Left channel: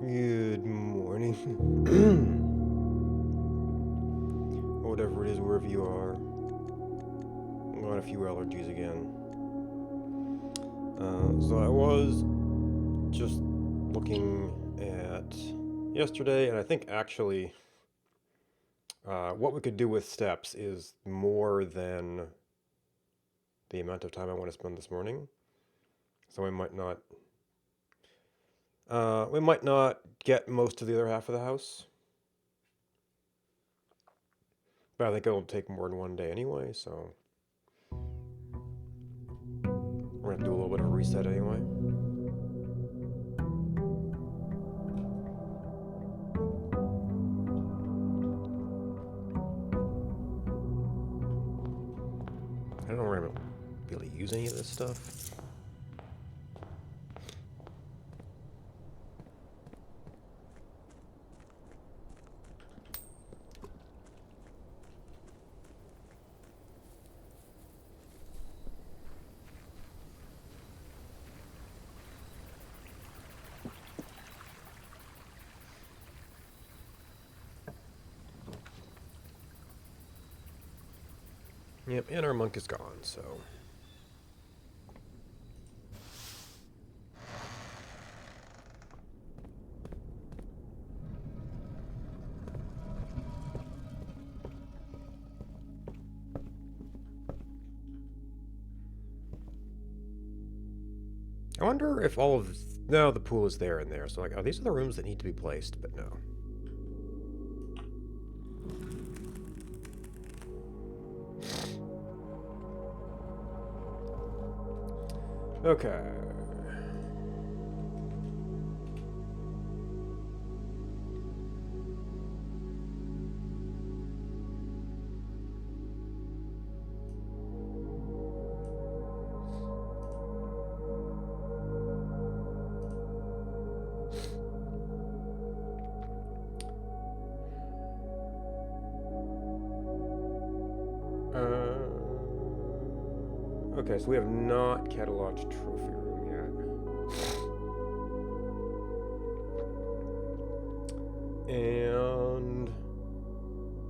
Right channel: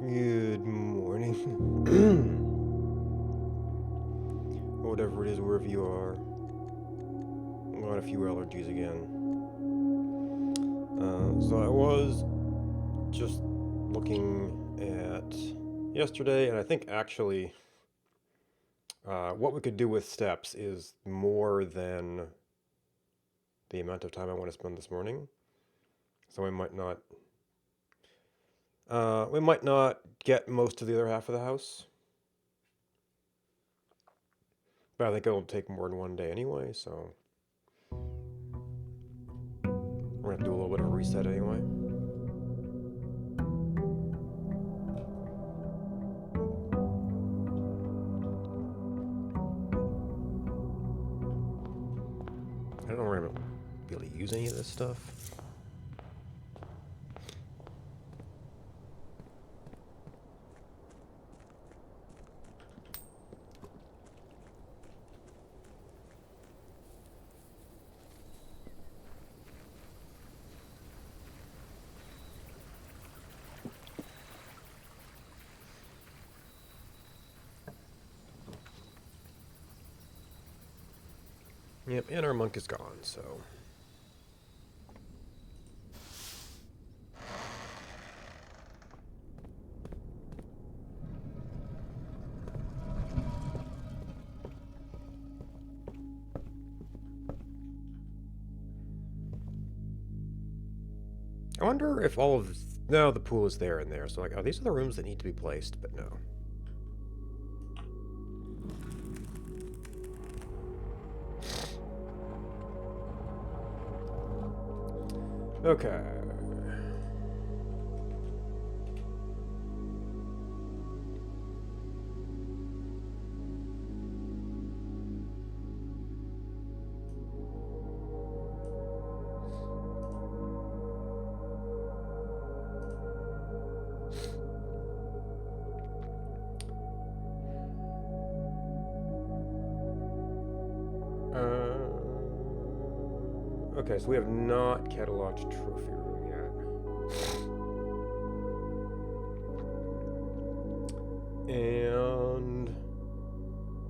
Good morning. Whatever it is, wherever you are. Got a few allergies again. So I was just looking at yesterday, and I think actually what we could do with steps is more than the amount of time I want to spend this morning. So we might not get most of the other half of the house, but I think it'll take more than one day anyway. So we're gonna do a little bit of a reset anyway. I don't know where I'm gonna be able to use any of this stuff. Yep, and our monk is gone, so. I wonder if all of. No, the pool is there and there, so like, oh, these are the rooms that need to be placed, but no. Okay. Okay, so we have not cataloged trophy room yet. And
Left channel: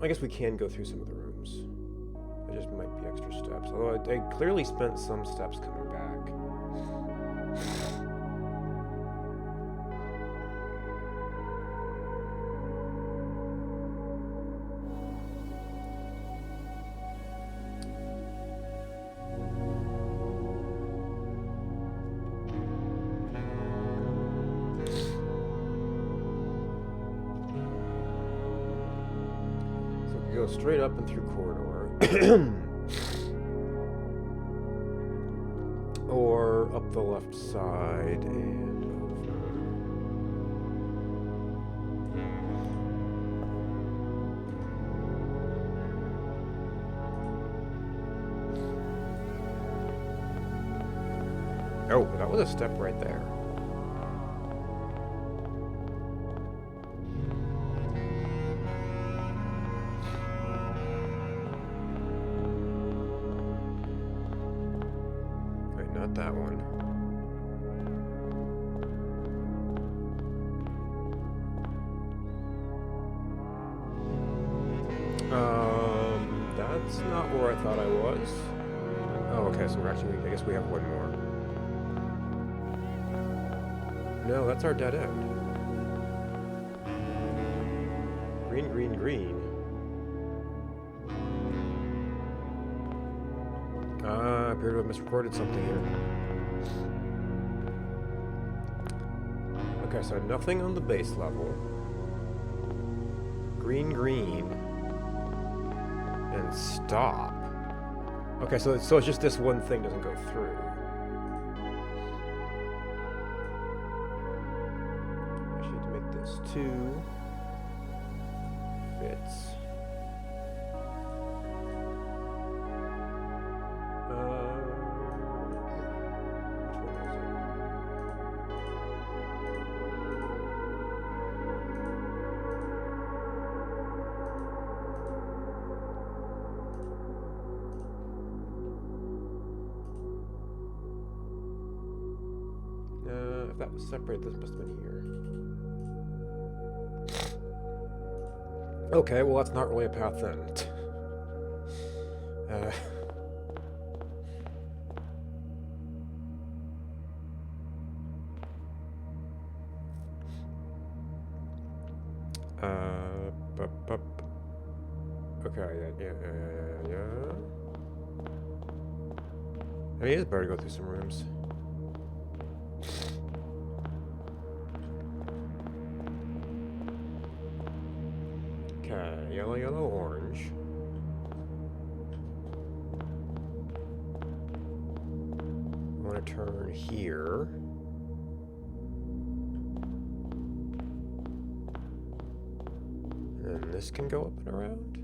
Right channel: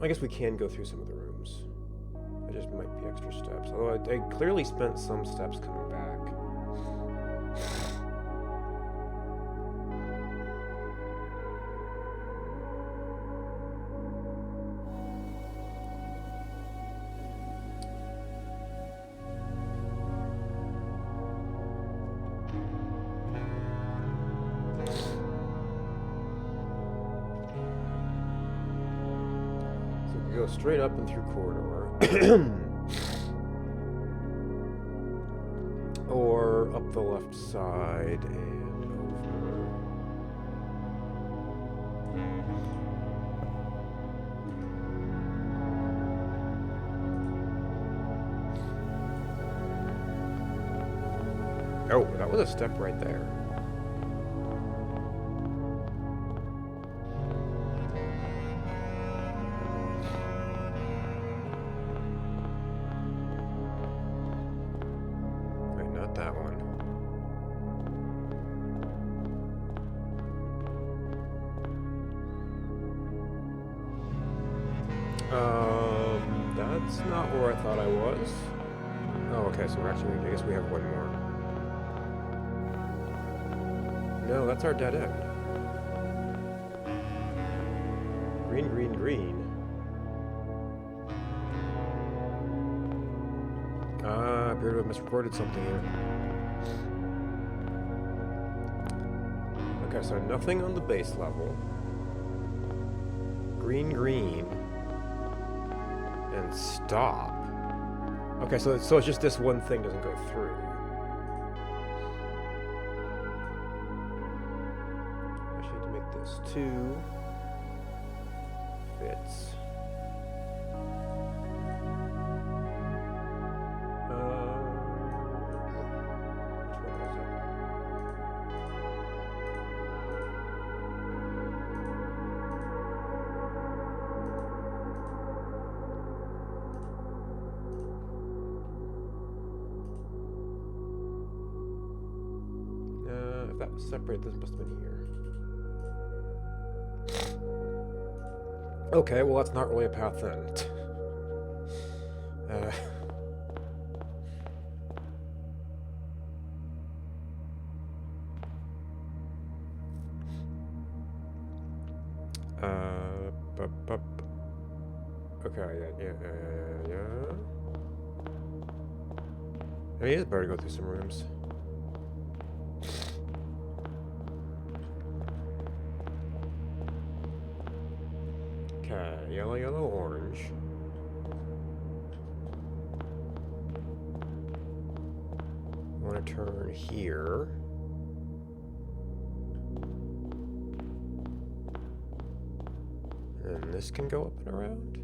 I guess we can go through some of the rooms. It just might be extra steps. Although I clearly spent some steps coming back. So we could go straight up and through corridor. Or up the left side and over. Oh, that was a step right there. Wait, not that one. That's not where I thought I was. Oh, okay, so we're actually, I guess we have one more. No, that's our dead end. Green, green, green. I appear to have misrecorded something here. Okay, so nothing on the base level. Green, green. And stop. Okay, so it's just this one thing doesn't go through. Actually, need to make this 2. Fits. Which one was it? If that was separate, this must have been here. Okay, well that's not really a path then. uh, bup, bup. Okay, yeah. I mean, it is better to go through some rooms. Okay, yellow, orange. I want to turn here. And this can go up and around.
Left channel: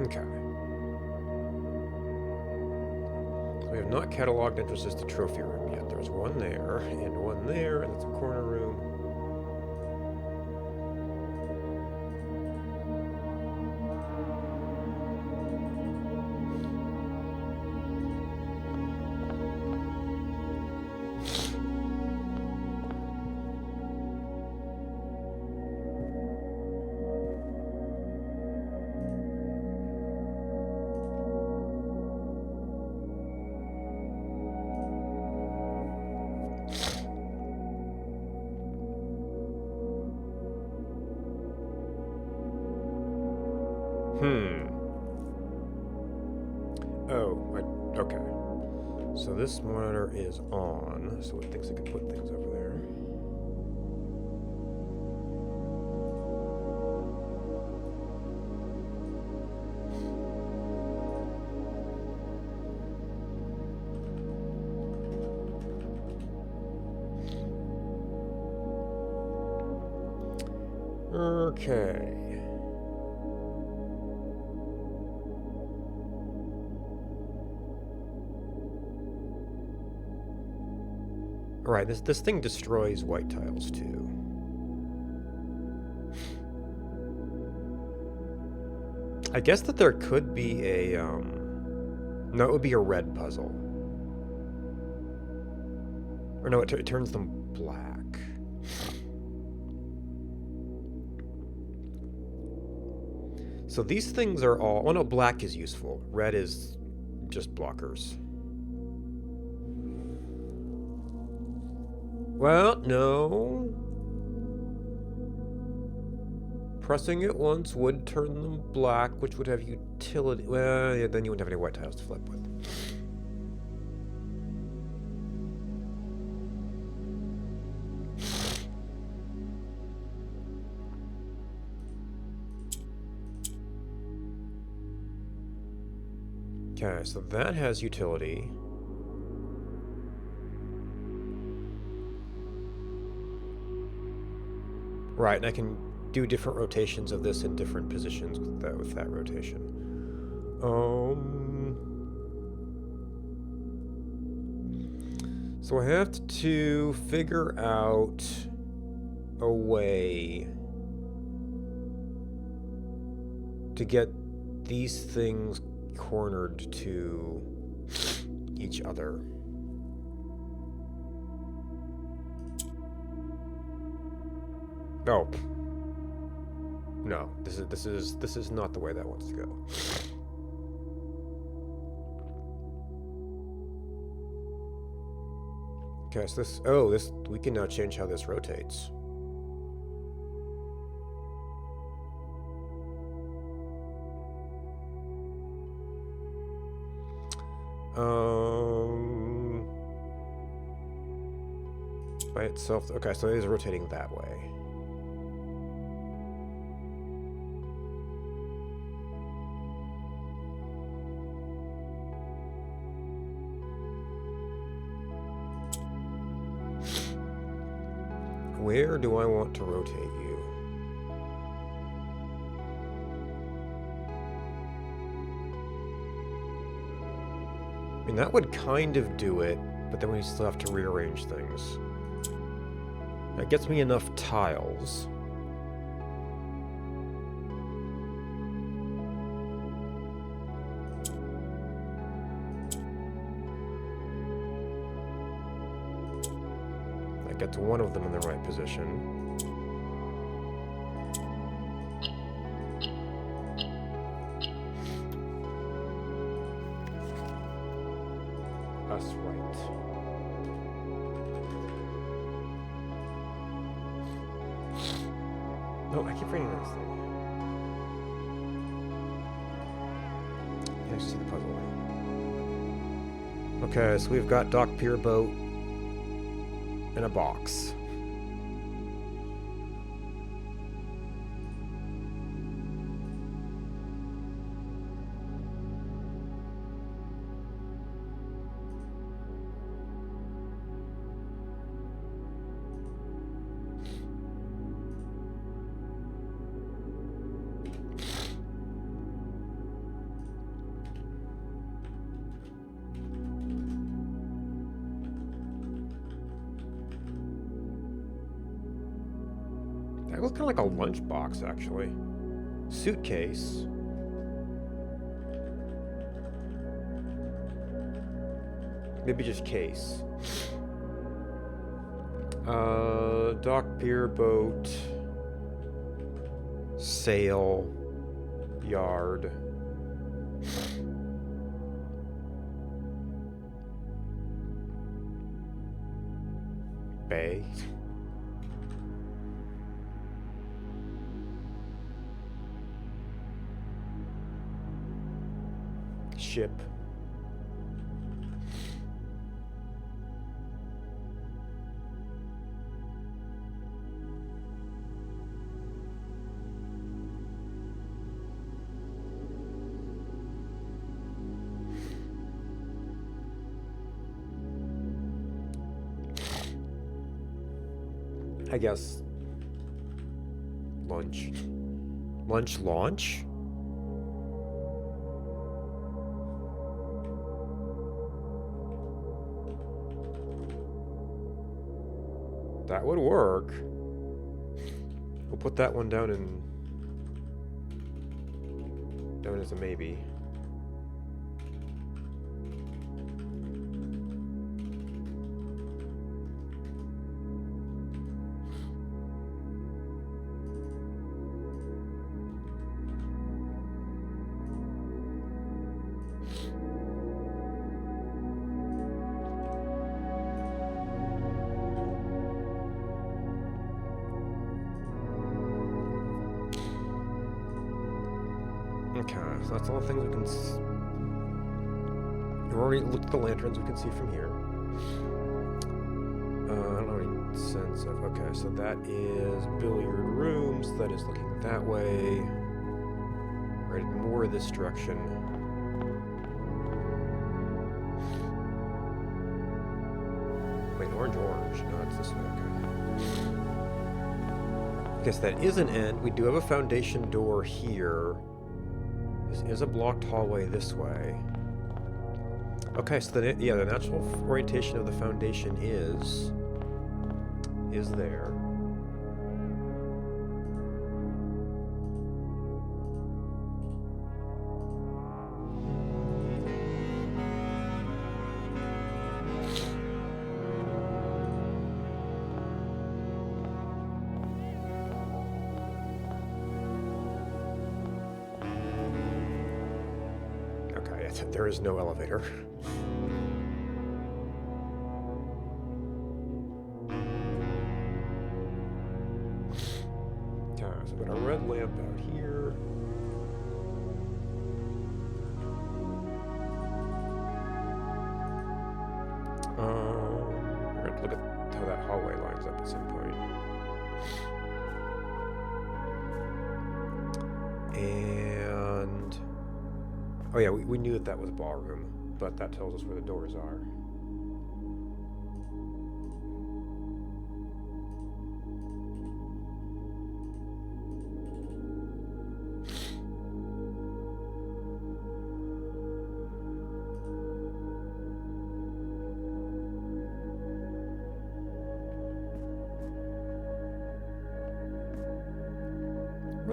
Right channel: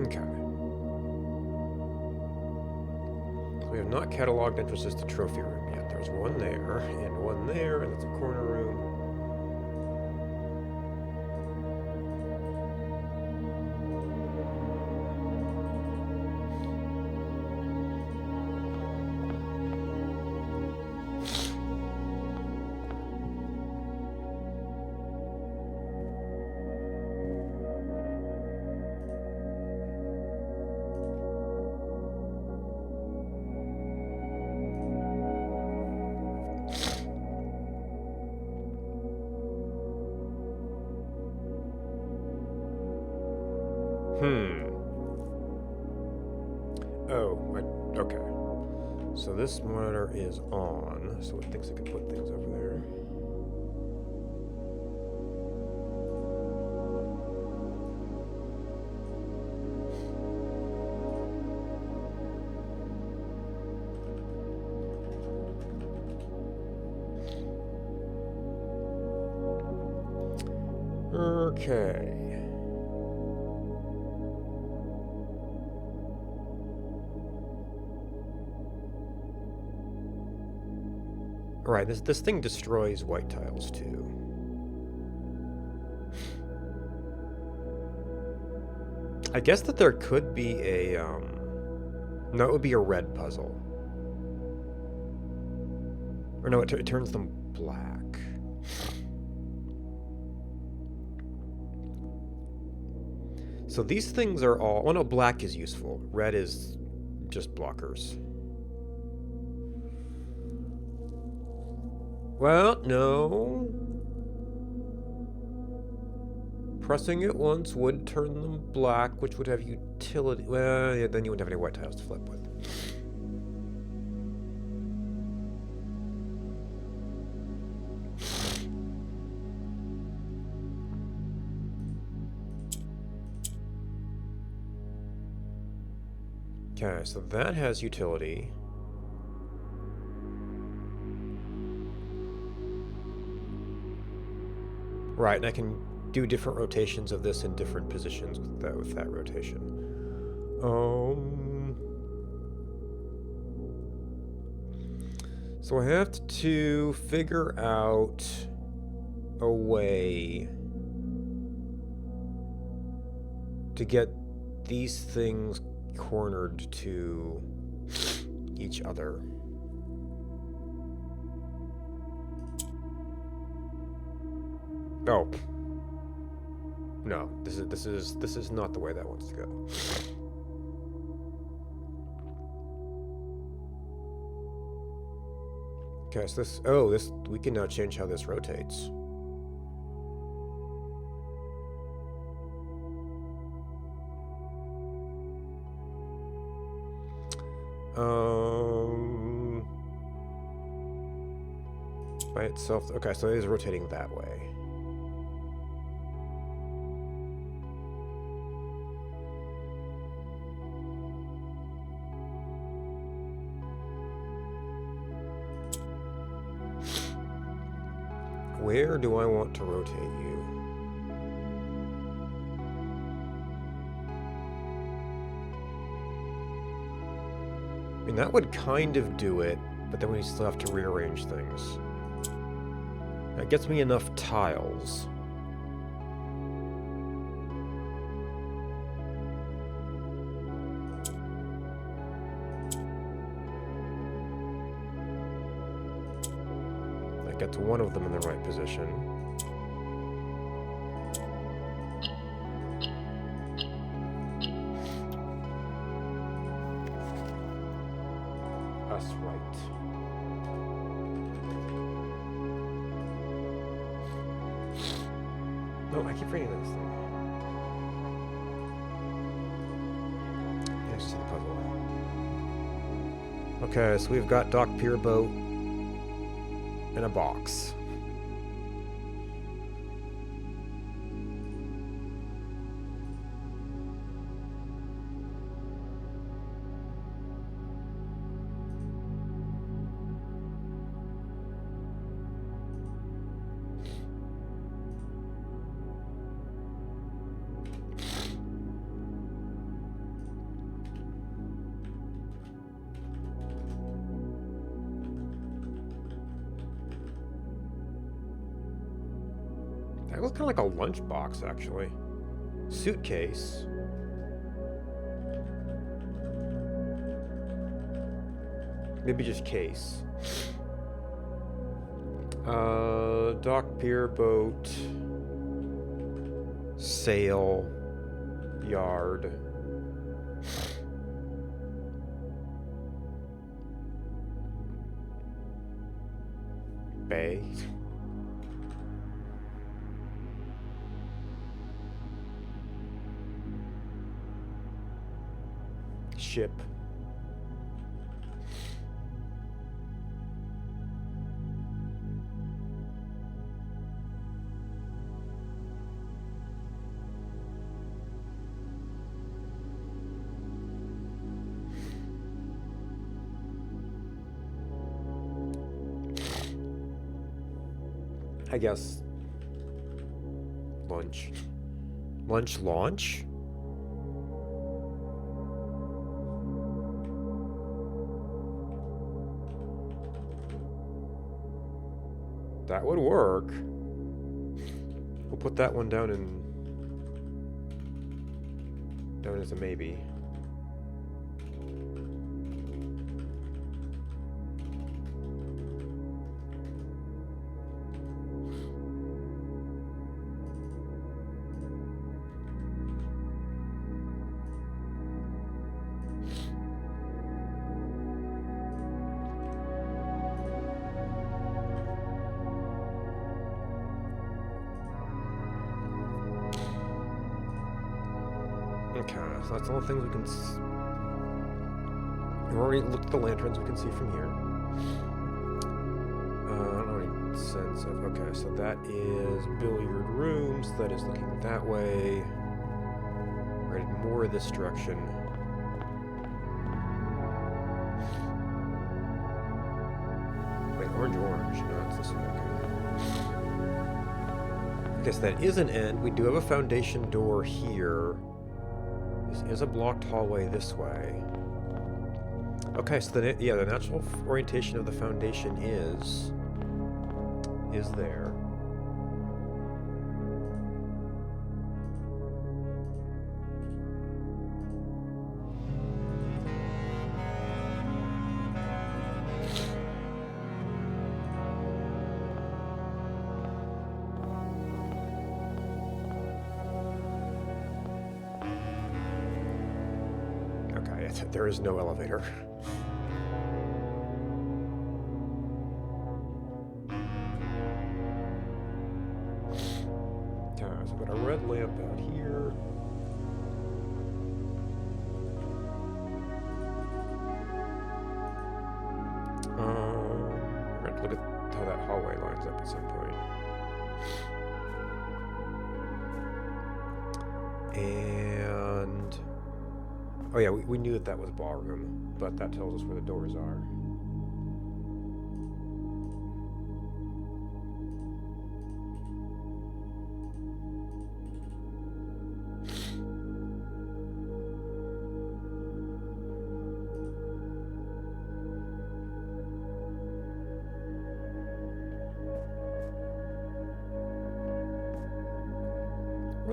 Okay. So we have not cataloged entrances to trophy room yet. There's one there, and that's a corner room. Okay. So this monitor is on, so it thinks it can put things over there. Okay. Right, this thing destroys white tiles too. I guess that there could be a no, it would be a red puzzle. Or no, it turns them black. So these things are all... Well, no, black is useful. Red is just blockers. Well, no. Pressing it once would turn them black, which would have utility... Well, yeah, then you wouldn't have any white tiles to flip with. Okay, so that has utility. Right, and I can do different rotations of this in different positions with that rotation. So I have to figure out a way to get these things cornered to each other. Oh. No, this is not the way that wants to go. Okay, so this we can now change how this rotates. By itself. Okay, so it is rotating that way. Where do I want to rotate you? I mean, that would kind of do it, but then we still have to rearrange things. That gets me enough tiles. That gets one of them in the right position. That's right. No, I keep reading this thing. Yeah, I see the puzzle. Okay, so we've got Dock Pier Boat in a box. That looks kind of like a lunchbox, actually. Suitcase. Maybe just case. Dock, pier, boat, sail, yard. Bay. Ship. I guess lunch. Lunch launch? That would work. We'll put that one down as a maybe. Okay, so that's all the things we can we've already looked at the lanterns we can see from here. I don't have any sense of... Okay, so that is billiard rooms. That is looking that way. Right, more this direction. Wait, orange. No, it's this way, okay. I guess that is an end. We do have a foundation door here. This is a blocked hallway this way. Okay, so the natural orientation of the foundation is there. Okay, there is no elevator. Okay, so we've got a red lamp out here. We're going to look at how that hallway lines up at some point. And... oh yeah, we knew that was ballroom, but that tells us where the doors are.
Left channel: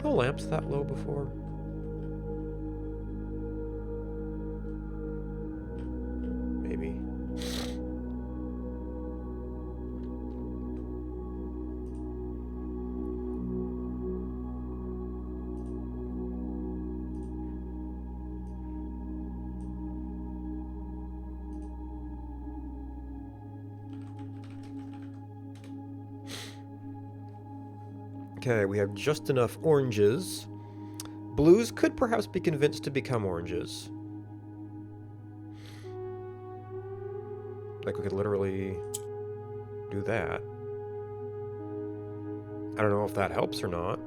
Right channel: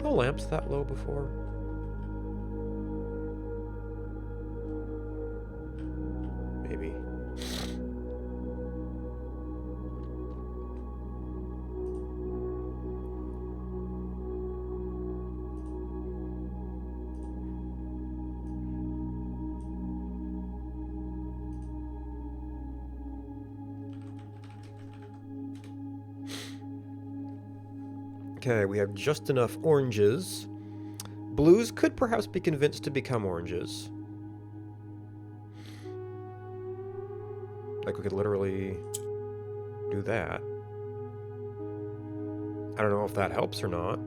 Were the lamps that low before? Maybe. Okay, we have just enough oranges. Blues could perhaps be convinced to become oranges. Like we could literally do that. I don't know if that helps or not.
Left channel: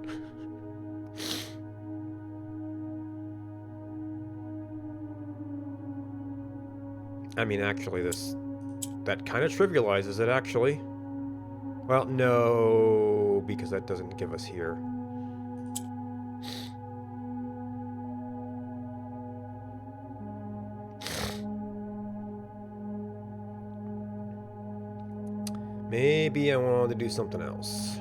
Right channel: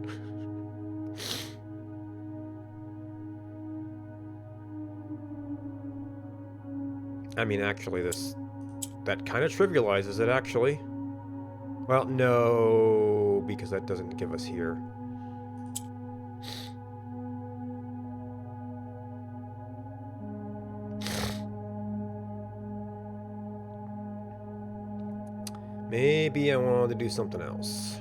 I mean, actually, that kind of trivializes it, actually. Well, no, because that doesn't give us here. Maybe I wanted to do something else.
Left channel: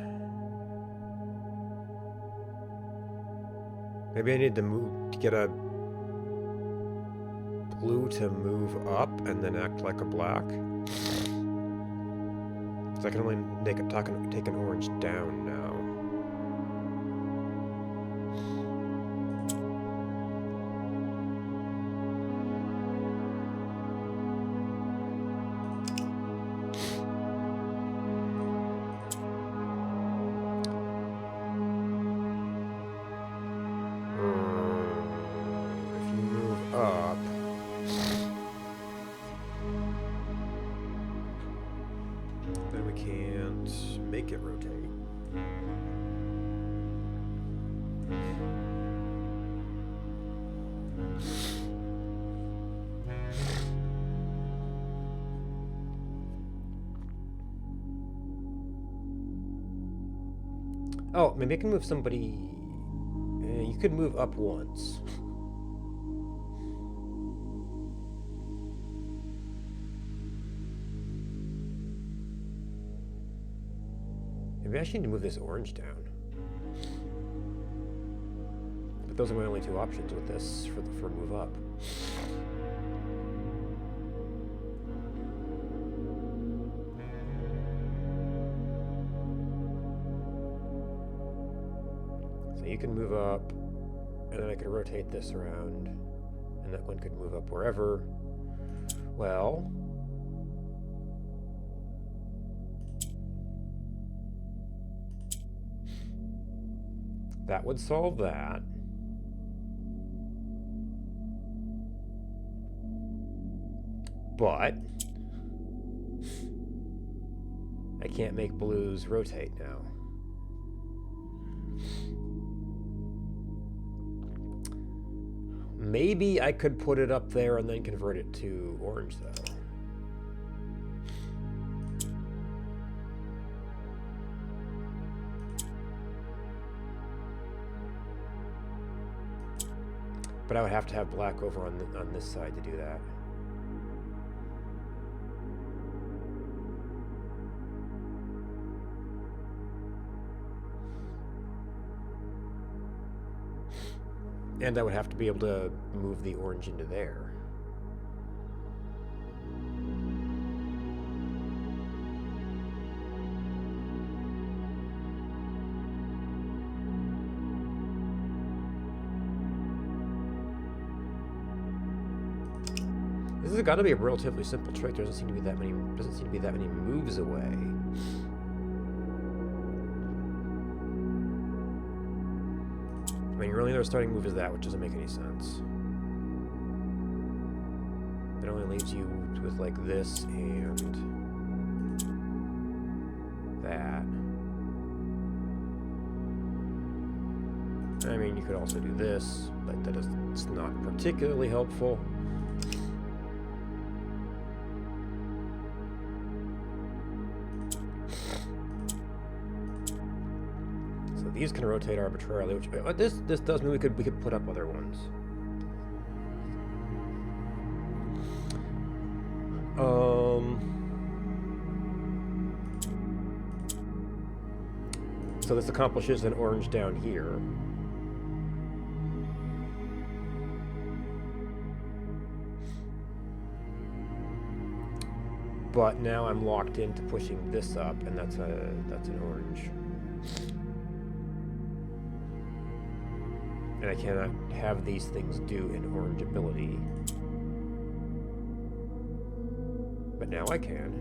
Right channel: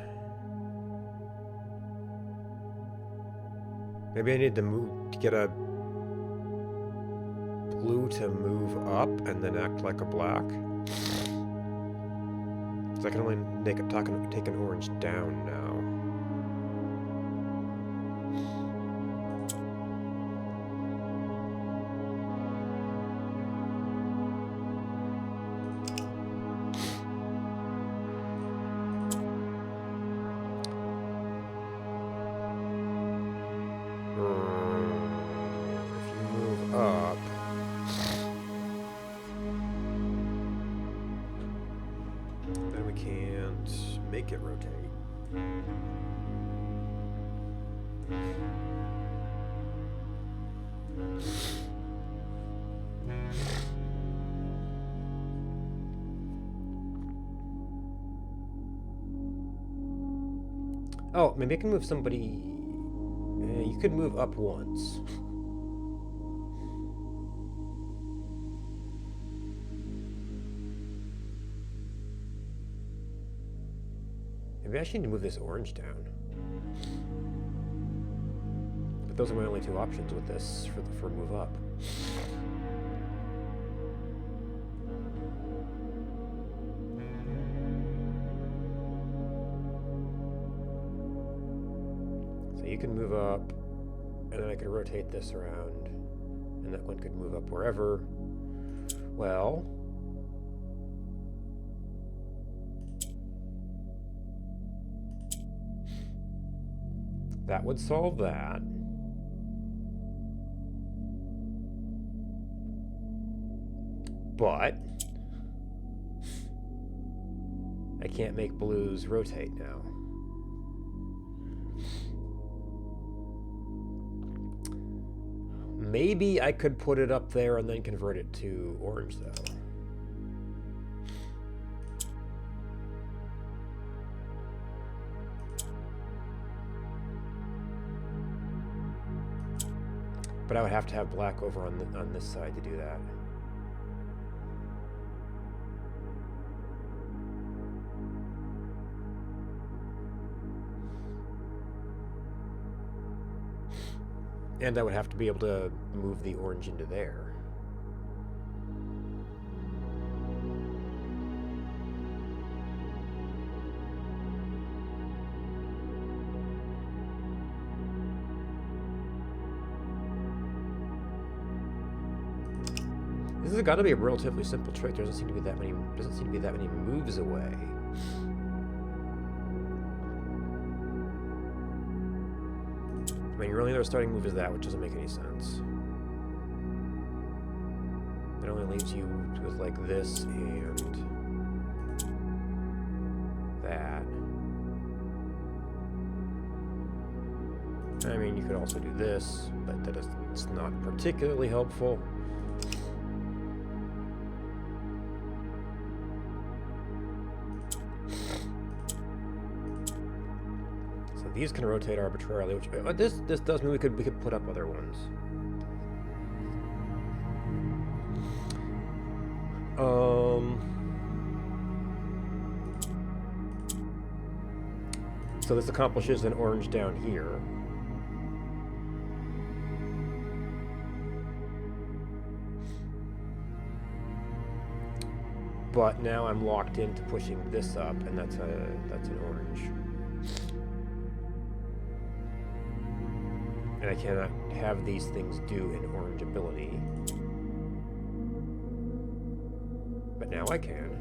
Maybe I need to get a blue to move up and then act like a black. So I can only take an orange down now. If you move up... then we can't make it rotate. Oh, maybe I can move somebody... you could move up once. Maybe I actually need to move this orange down. But those are my only two options with this for move up. So you can move up, and then I could rotate this around, and that one could move up wherever. Well... that would solve that. But I can't make blues rotate now. Maybe I could put it up there and then convert it to orange, though. But I would have to have black over on this side to do that. And I would have to be able to move the orange into there. This has got to be a relatively simple trick. There doesn't seem to be that many moves away. I mean, your only other starting move is that, which doesn't make any sense. It only leaves you with like this and that. I mean, you could also do this, but it's not particularly helpful. So these can rotate arbitrarily, which this does mean we could put up other ones. So this accomplishes an orange down here. But now I'm locked into pushing this up, and that's an orange. And I cannot have these things do an orange ability. But now I can.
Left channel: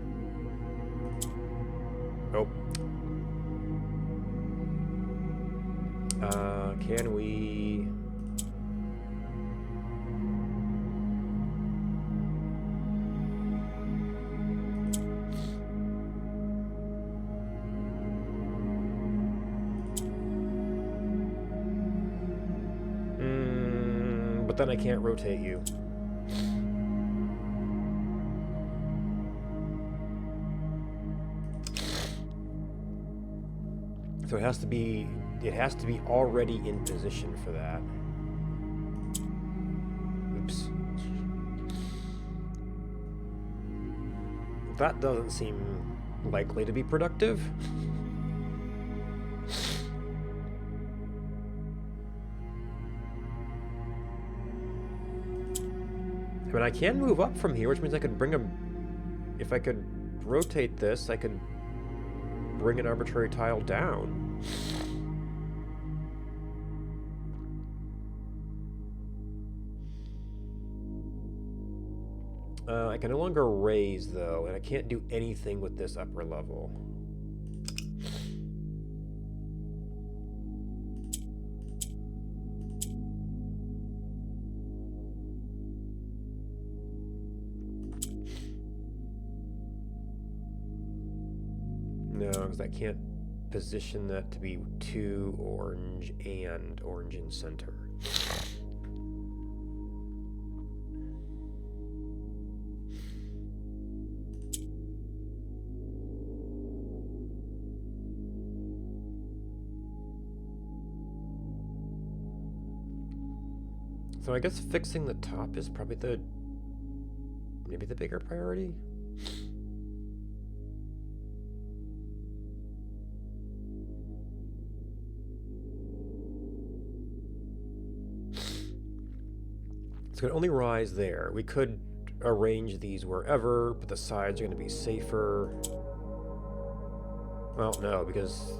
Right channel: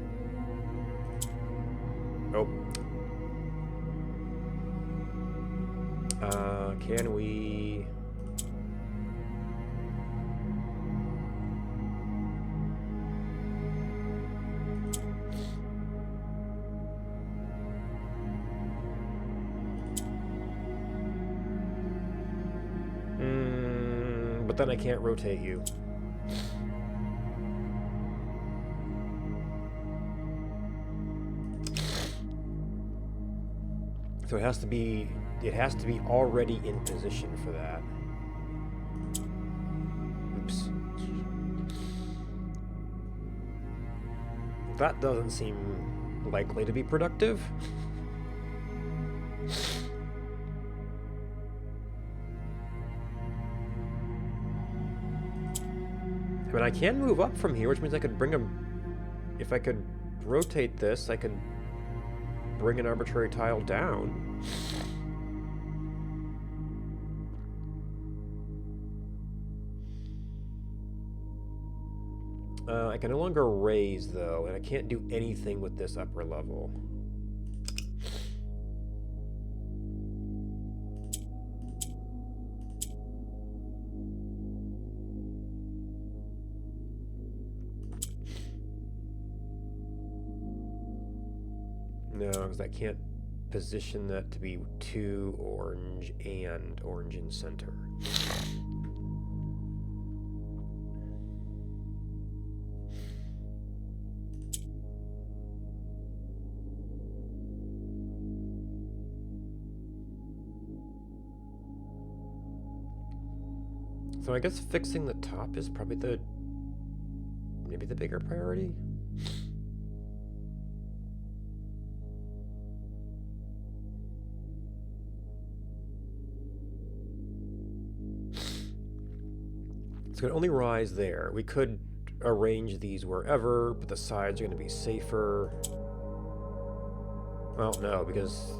Oh. Can we... But then I can't rotate you. So it has to be already in position for that. Oops. That doesn't seem likely to be productive. I mean, I can move up from here, which means I could bring him... If I could rotate this, I could bring an arbitrary tile down. I can no longer raise, though, and I can't do anything with this upper level. No, because I can't position that to be 2 orange and orange in center. So I guess fixing the top is probably maybe the bigger priority. It's going to only rise there. We could arrange these wherever, but the sides are going to be safer. Well, no, because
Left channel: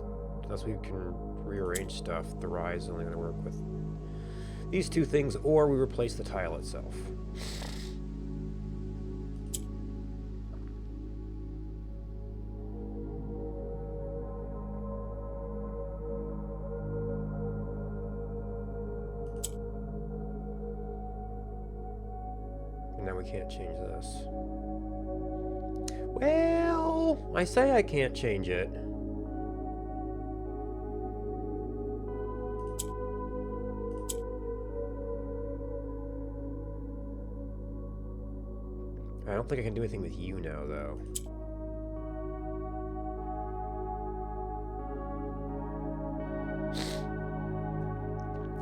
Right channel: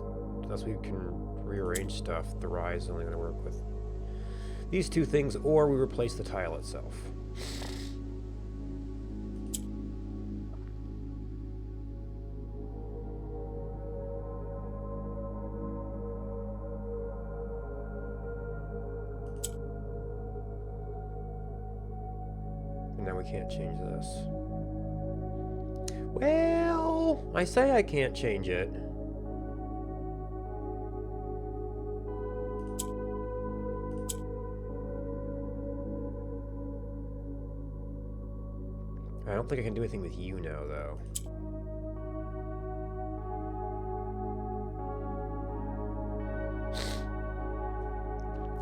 unless we can rearrange stuff, the rise is only going to work with these two things, or we replace the tile itself. And now we can't change this. Well, I say I can't change it. I don't think I can do anything with you now, though.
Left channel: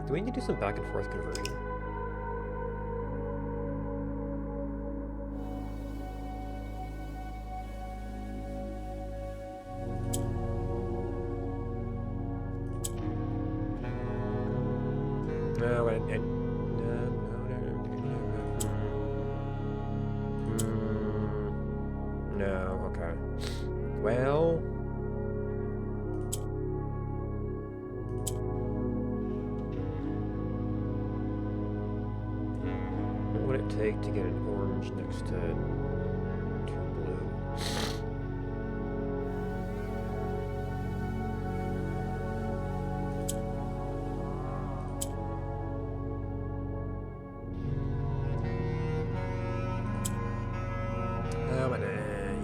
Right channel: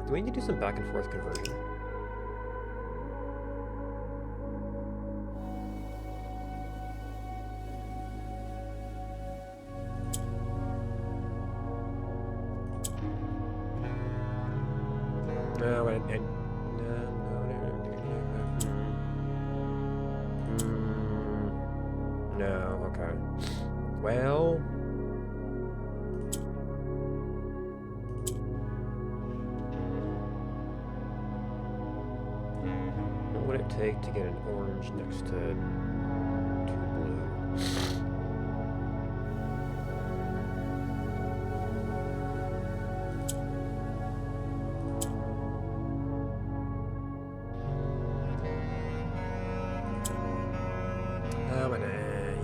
Do we need to do some back and forth conversion? No, no, okay. Well... what would it take to get an orange next to 2 blue?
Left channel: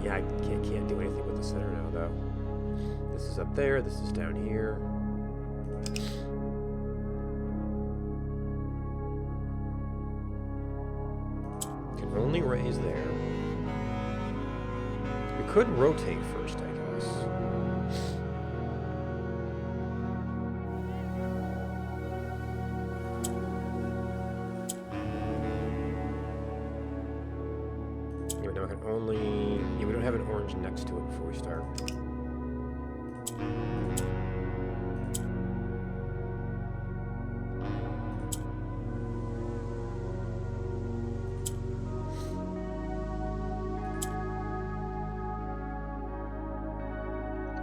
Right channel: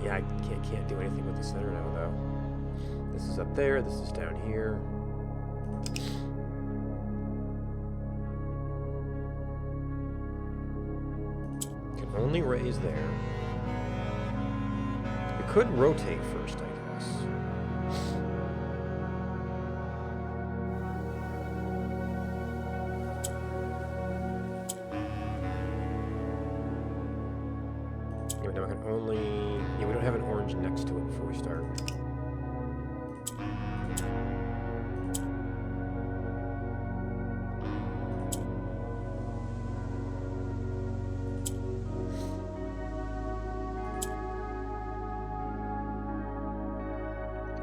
Yeah, I can't do anything with the center now, though. This is up there, this is down here. Can only raise there. We could rotate first, I guess. Yeah, but now I can only... yeah, we don't have an orange next to it before we start.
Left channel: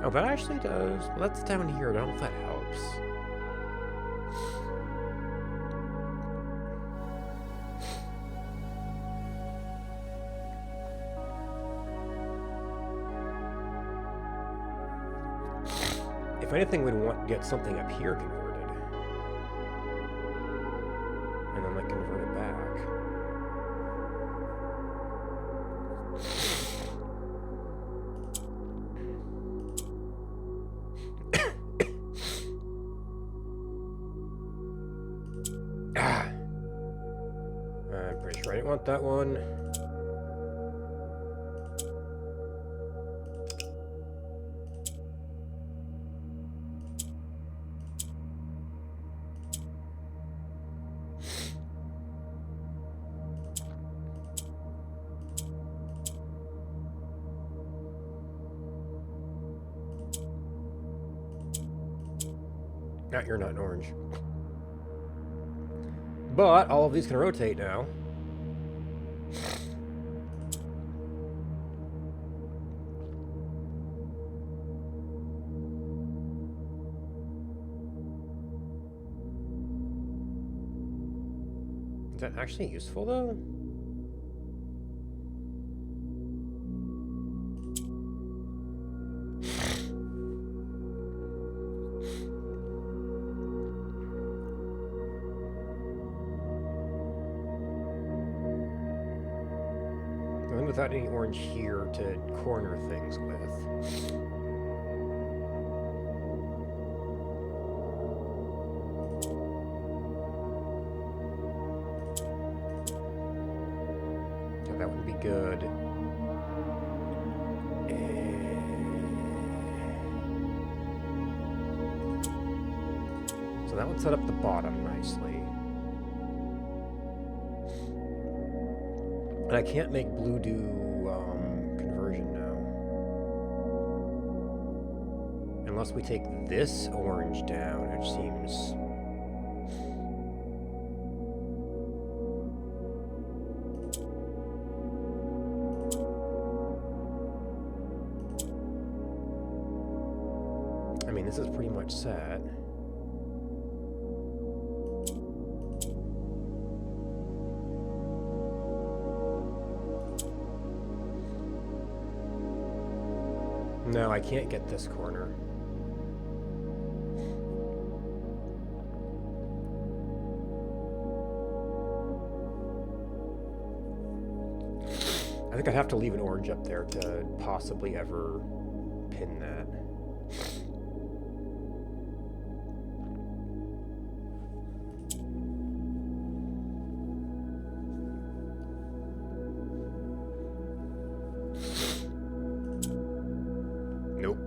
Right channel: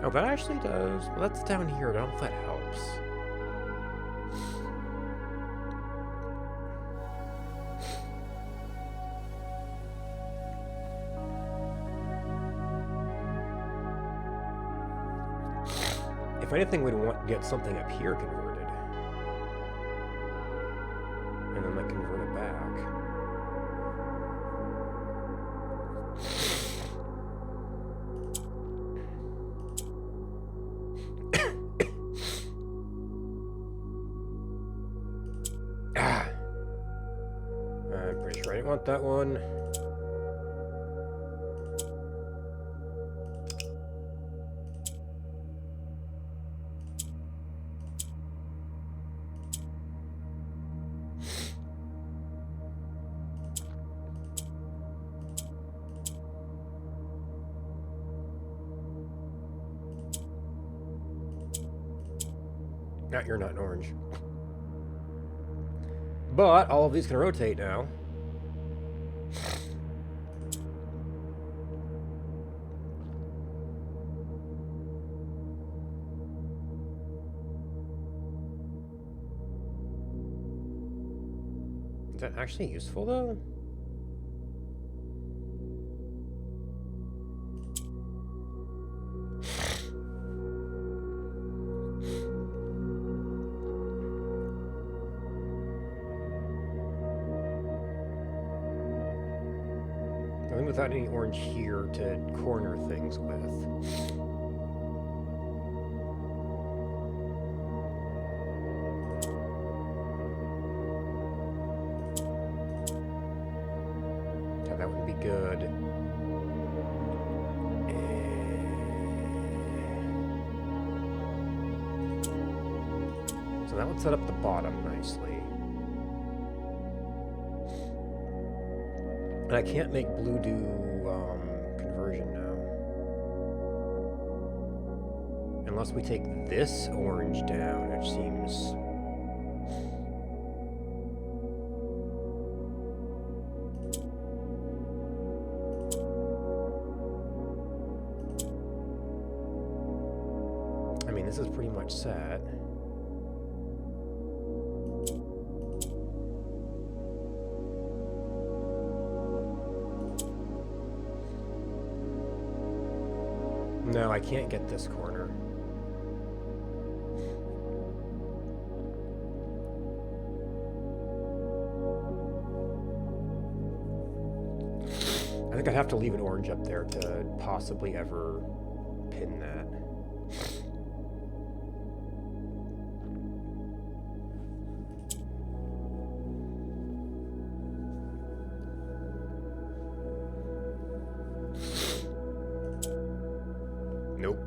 Oh, that actually does. Well, that's down here. I don't know if that helps. If anything, we'd want to get something up here converted. And then, like, convert it back. I'm pretty sure I didn't want that one. You're not an orange. But all of these can rotate now. Is that actually useful, though? I think without any orange here to corner things with. Yeah, that would be good. So that would set up the bottom nicely. And I can't make blue do conversion now. Unless we take this orange down, which seems... I mean, this is pretty much set. No, I can't get this corner. I think I'd have to leave an orange up there to possibly ever pin that. Nope.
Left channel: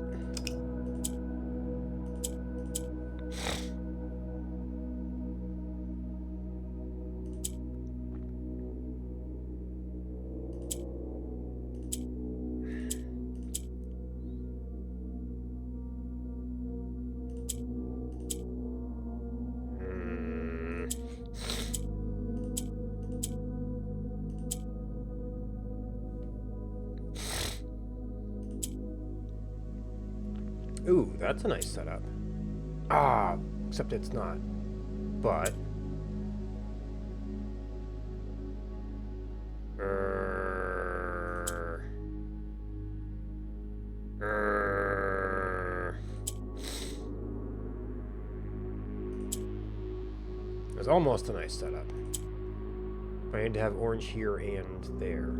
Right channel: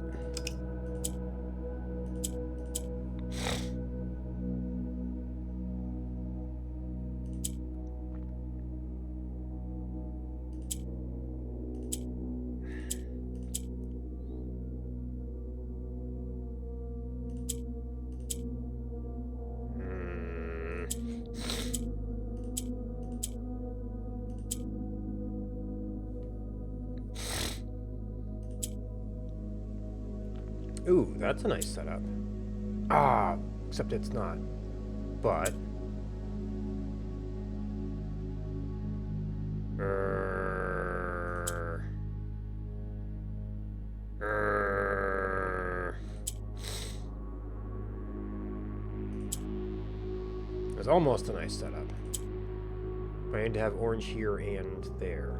Ooh, that's a nice setup. Ah, except it's not. But... It's almost a nice setup. But I need to have orange here and there.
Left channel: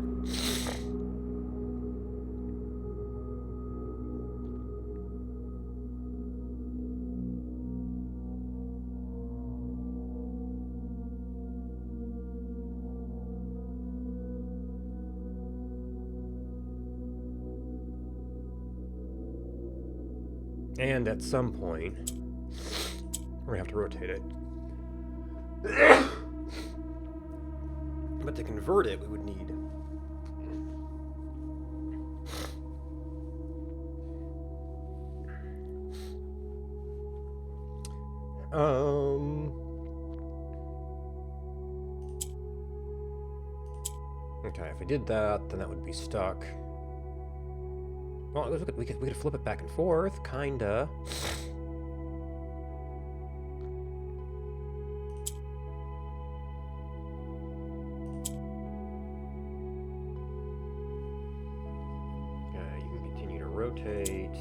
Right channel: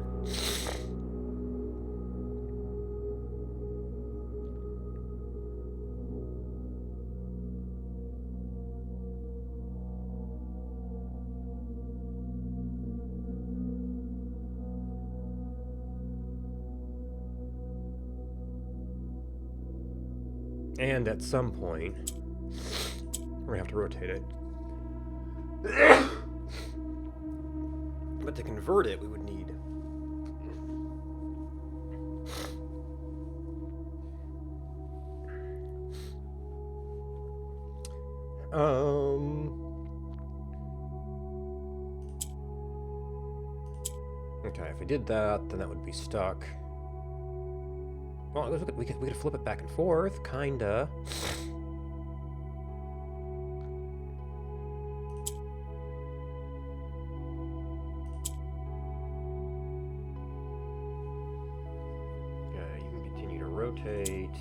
And at some point, we're gonna have to rotate it. But to convert it, we would need... Okay, if we did that, then that would be stuck. Well, we could flip it back and forth, kinda. You can continue to rotate.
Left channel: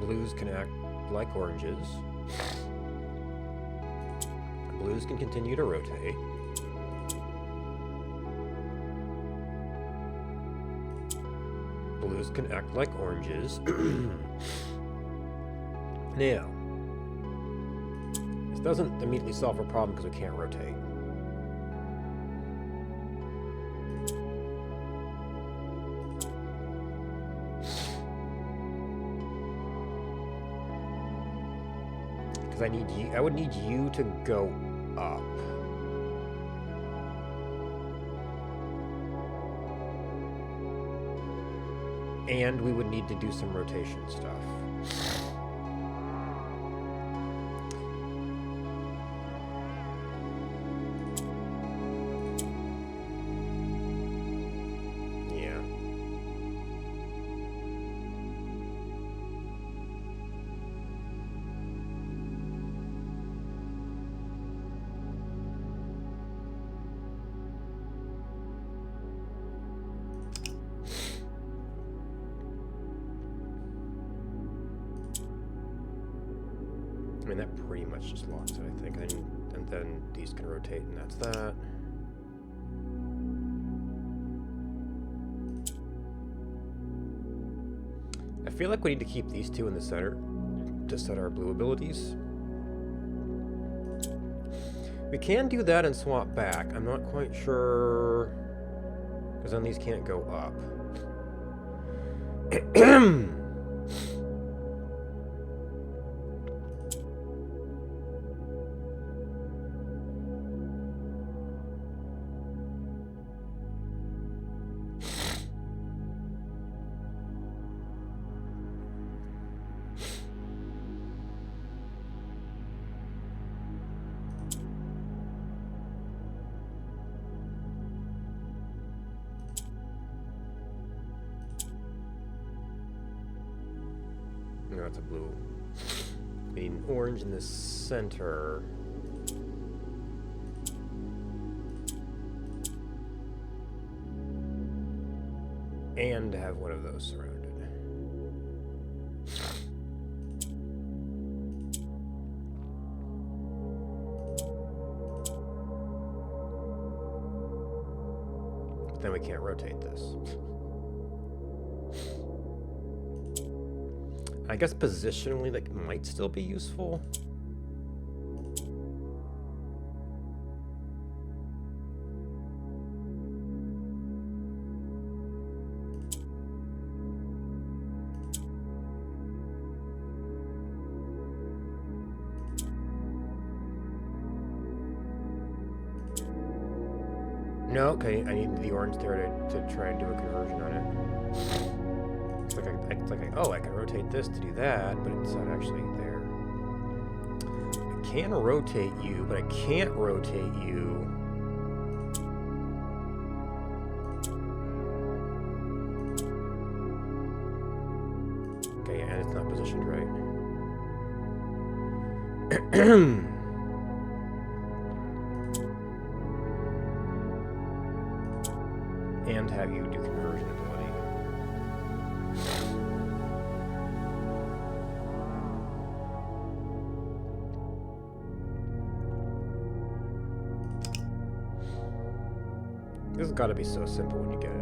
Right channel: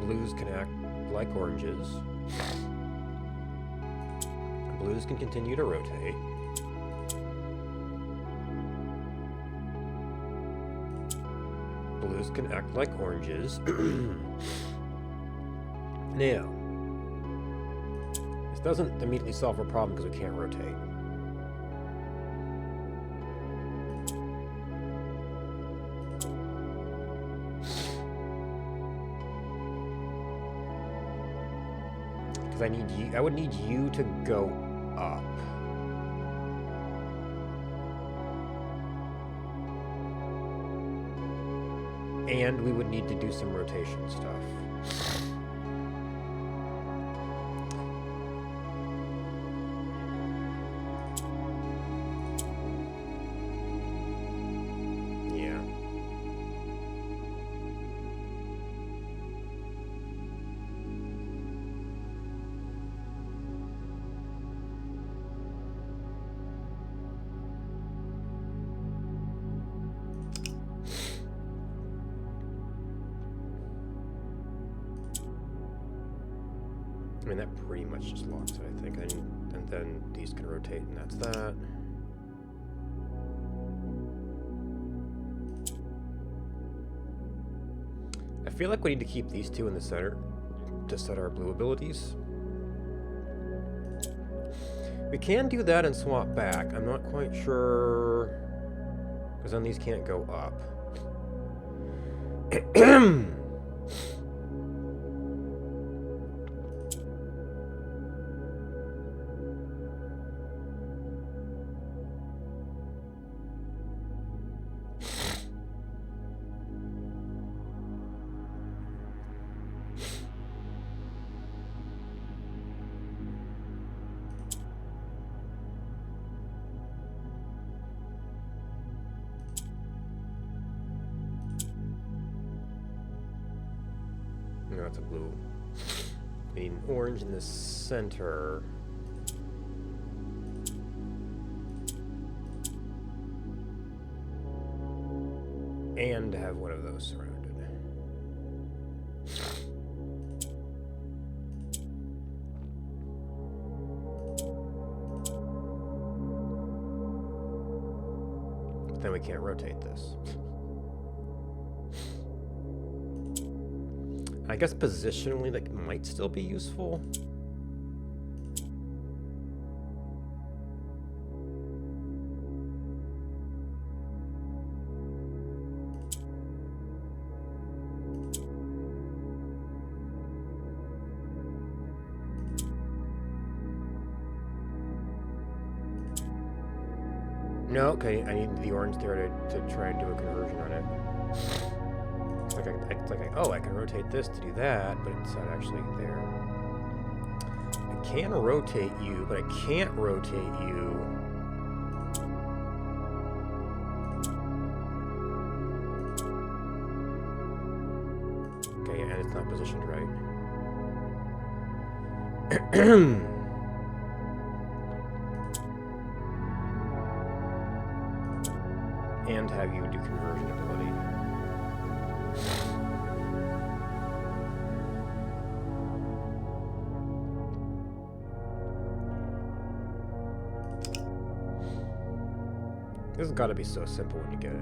Blues can act like oranges. Blues can continue to rotate. Blues can act like oranges. Now, this doesn't immediately solve our problem because we can't rotate. Because I would need you to go up. And we would need to do some rotation stuff. Yeah. I mean, that pretty much just locks it, I think. And then these can rotate, and that's that. I feel like we need to keep these two in the center to set our blue abilities. We can do that and swap back. I'm not quite sure, because then these can't go up. No, it's a blue. We need an orange in the center. And have one of those surrounded. But then we can't rotate this. I guess positionally that might still be useful. No, okay, I need the orange there to try and do a conversion on it. Oh, I can rotate this to do that, but it's not actually there. I can rotate you, but I can't rotate you. Okay, and it's not positioned right. And have you do conversion ability. This has got to be so simple when you get it.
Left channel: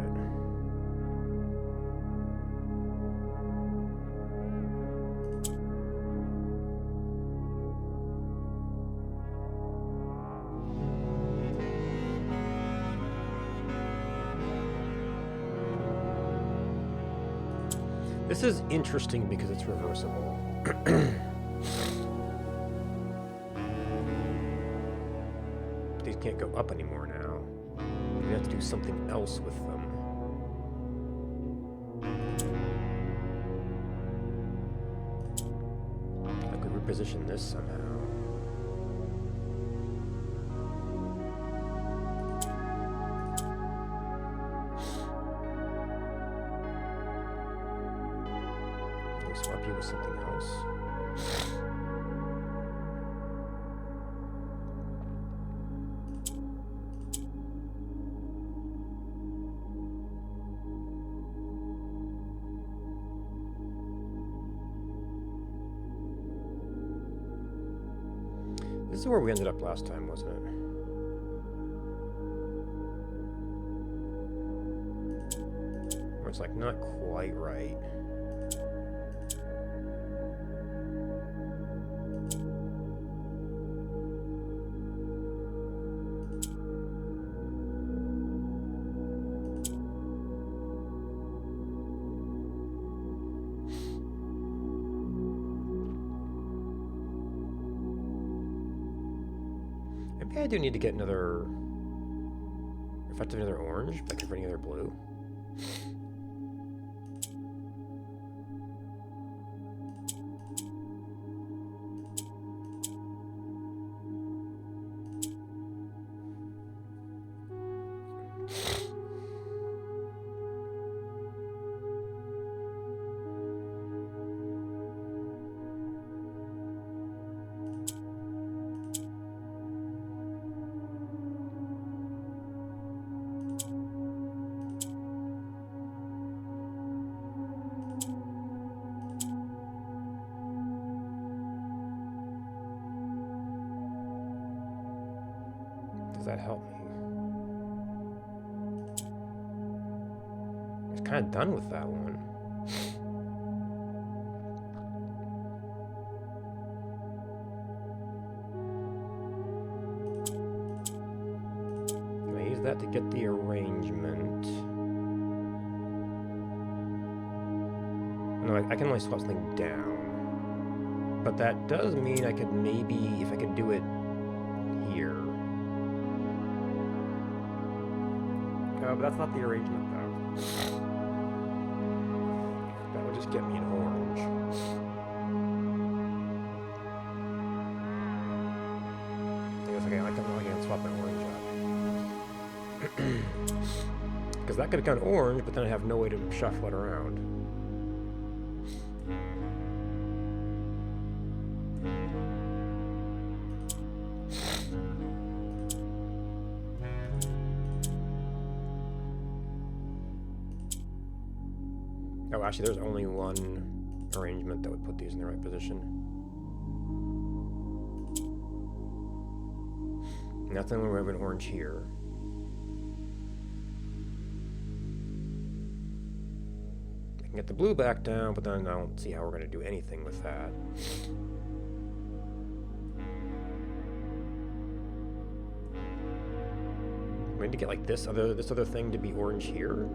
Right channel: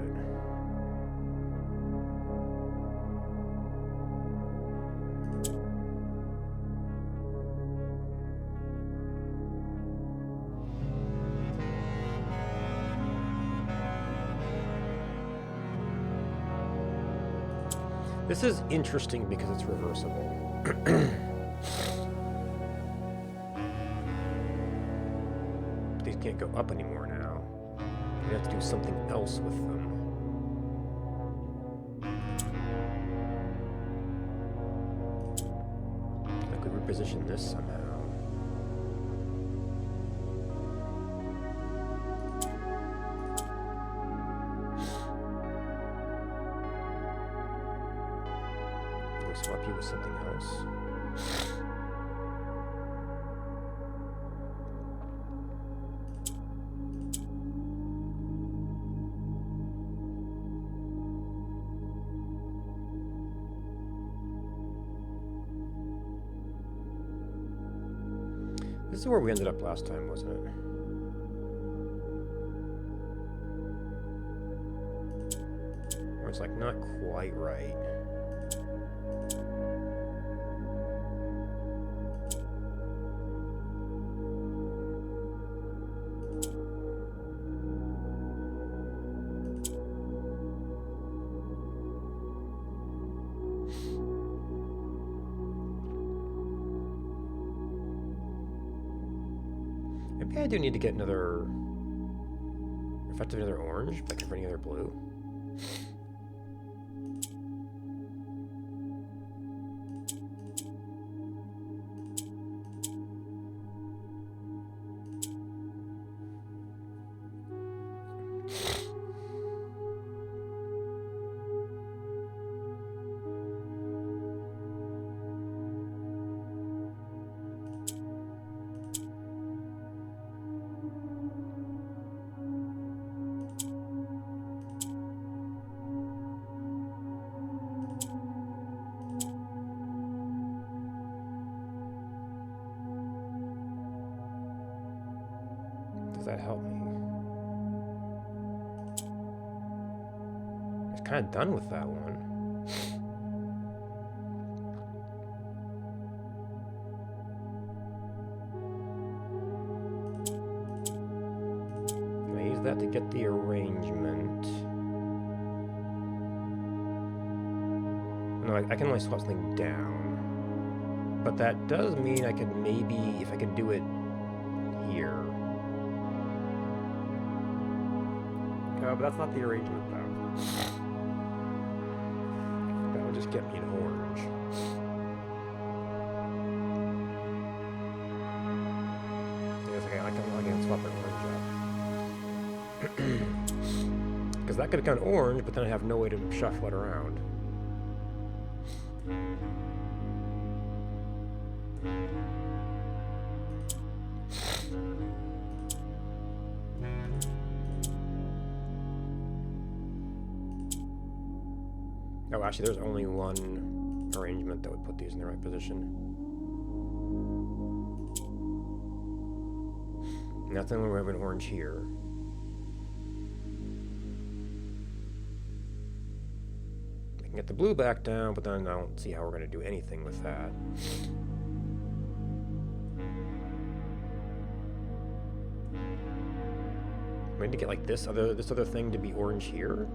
This is interesting because it's reversible. These can't go up anymore now. We have to do something else with them. I could reposition this somehow. we swap you with something else? This is where we ended up last time, wasn't it? Where it's like not quite right. Maybe I do need to get another... effective another orange by converting another blue. Does that help me? I was kind of done with that one. Can I use that to get the arrangement? No, I can only swap something down. But that does mean I could maybe, if I could do it here. But that's not the arrangement, though. That would just get me an orange. Yes, okay, I can swap an orange up. Because that could have gone orange, but then I have no way to shuffle it around. Oh, actually, there's only one arrangement that would put these in the right position. And that's the only way we have an orange here. I can get the blue back down, but then I don't see how we're going to do anything with that. We need to get like this other thing to be orange here.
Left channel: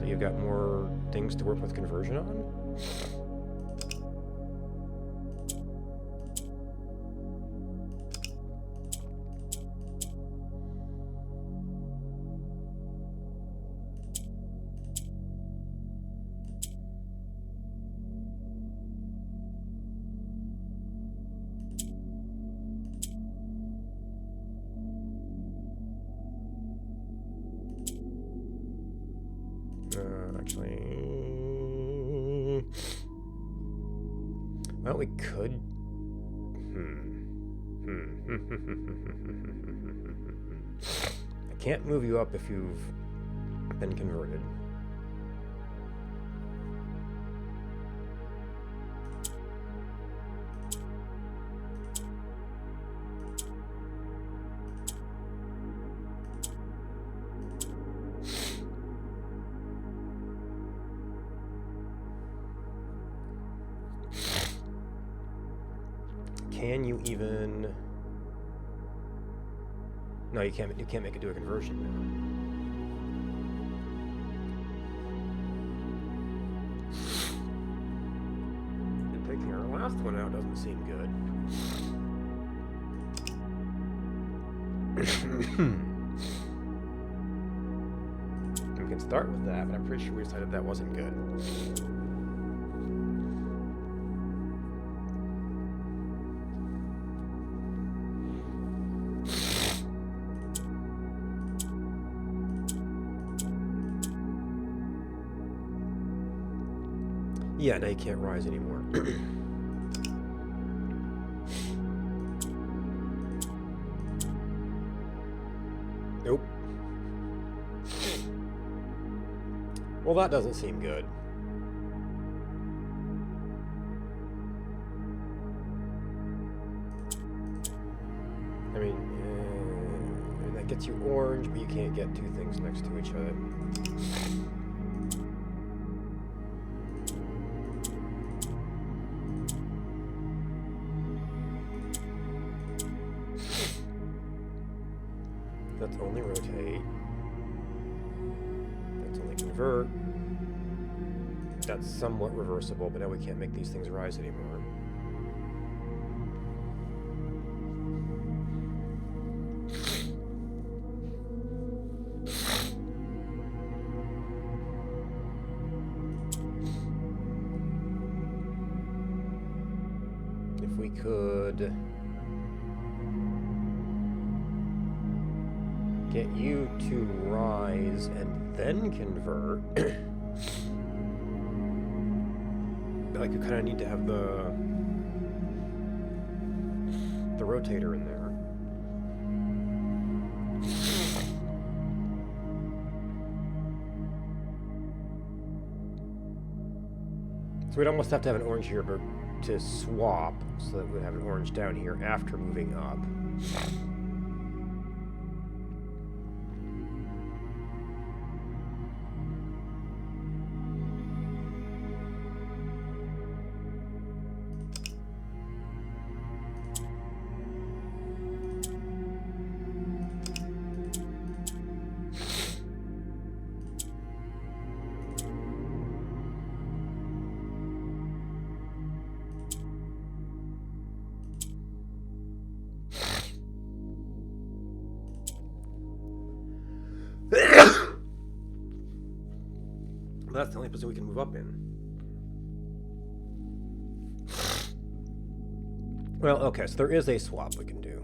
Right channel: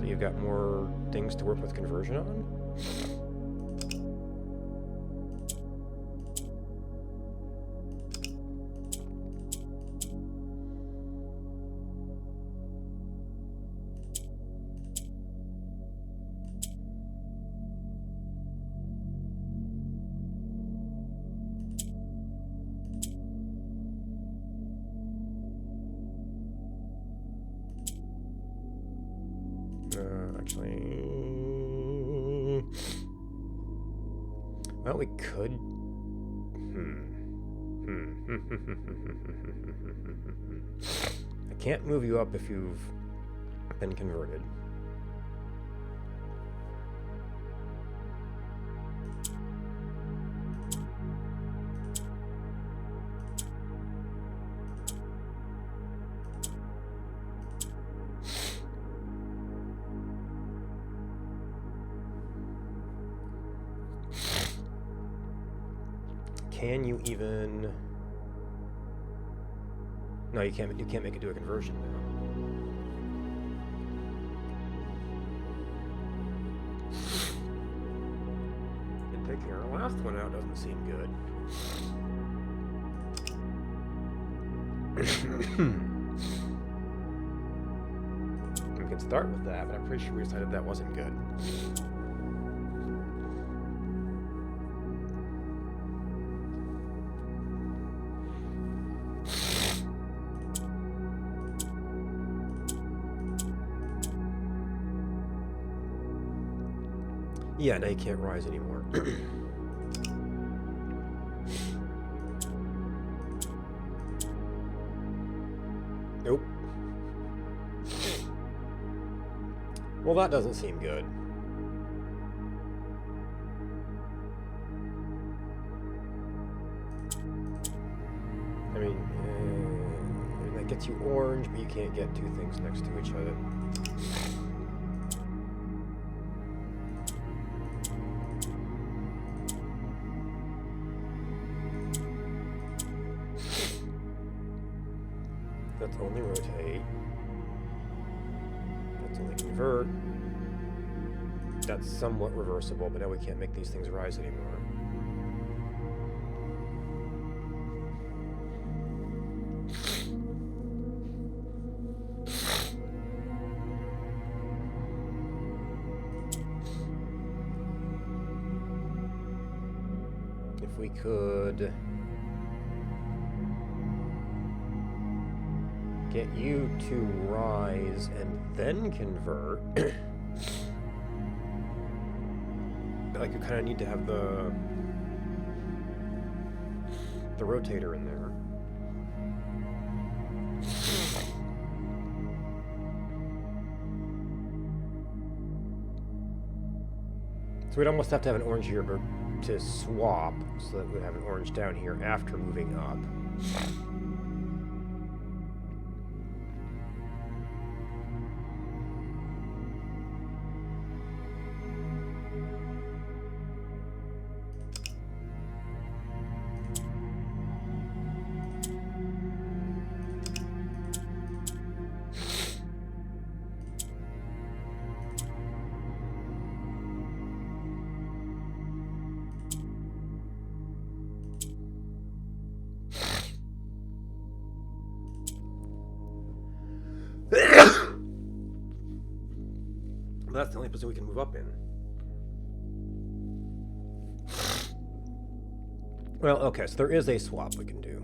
So you've got more things to work with conversion on. Actually, well, we could. I can't move you up if you've been converted. Can you even... No, you can't make it do a conversion now. And taking our last one out doesn't seem good. We can start with that, but I'm pretty sure we decided that wasn't good. Yeah, now you can't rise anymore. Nope. Well, that doesn't seem good. I mean, that gets you orange, but you can't get two things next to each other. That's only rotate. That's only convert. That's somewhat reversible, but now we can't make these things rise anymore. If we could get you to rise and then convert. Like you kind of need to have the rotator in there. So we'd almost have to have an orange here to swap, so that we'd have an orange down here after moving up. That's the only position we can move up in. Well, okay, so there is a swap we can do.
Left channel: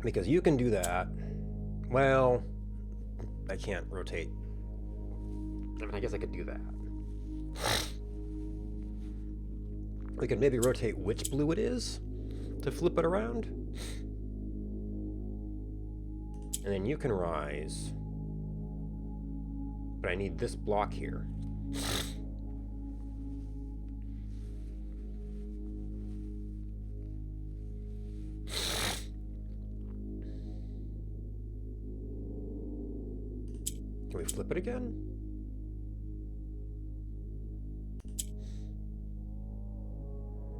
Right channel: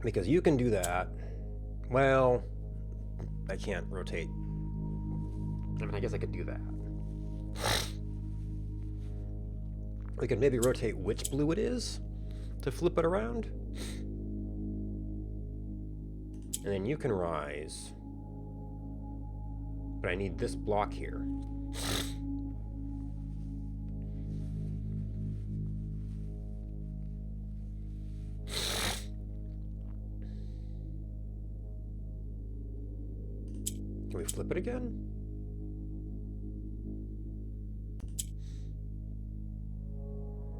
Because you can do that. Well, I can't rotate. I mean, I guess I could do that. We could maybe rotate which blue it is to flip it around. And then you can rise. But I need this block here. Can we flip it again?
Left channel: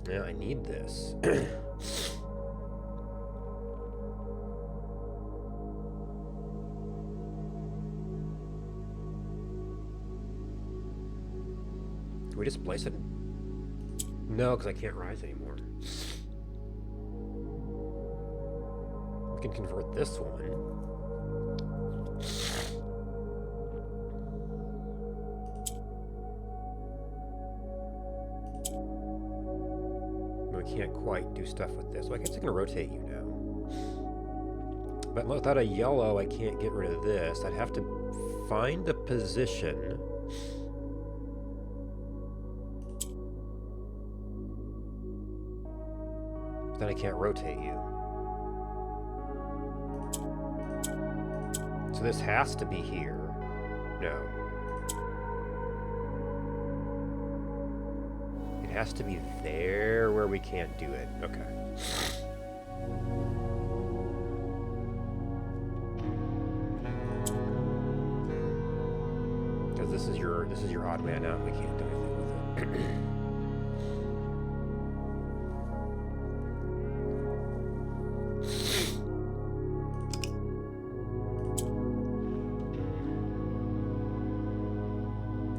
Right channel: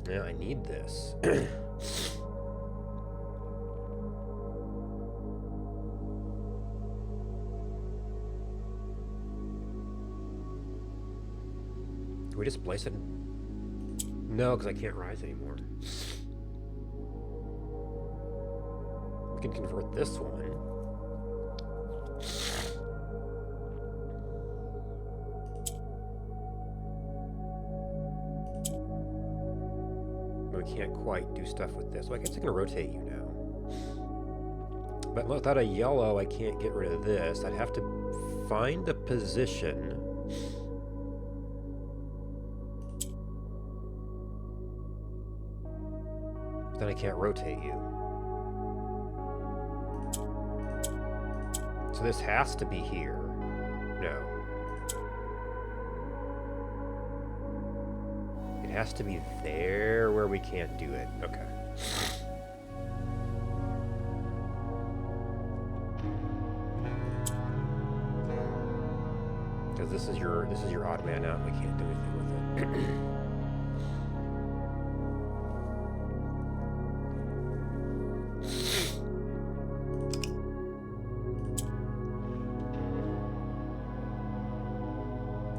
Yeah, I need this. Can we just place it? No, because I can't rise anymore. We can convert this one. But we can't quite do stuff with this. So I guess I can rotate you now. But without a yellow, I can't get rid of this. I'd have to find a position. Then I can't rotate you. So this has to be here. No. It has to be there where we can't do it. Okay. Because this is your odd man out. We can't do anything with it.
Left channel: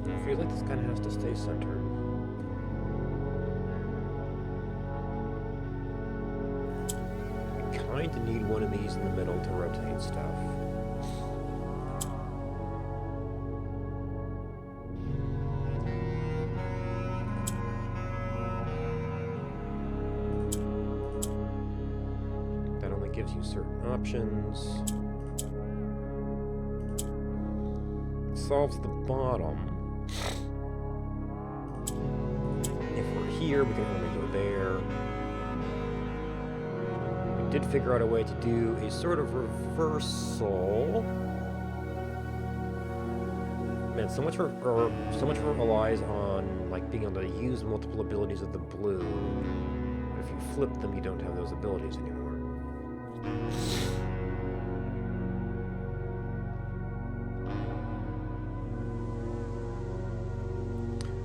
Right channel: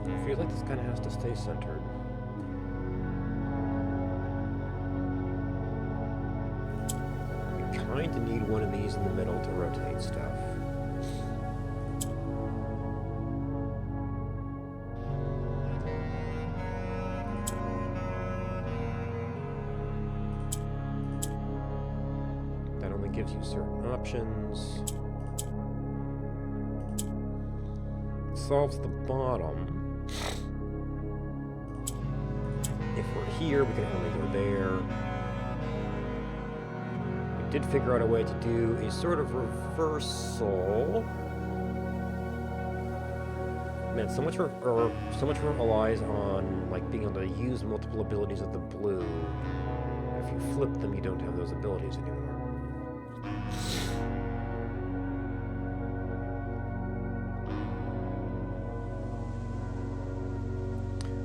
I feel like this kind of has to stay centered. We kind of need one of these in the middle to rotate stuff. That only gives you certain options. Solves the bottom. If we're here, we can only go there. We did figure out a way to do a sort of reversal. Man, so much of it relies on like being able to use multiple abilities of the blue. If you flip them, you don't have those abilities anymore.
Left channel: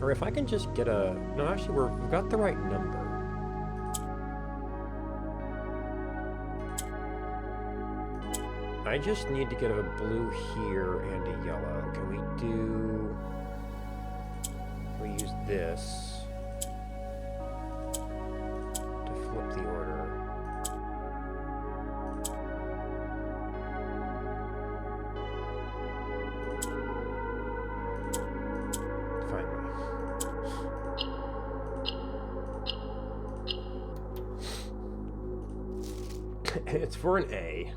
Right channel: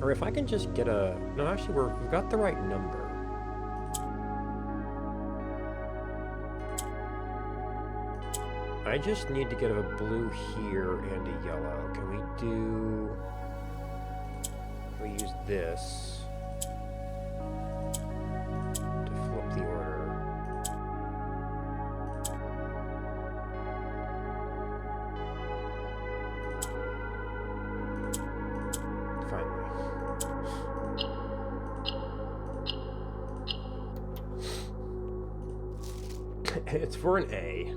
Or if I can just get a... No, actually, we've got the right number. I just need to get a blue here and a yellow. Can we do... Can we use this to flip the order? Finally. It's for an A.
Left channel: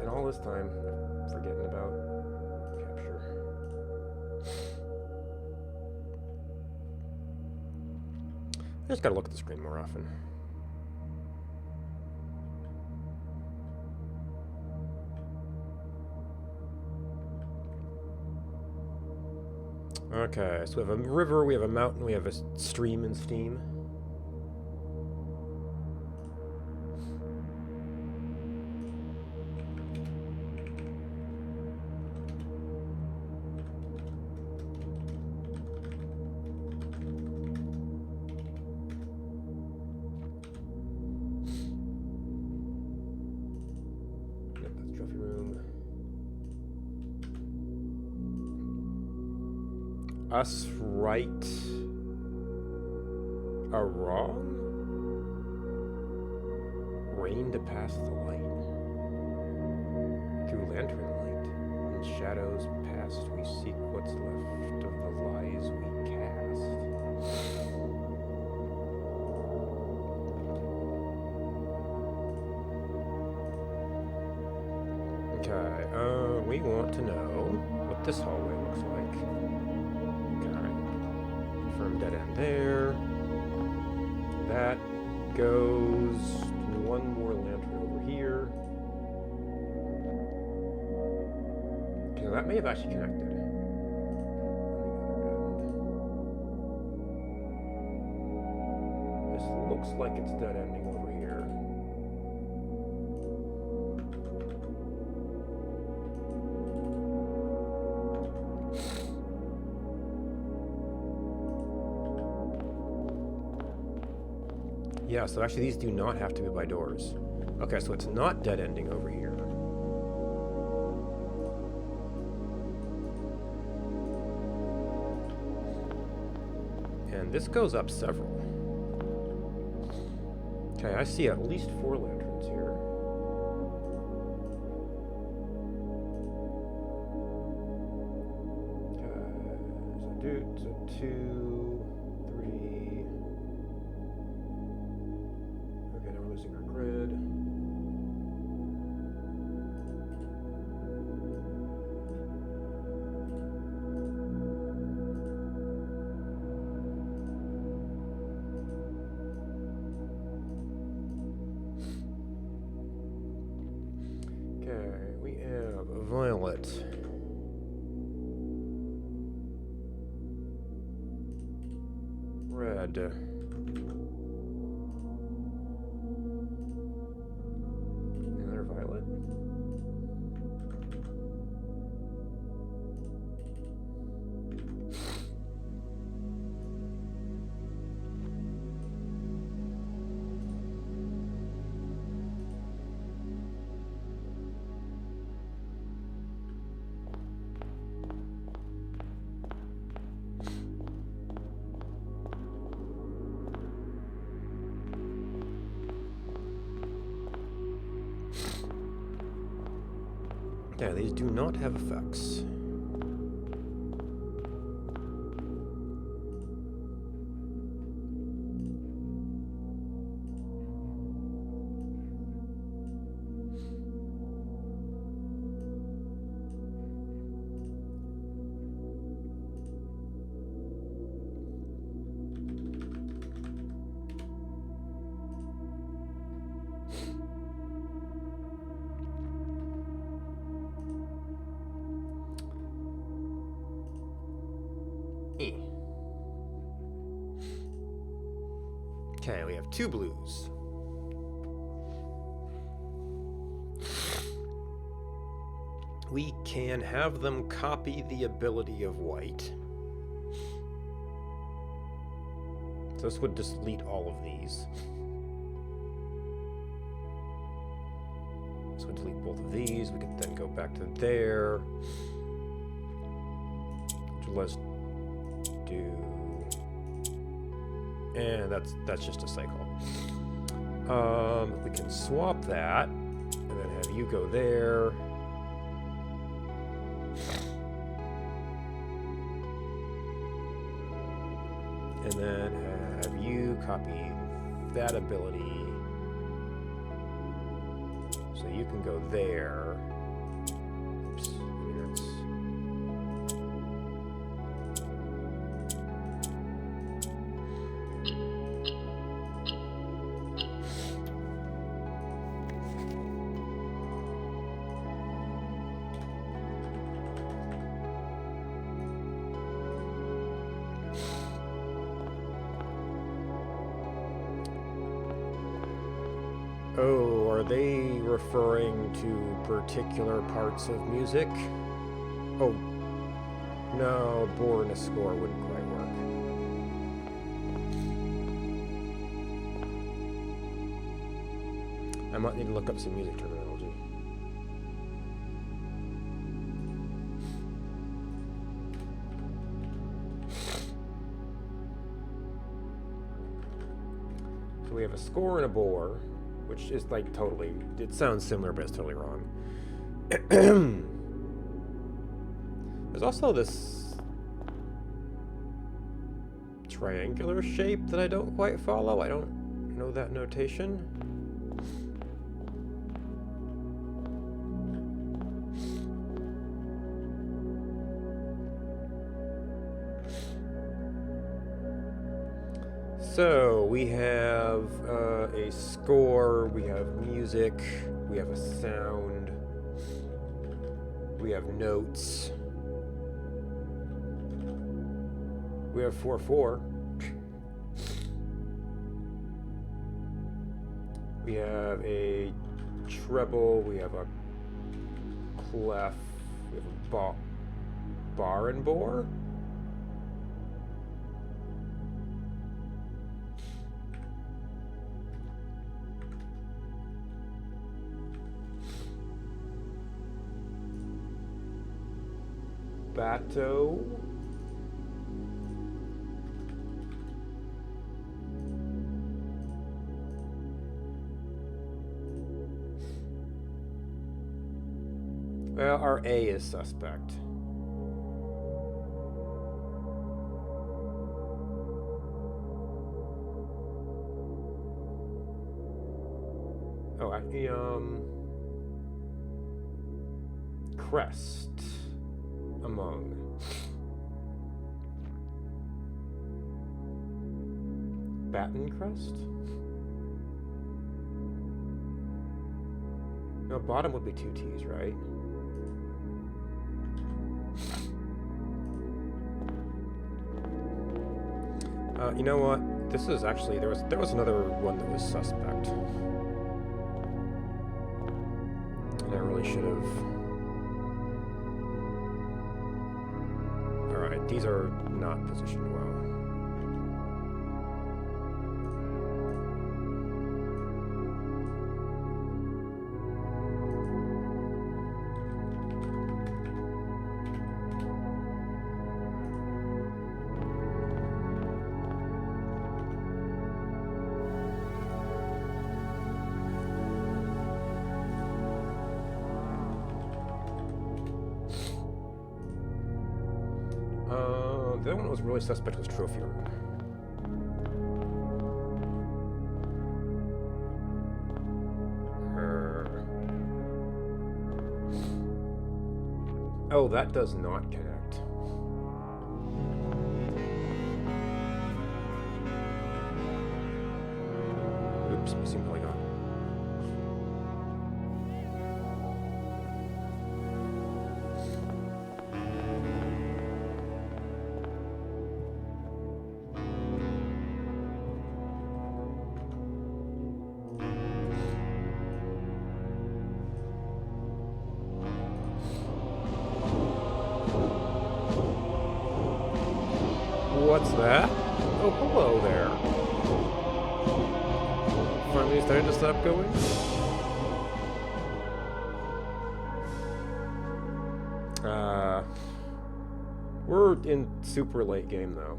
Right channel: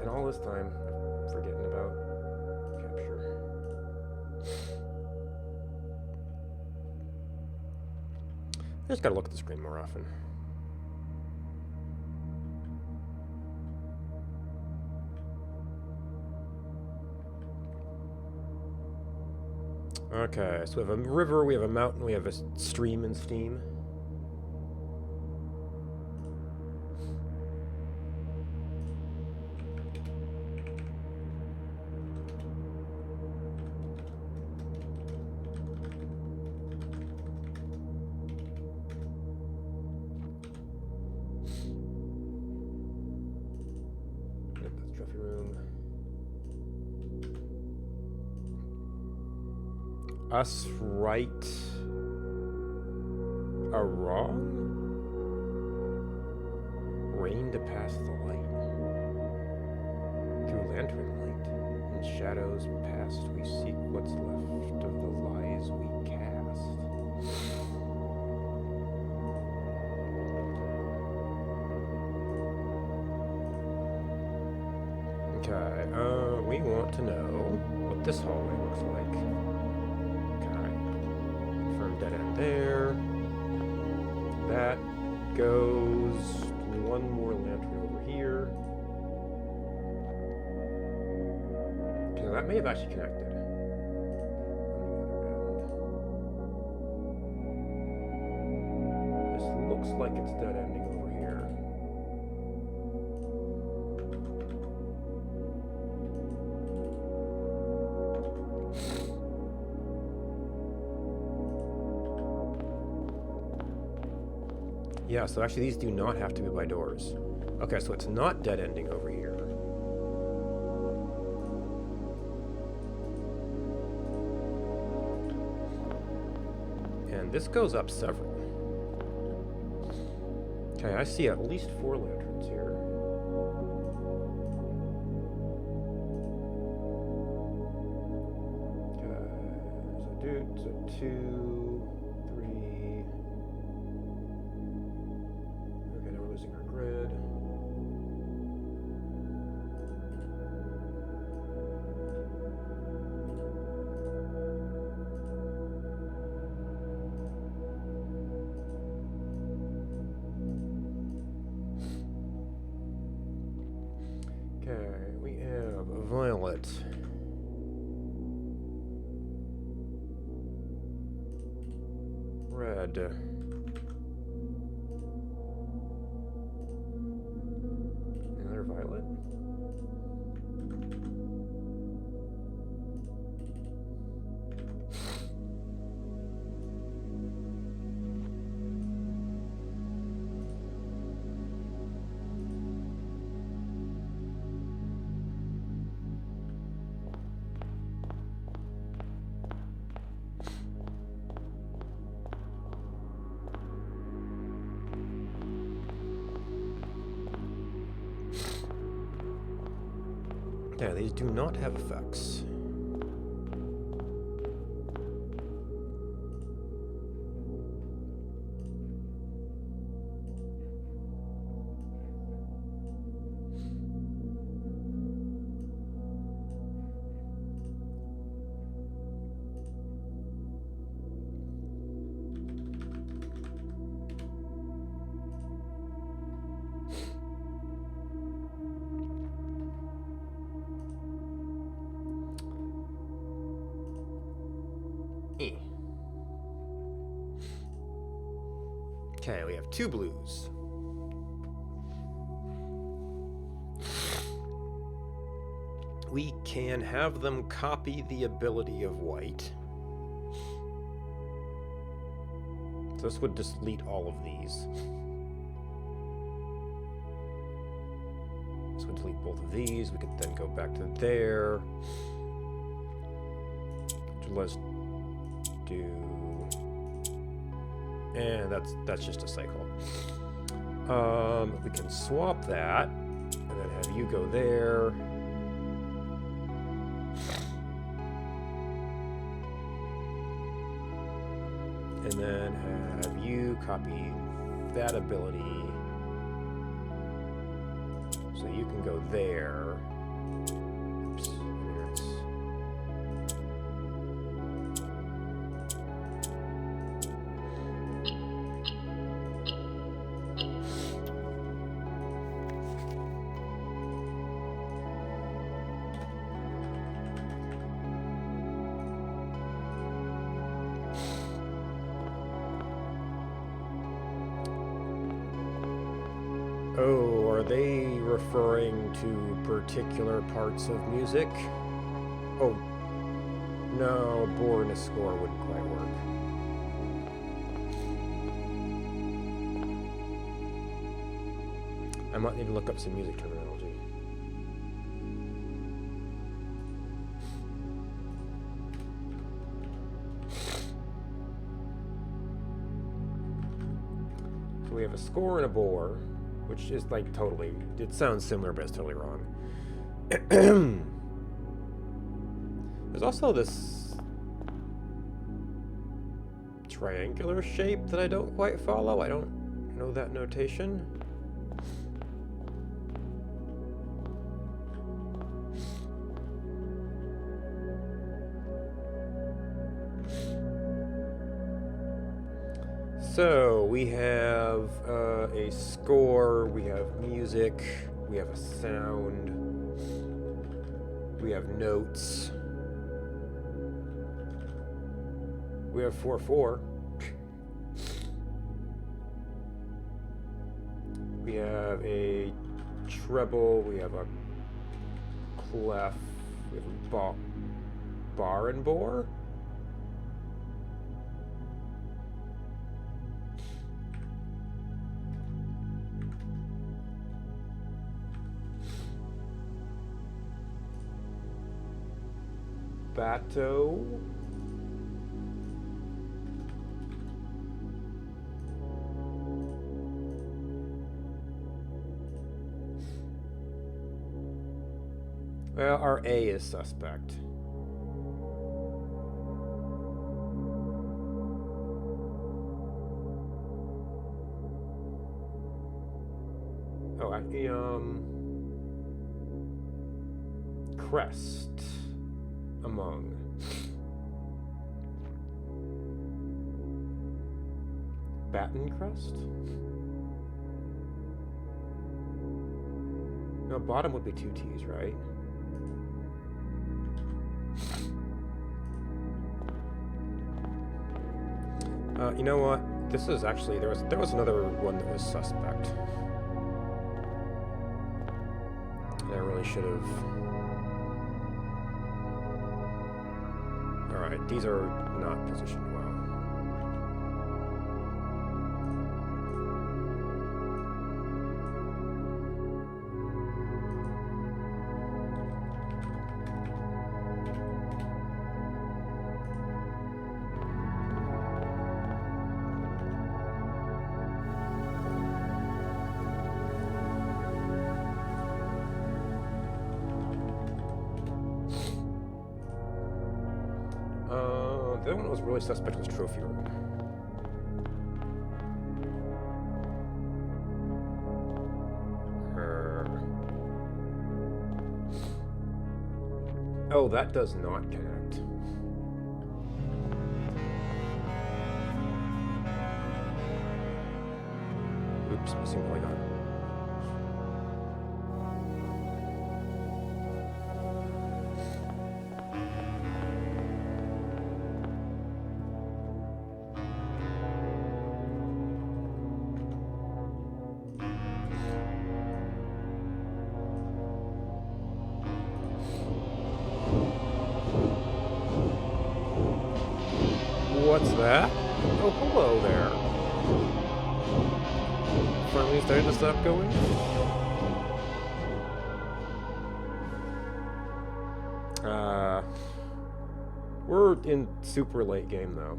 And all this time, forgetting about capture. I just gotta look at the screen more often. Okay, so we have a river, we have a mountain, we have a stream in Steam. Yep, that's trophy room. Us right a wrong? Rain to pass the light. Through lantern light. In shadows past we seek what's left of the lies we cast. Okay, we want to know what this hallway looks like. Confirm dead end there. That goes one more lantern over here. Okay, that may have actually connected. On the other end. This looks like it's dead ending over here. Yeah, so actually these do not have to be by doors. Okay, so it's not dead ending over here. And this goes up several. Okay, I see at least 4 lanterns here. Okay, so 2, 3... Okay, now we're losing our grid. Okay, we have violet. Red. Another violet. Yeah, these do not have effects. Eh. Okay, we have 2 blues. We can have them copy the ability of white. So this would just delete all of these. This would delete both of these. We could then go back to there. So let's do... And that's just a cycle. We can swap that, and then have you go there. And then have you copy that ability. So you can go there. Oops, here it's... Oh, are they referring to particular parts of music? Oh, no, a bore and a score wouldn't quite work. I might need to look up some music terminology. So we have a score and a bore. Which is like totally, it sounds similar, but it's totally wrong. There's also this triangular shape that I don't quite follow. I don't know that notation. So we have a score, we have music, we have a sound, we have notes, we have 4/4, we have a treble, we have a clef, we have a bar and bore. Bateau. Well, our A is suspect. Oh, crest. Among. Baton crest? No, bottom would be 2 T's, right? You know what? This is actually there was another one that was suspect. And I really should have. Alright, these are not positioned well. The other one that was really suspect was trophy room. Oh, that does not connect. Oops, missing polygon. What's that? Oh, hello there. Finally started to stop going? We're in super late game though.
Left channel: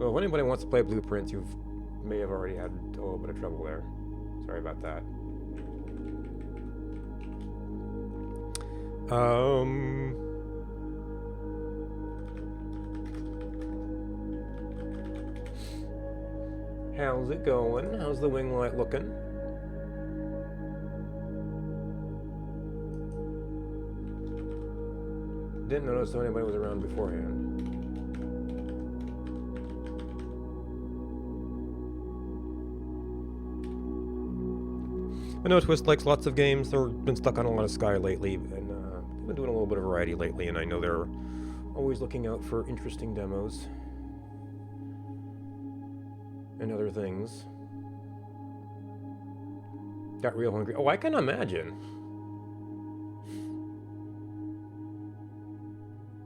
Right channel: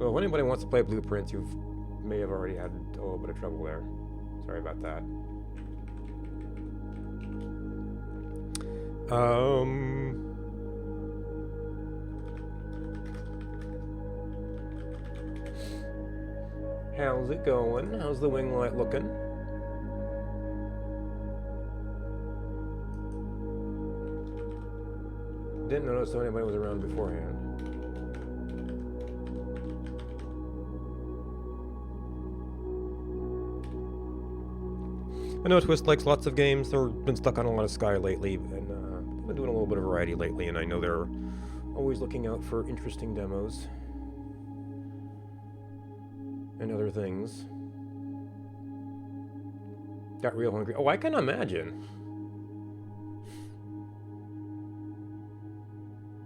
So if anybody wants to play Blueprints, you may have already had a little bit of trouble there. Sorry about that. How's it going? How's the wing light looking? Didn't notice anybody was around beforehand. I know Twist likes lots of games. They've been stuck on a lot of Sky lately, and they've been doing a little bit of variety lately, and I know they're always looking out for interesting demos and other things. Got real hungry. Oh, I can imagine.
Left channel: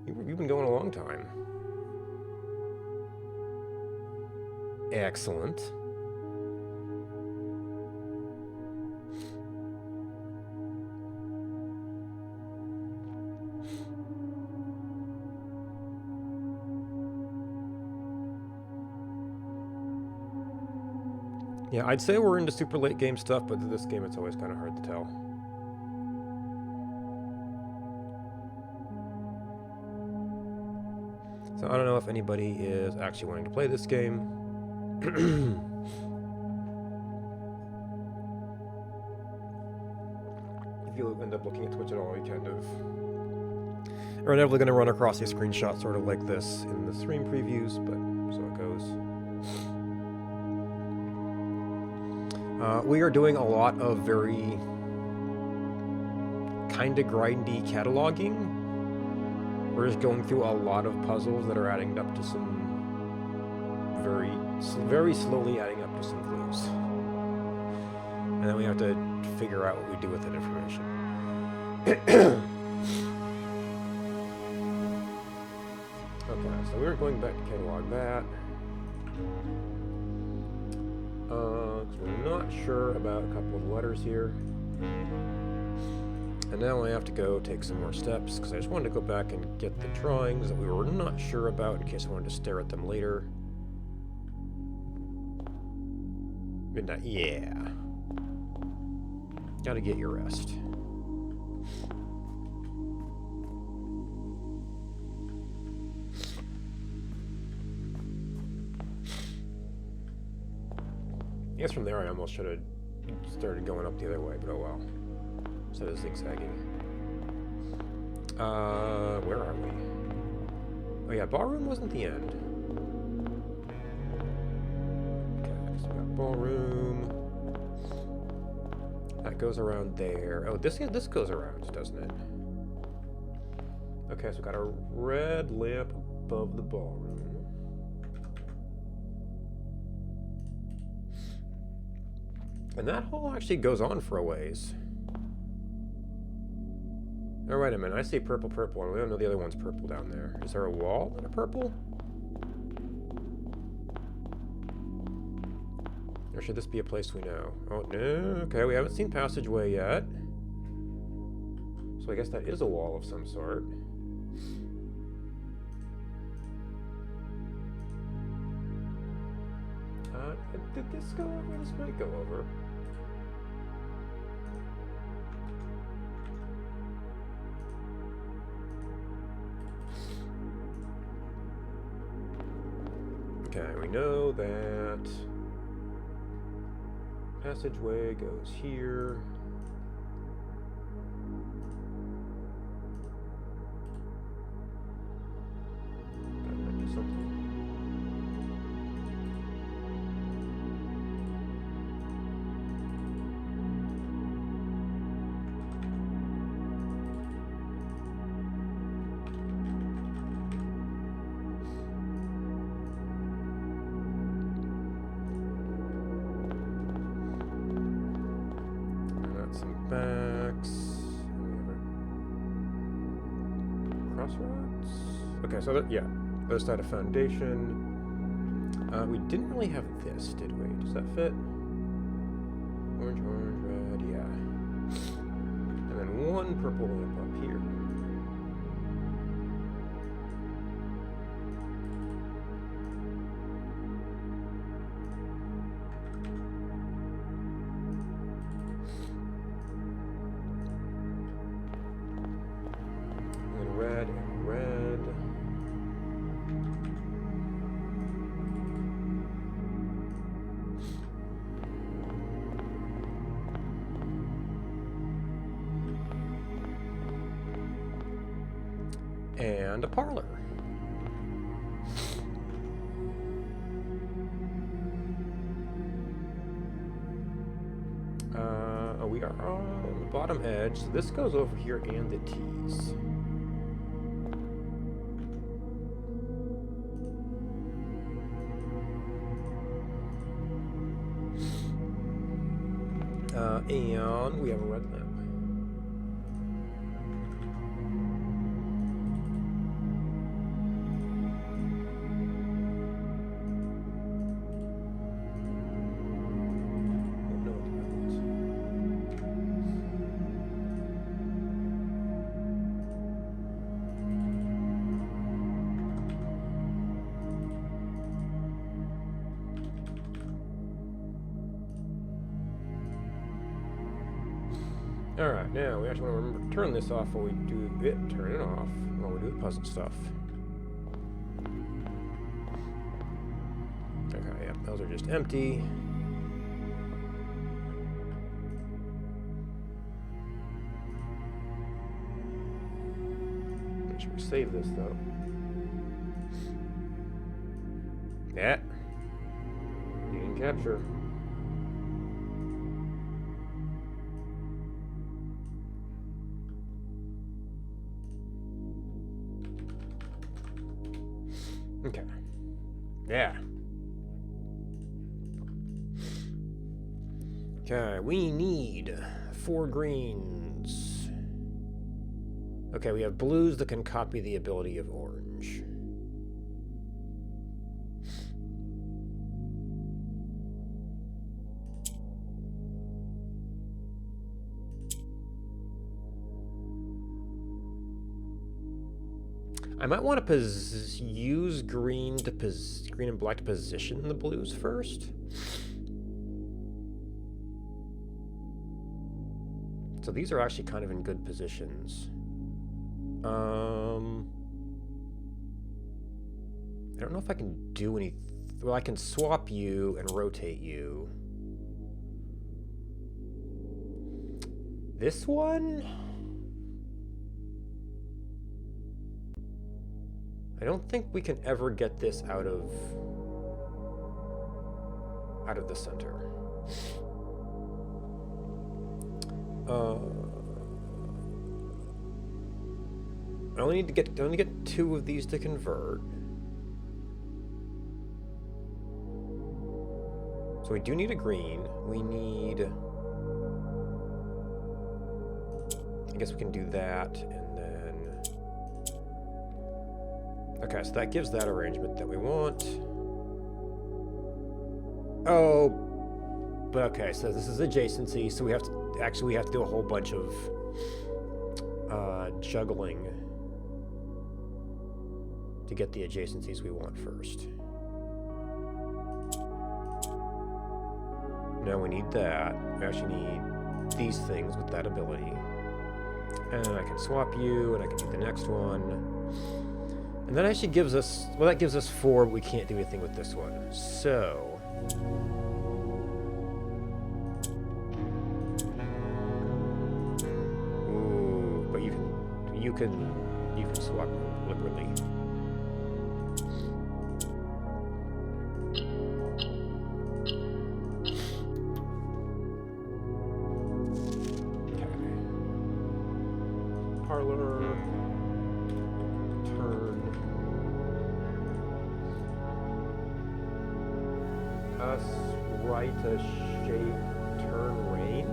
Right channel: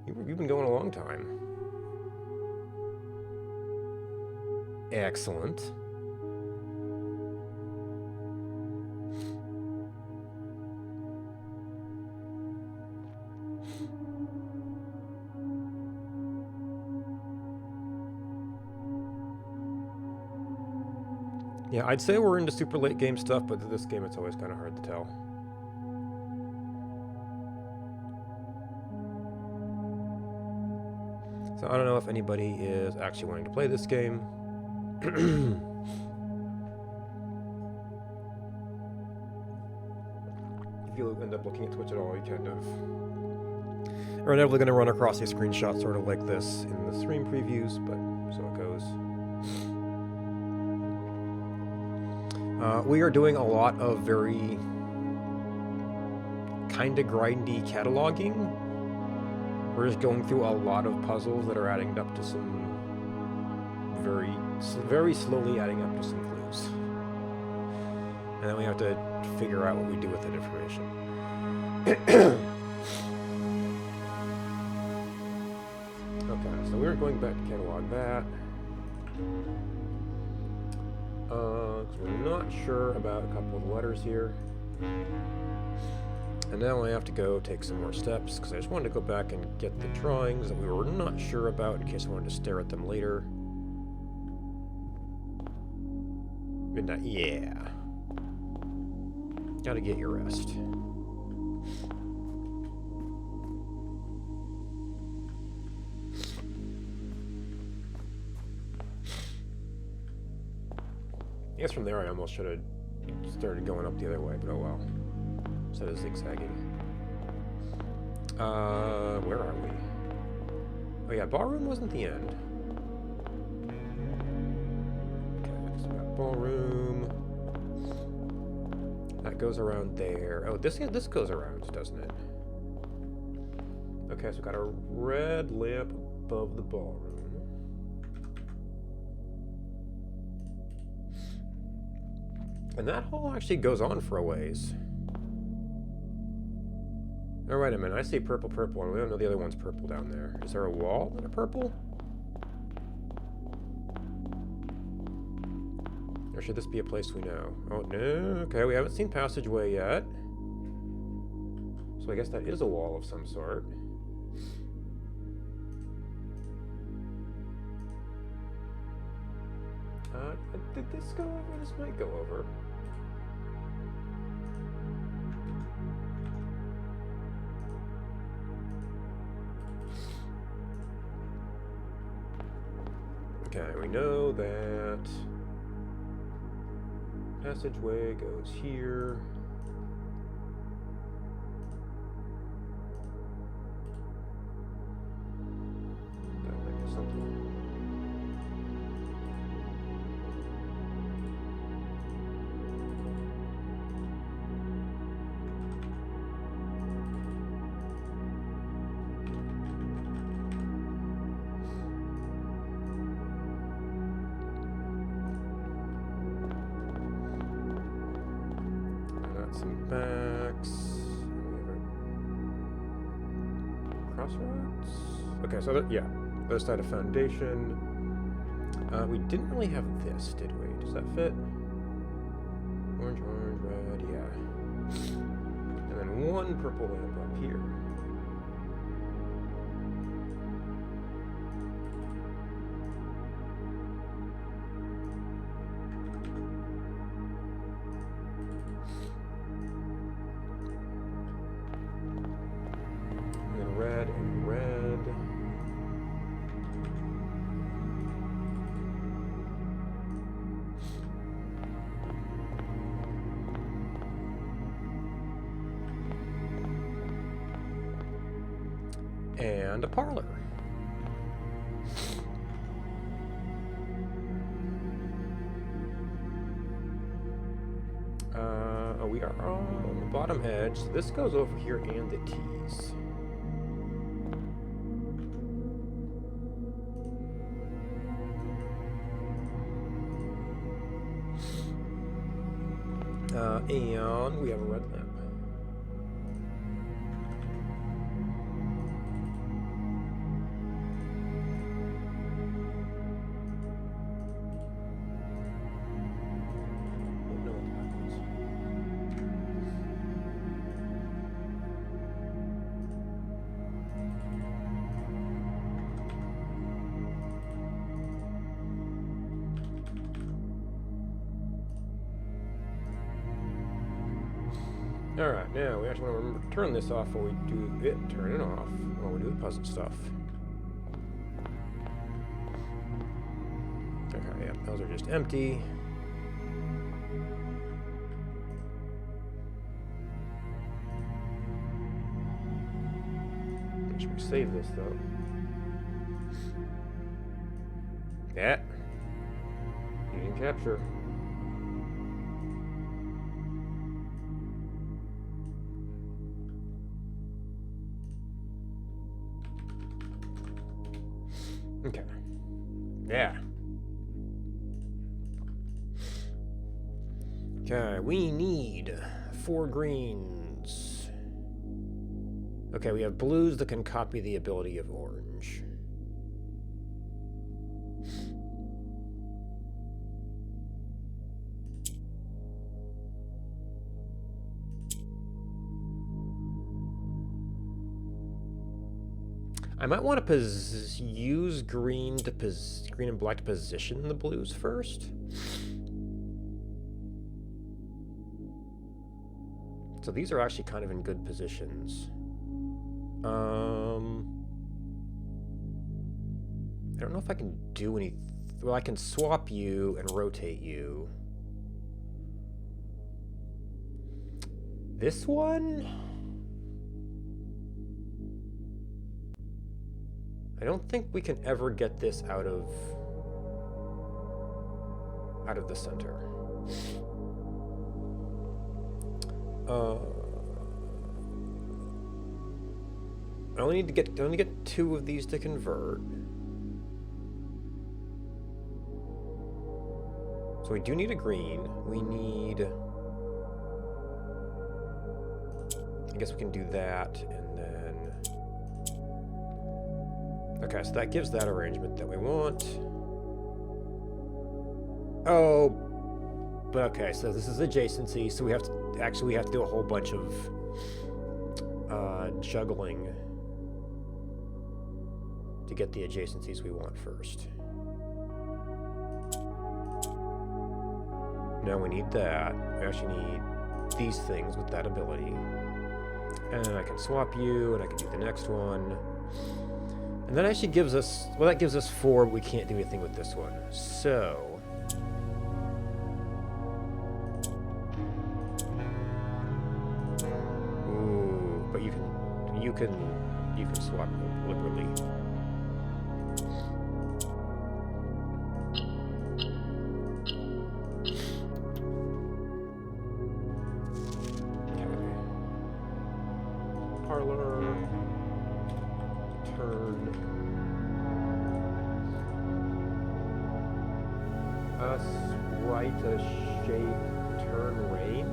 You've been going a long time. Excellent. Yeah, I'd say we're into super late game stuff, but this game it's always kind of hard to tell. So I don't know if anybody is actually wanting to play this game. If you end up looking at Twitch at all, you kind of are inevitably going to run across a screenshot sort of like this in the stream previews, but so it goes. We are doing a lot of very kind of grindy cataloging. We're just going through a lot of puzzles that are adding up to some very slowly adding up to some clues. And then we have to figure out what we do with that information. Okay, so we were going back to catalog that. Because we're not sure about a couple of the letters here. And now I have to go take some more steps, because I just wanted to go back and get the drawings that we were not sure about in case I wanted to stare at them later. Midnight, yeah. Gotta get your rest. I guess from there I almost should have started going up the other way, but oh well. Instead of zigzagging. Where are we? Oh yeah, ballroom wasn't the end. Okay, so we got ballroom. That goes around there. Oh, this goes around, doesn't it? Okay, so we got a red lamp above the ballroom. And that hall actually goes on for a ways. Oh, wait a minute. I see purple, and we don't know the other one's purple down there. Is there a wall in a purple? Or should this be a place we know? Oh, no. Okay, we haven't seen passageway yet. So I guess that is a wall of some sort. Did this go over? This might go over. Okay, we know that passageway goes here. That might be something. Some backs. crossroads. Okay, so yeah, other side of foundation. We didn't really have this, did we? Does that fit? Orange, orange, red, yeah. And then one purple lamp up here. And then red and red. And a parlor. We are on the bottom edge, so this goes over here and the T's. And we have a red lamp. Alright, now we actually want to remember to turn this off while we do it, turn it off while we do the puzzle stuff. Okay, yeah, those are just empty. Make sure we save this though. Yeah. You didn't capture. Okay. Yeah. Okay, we need 4 greens. Okay, we have blues that can copy the ability of orange. I might want to use green and black to position the blues first. So these are actually kind of in good positions. I don't know if I can do any. Well, I can swap you and rotate you. This one? I don't think we can ever get this out of the center. I only need to get 2 of these to convert. So we do need a green. We need. I guess we can do that, and then. Okay, so that gives that arrangement that we want. Oh, but okay, so this is adjacency, so we have to do a whole bunch of juggling to get the adjacencies we want first. Now we need that. We actually need these things with that ability. And I can swap you, and I can do the next one. And that actually gives us, well, that gives us 4, but we can't do anything with this one. So. Ooh, but you can swap liberally. Okay. Parlor. Turn. Us right a shade turn rain.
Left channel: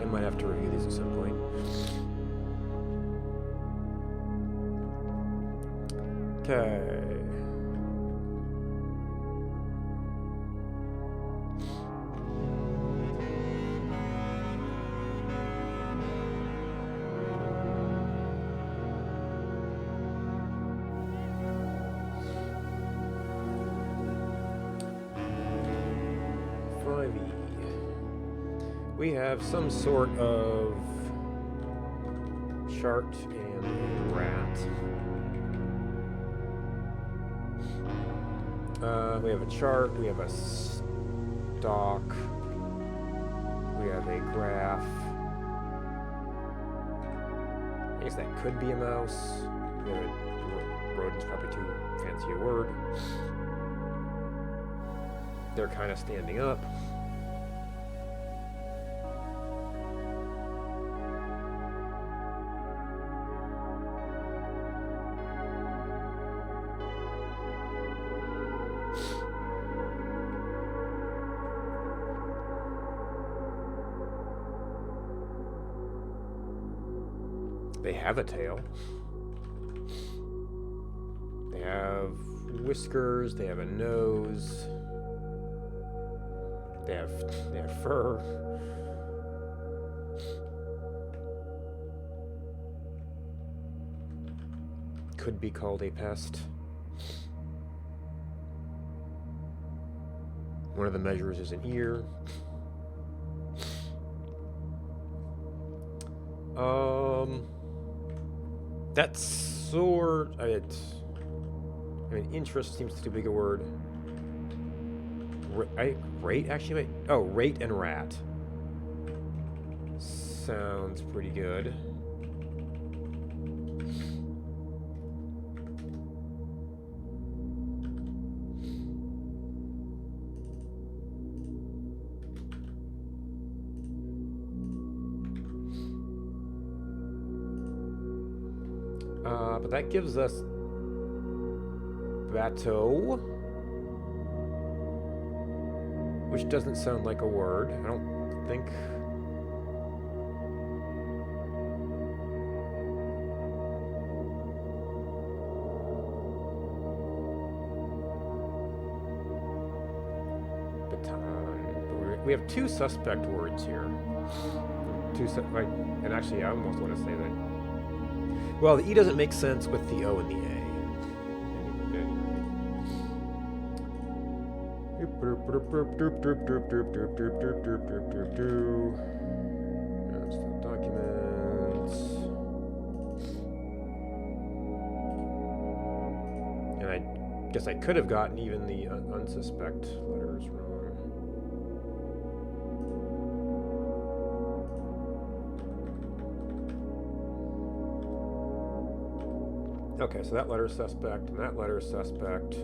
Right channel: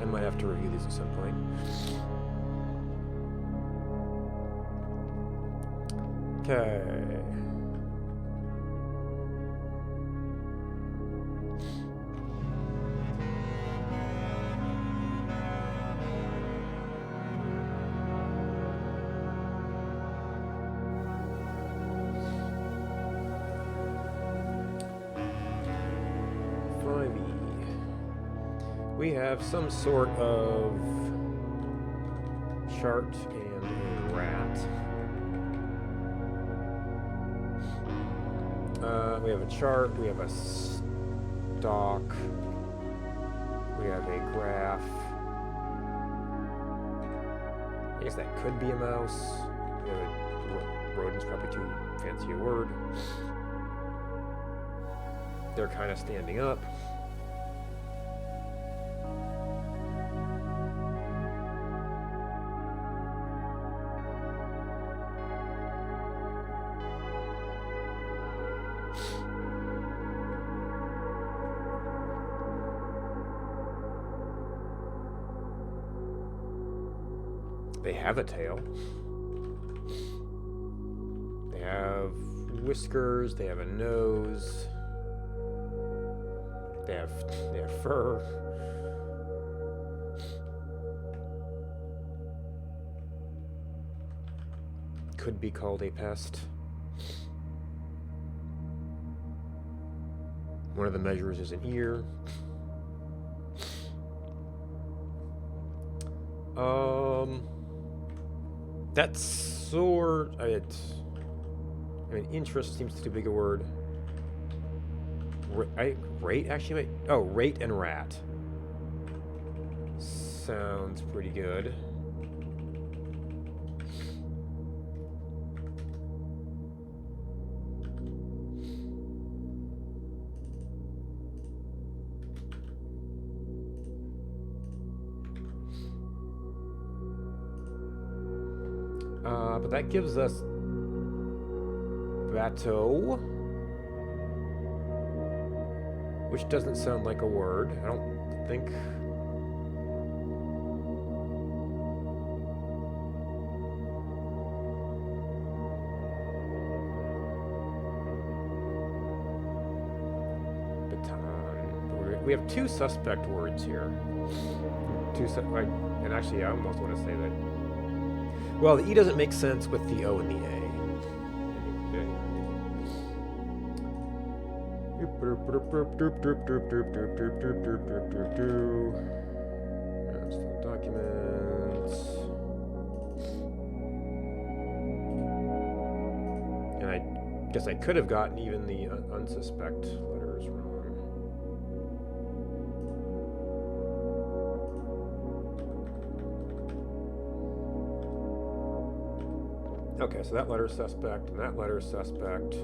I might have to review these at some point. Okay. We have some sort of chart and a rat. We have a chart, we have a stock, we have a graph. I guess that could be a mouse. We have a rodent's probably too fancy a word. They're kind of standing up. They have a tail. They have whiskers, they have a nose. They have fur. Could be called a pest. One of the measures is an ear. That's sort. I mean, interest seems too big a word. Rate actually. Oh, rate and rat. Sounds pretty good. But that gives us bateau, which doesn't sound like a word. I don't think. Baton. We have two suspect words here. And actually, I almost want to say that. Well, the E doesn't make sense with the O and the A. Documents. And I guess I could have gotten even the unsuspect letters wrong. Okay, so that letter is suspect, and that letter is suspect.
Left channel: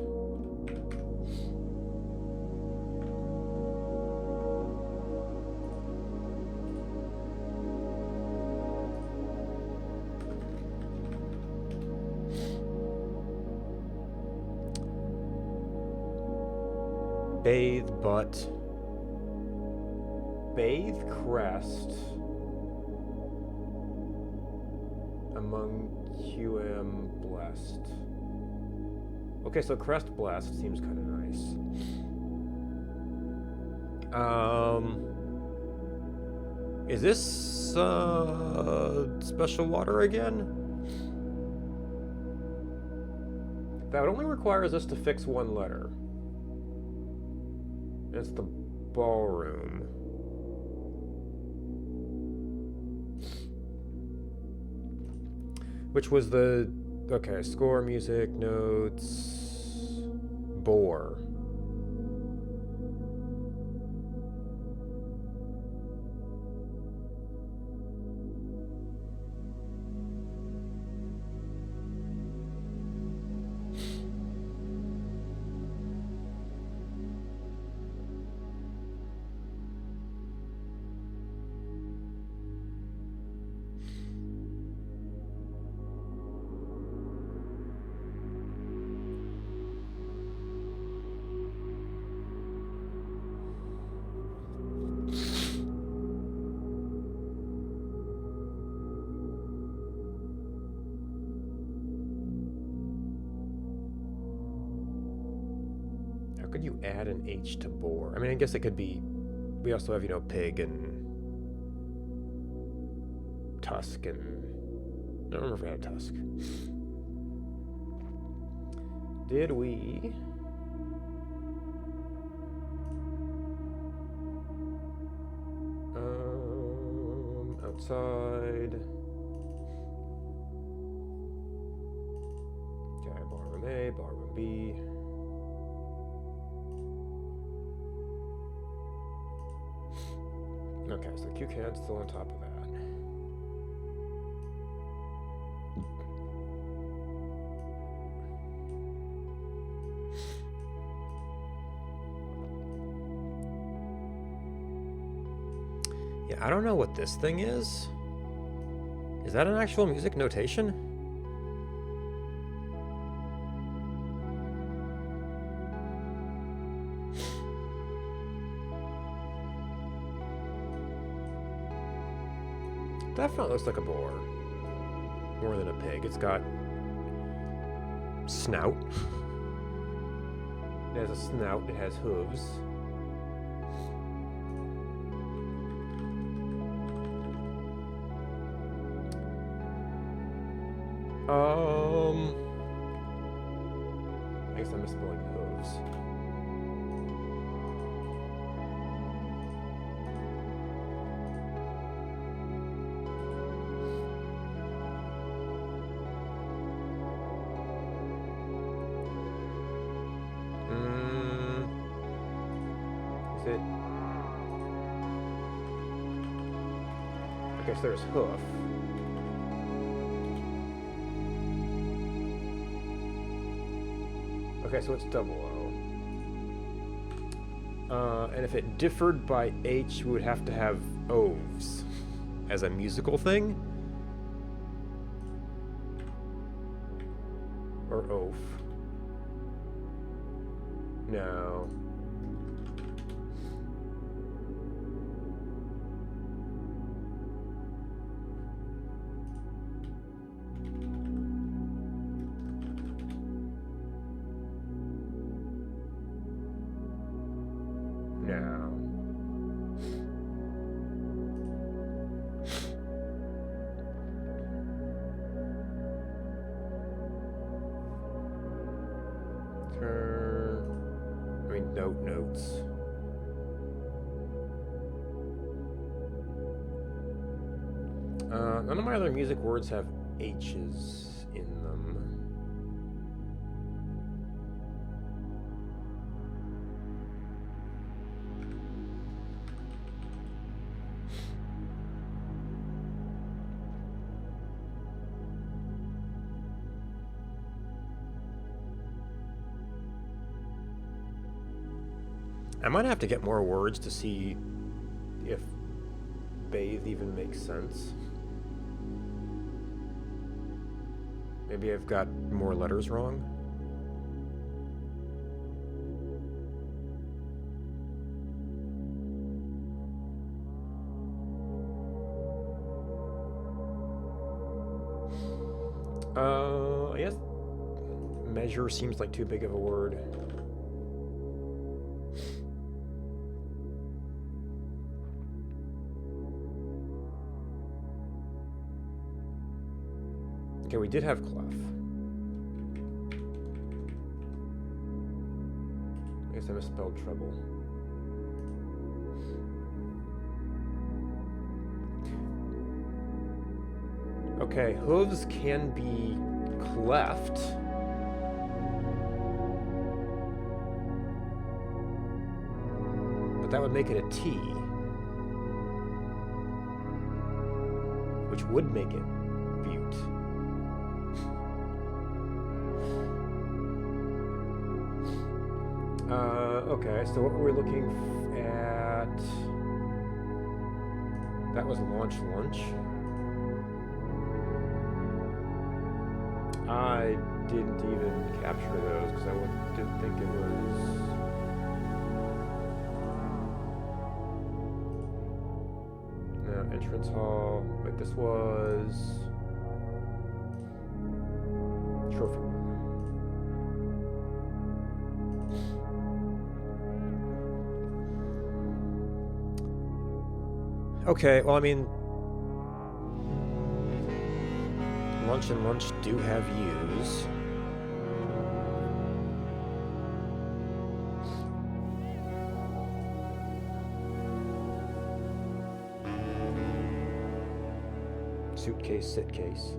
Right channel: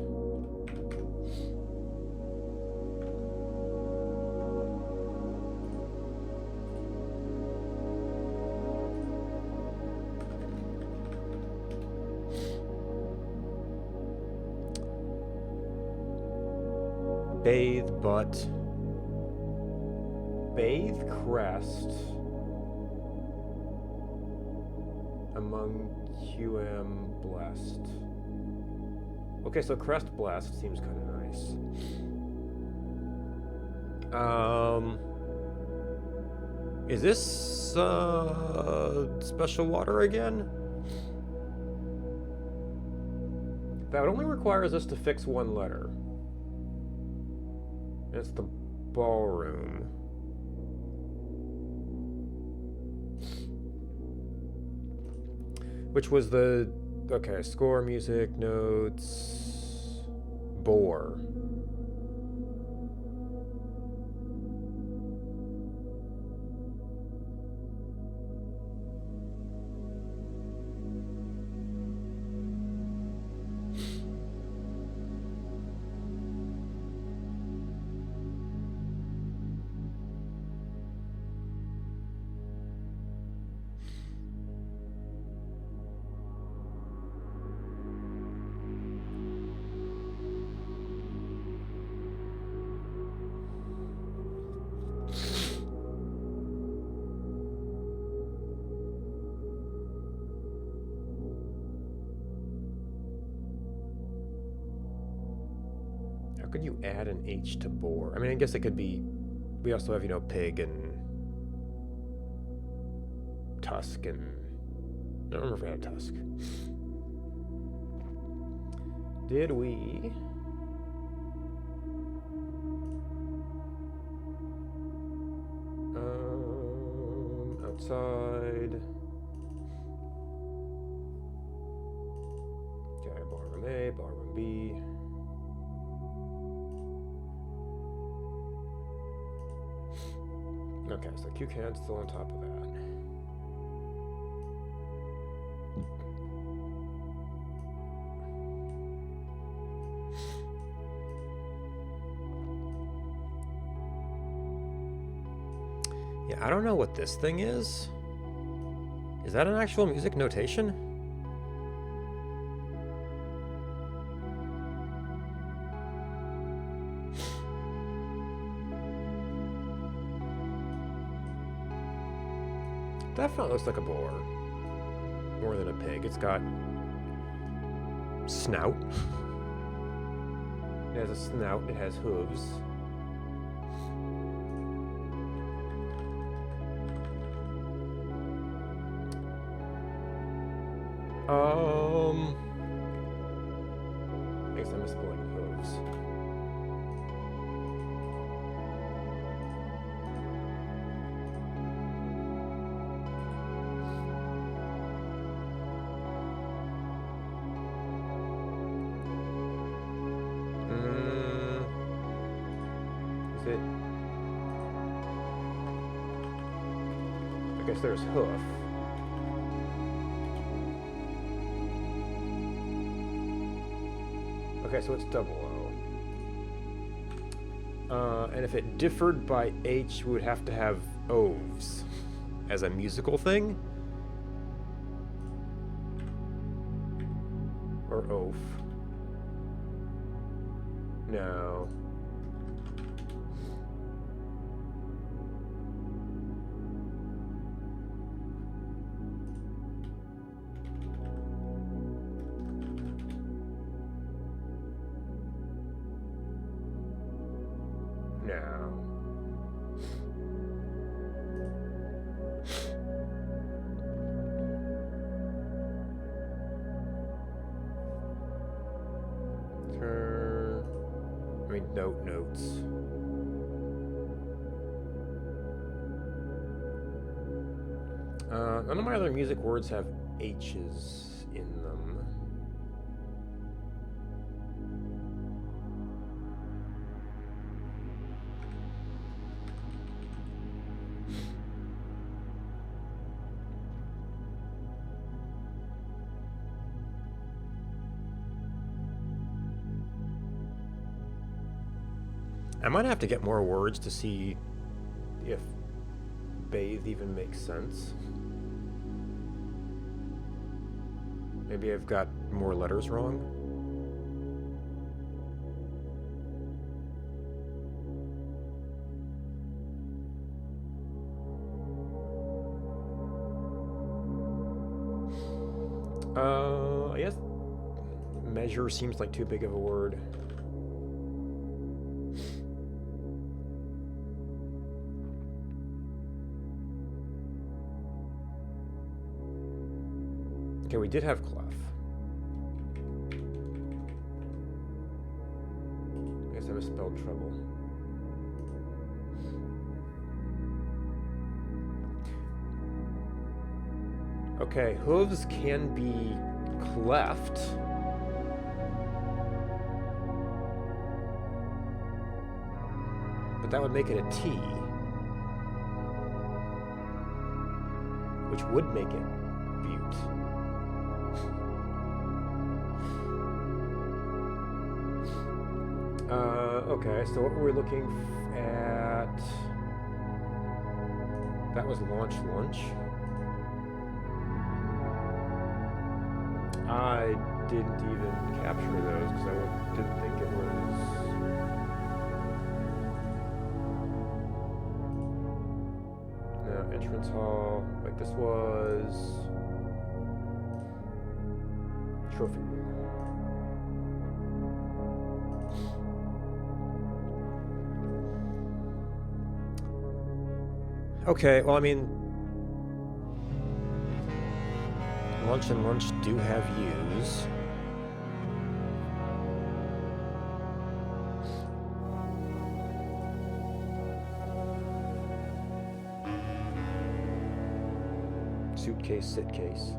Bathe, butt. Bathe, crest. Among QM blessed. Okay, so crest blessed seems kind of nice. Is this special water again? That only requires us to fix one letter. It's the ballroom. Which was the, okay, score, music, notes, bore. How could you add an H to boar? I mean, I guess it could be. We also have, you know, pig and tusk and. I don't remember if we had tusk. Did we? Outside. Okay, barroom A, barroom B. Okay, so QCAD's still on top of that. Yeah, I don't know what this thing is. Is that an actual music notation? Definitely looks like a boar. More than a pig. It's got snout. It has a snout. It has hooves. I guess I'm misspelling hooves. Is it? I guess there's hoof. Okay, so it's double O. And if it differed by H, we would have to have oves as a musical thing. Or oaf. No. No. I mean, notes. None of my other music words have H's in them. I might have to get more words to see if bathe even makes sense. Maybe I've got more letters wrong. I guess measure seems like too big of a word. Okay, we did have clef. I guess I misspelled treble. Okay, hooves can be cleft. But that would make it a T. Which would make it butte. Okay, so what were we looking at? That was lunch. I didn't even capture those because I didn't think it was... No, entrance hall. Wait, this was... Trophy room. Okay, well, I mean, lunch and lunch do have U's. Suitcase, sitcase.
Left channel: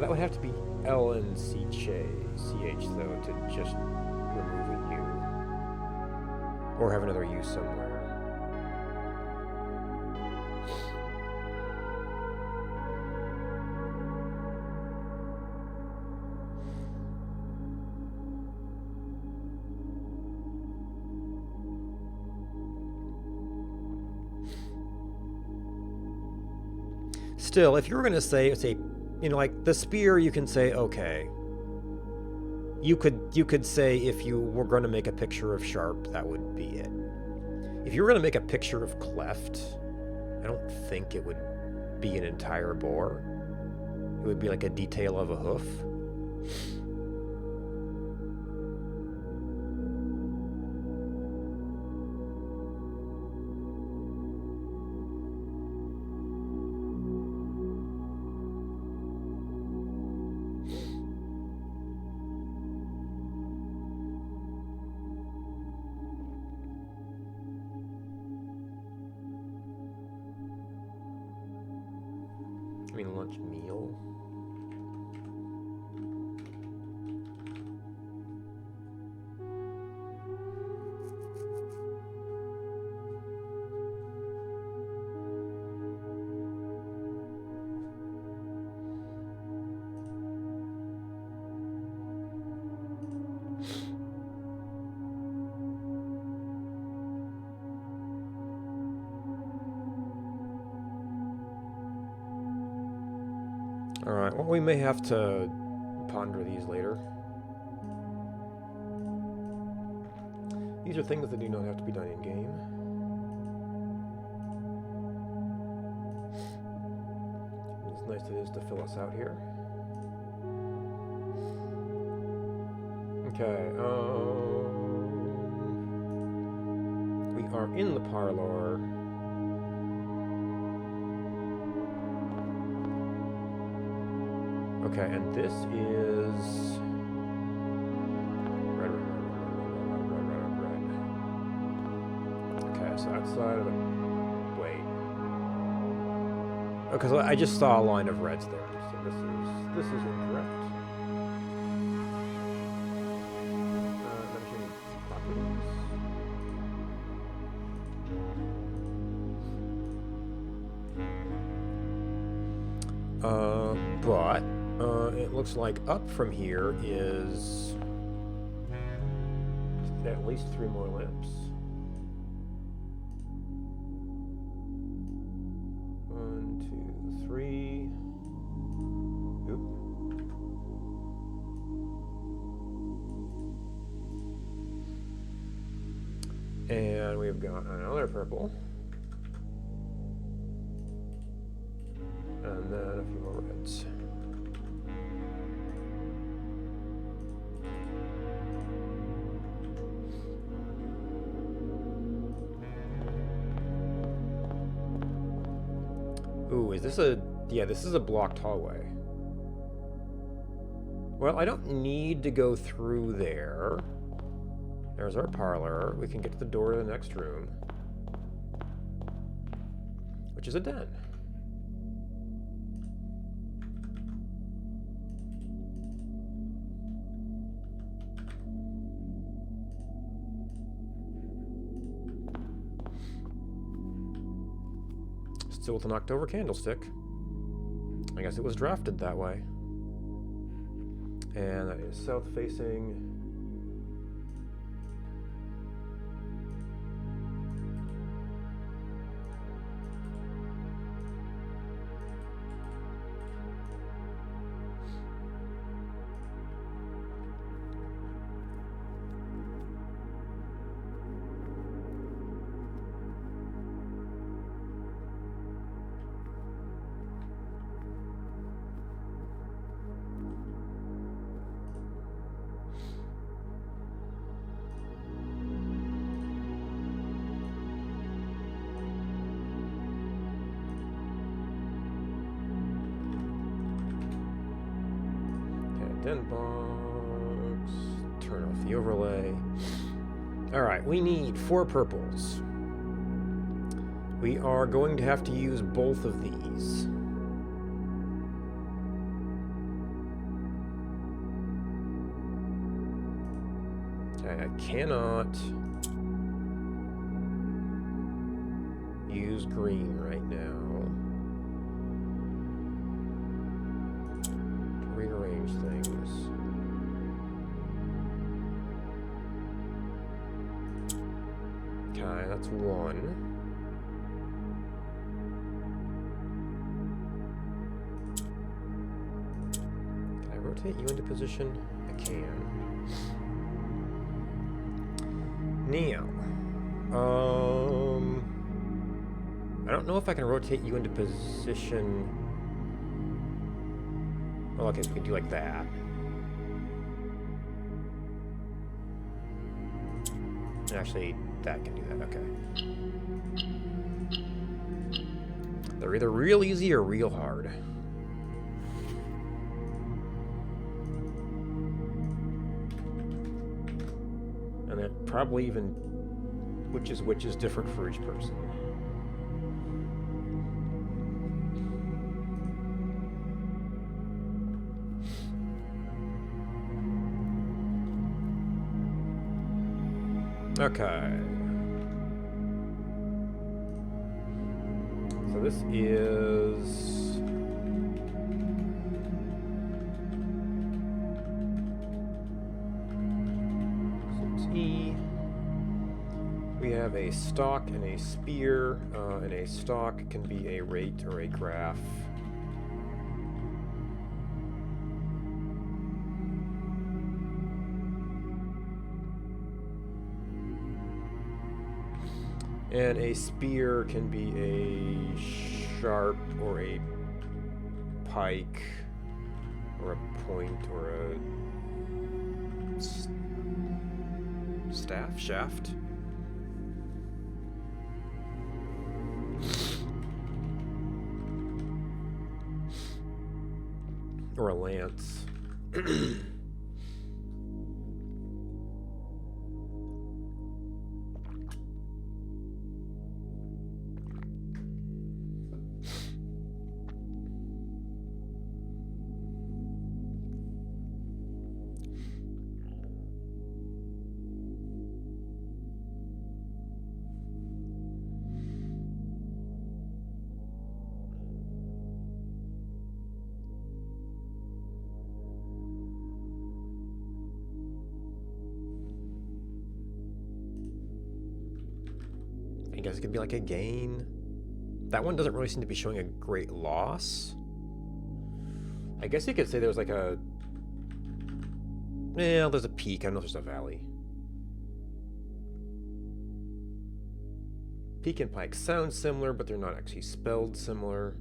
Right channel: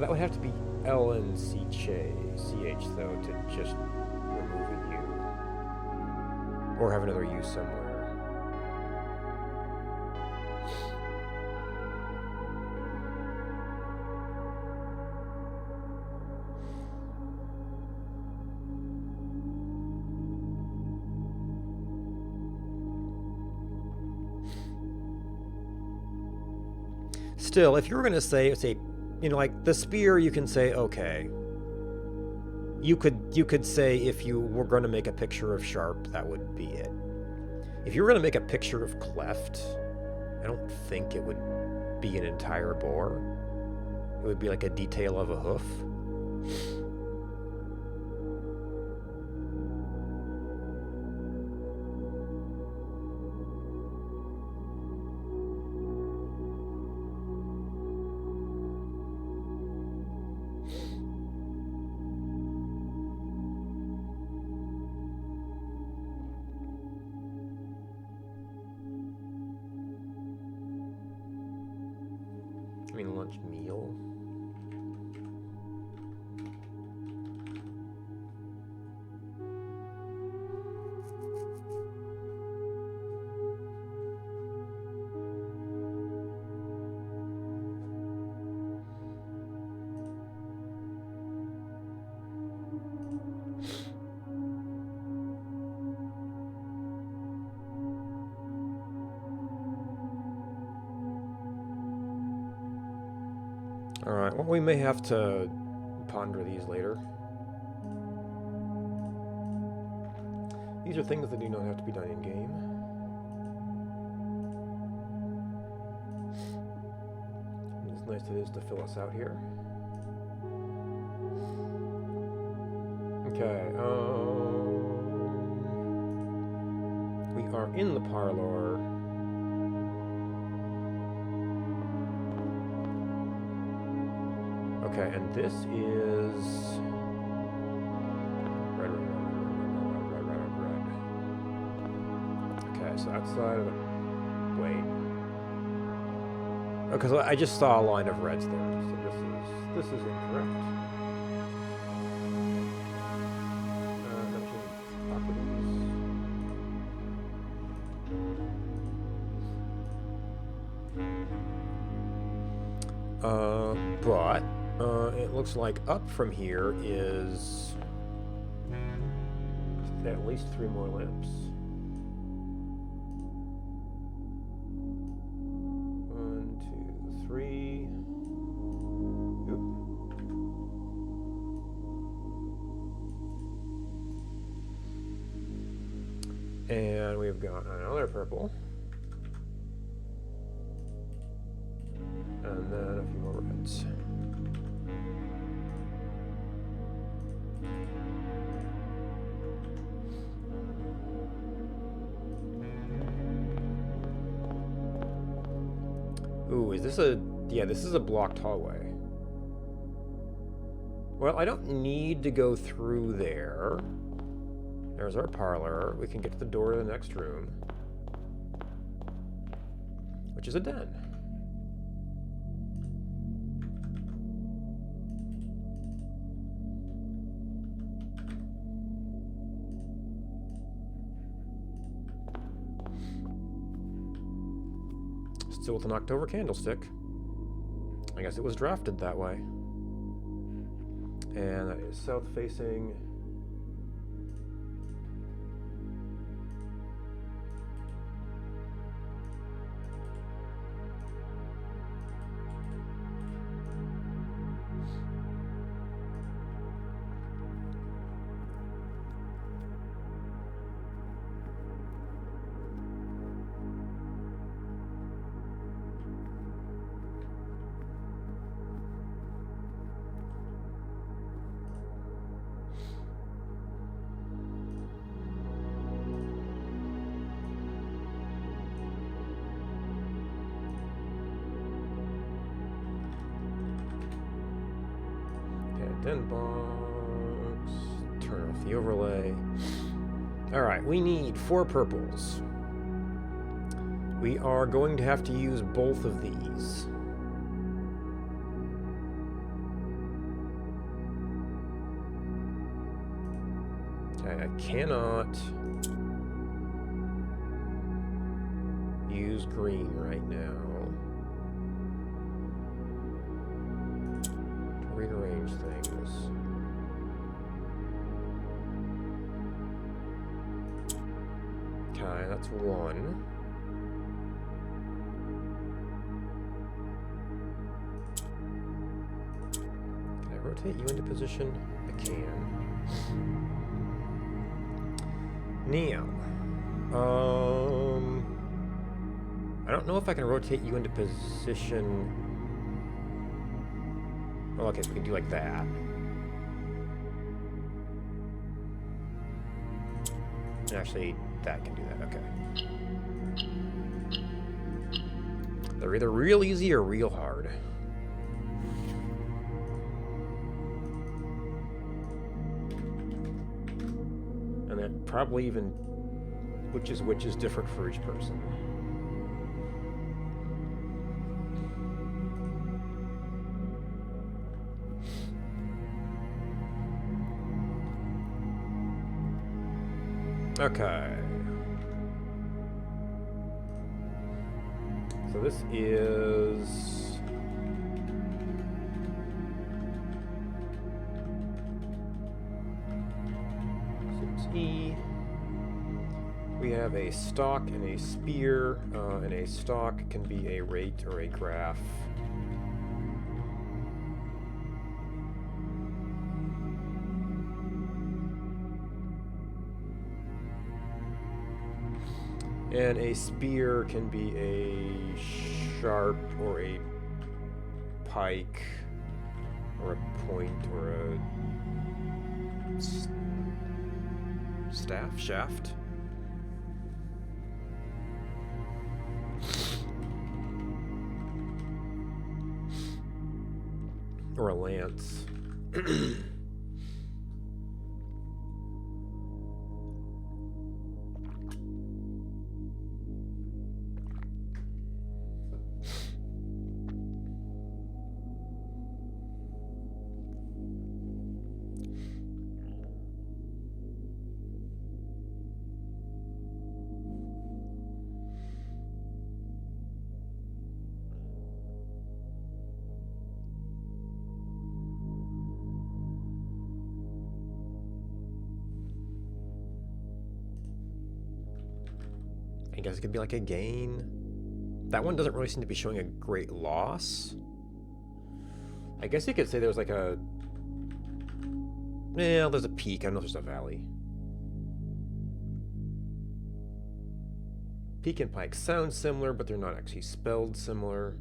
That would have to be LNCH though to just remove a U. Or have another U somewhere. Still, if you were going to say, you know, like the spear, you can say, okay. You could say if you were going to make a picture of Sharp, that would be it. If you were going to make a picture of Cleft, I don't think it would be an entire boar. It would be like a detail of a hoof. I mean, lunch meal. Alright, well, we may have to ponder these later. These are things that do not have to be done in-game. As nice it is to fill us out here. Okay, we are in the parlor. Okay, and this is red. Okay, so outside of the wait, because I just saw a line of reds there, so this is incorrect. Mentioning properties. But it looks like up from here is at least 3 more lamps. 1, 2, 3. Oop. And we've got another purple. And then a few more reds. Ooh, is this a... Yeah, this is a blocked hallway. Well, I don't need to go through there. There's our parlor. We can get to the door to the next room, which is a den. Still with an October candlestick. I guess it was drafted that way. And that is south facing. Indent box. Turn off the overlay. Alright, we need 4 purples. We are going to have to use both of these. Okay, I cannot use green right now to rearrange things. Okay, that's 1. Can I rotate you into position? I can. Now, I don't know if I can rotate you into position. Oh, okay, so we can do like that. Actually, that can do that, okay. They're either real easy or real hard. And that probably even which is different for each person. Okay. So this is E. We have a stock and a spear, and a stock can be a rate or a graph. And a spear can be a sharp or a pike or a point or a shaft. Or a lance. I guess it could be like a gain. That one doesn't really seem to be showing a great loss. I guess you could say there's like a... Yeah, there's a peak. I don't know if there's a valley. Peak and pike sound similar, but they're not actually spelled similar.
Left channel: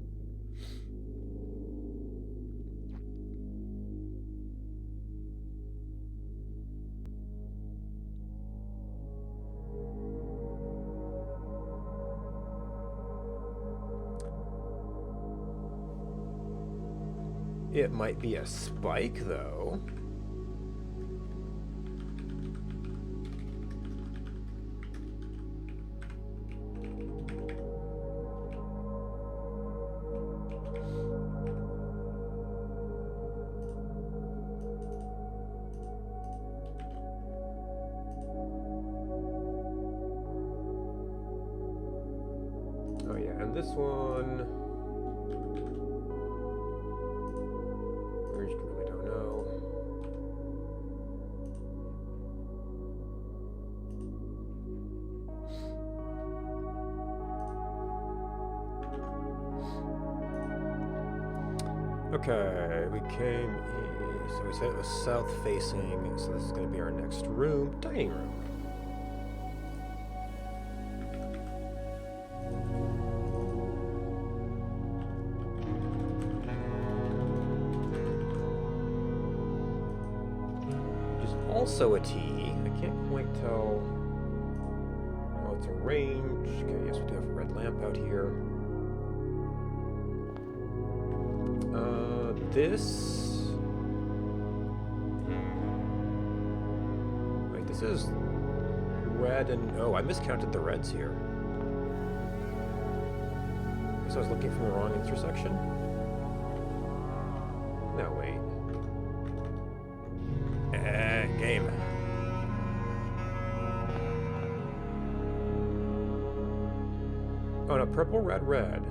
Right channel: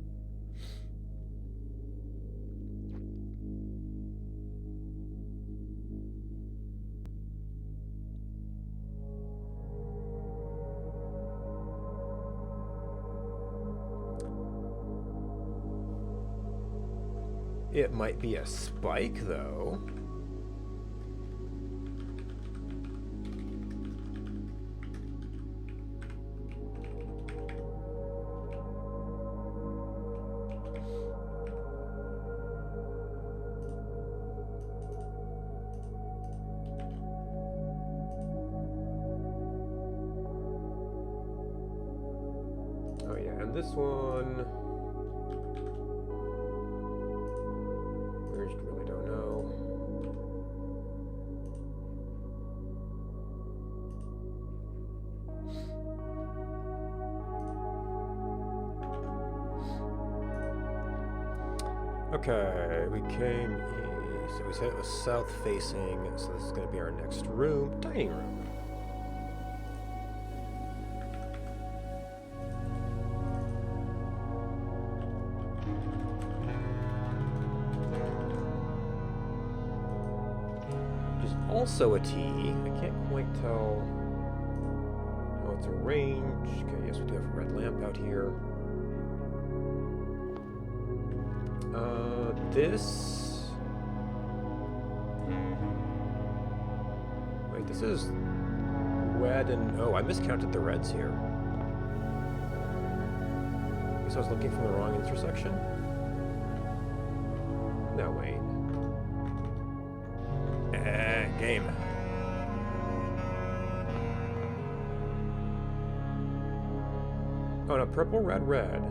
It might be a spike, though. Oh yeah, and this one... really don't know. Okay, we came east. So we said it was south facing, so this is going to be our next room. Dining room. Also a T. I can't quite tell. Oh, it's a range. Okay, yes, we do have a red lamp out here. This This is red and... Oh, I miscounted the reds here. I guess I was looking from the wrong intersection? No, wait. Game. Oh no, purple, red, red.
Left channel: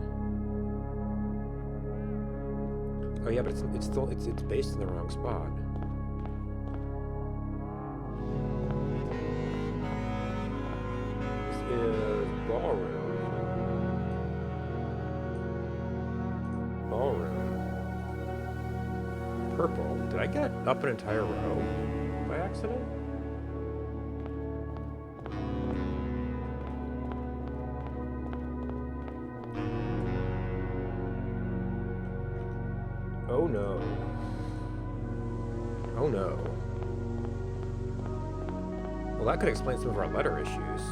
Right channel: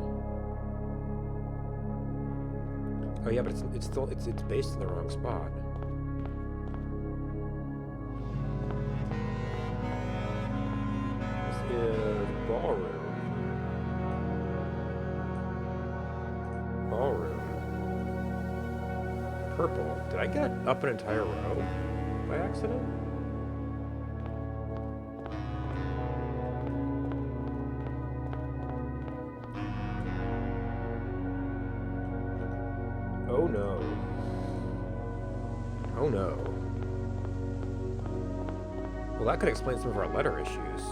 Oh yeah, but it's still it's based in the wrong spot. This is ballroom. Ballroom. Purple. Did I get up an entire row by accident? Oh no. Oh no. Well, that could explain some of our letter issues.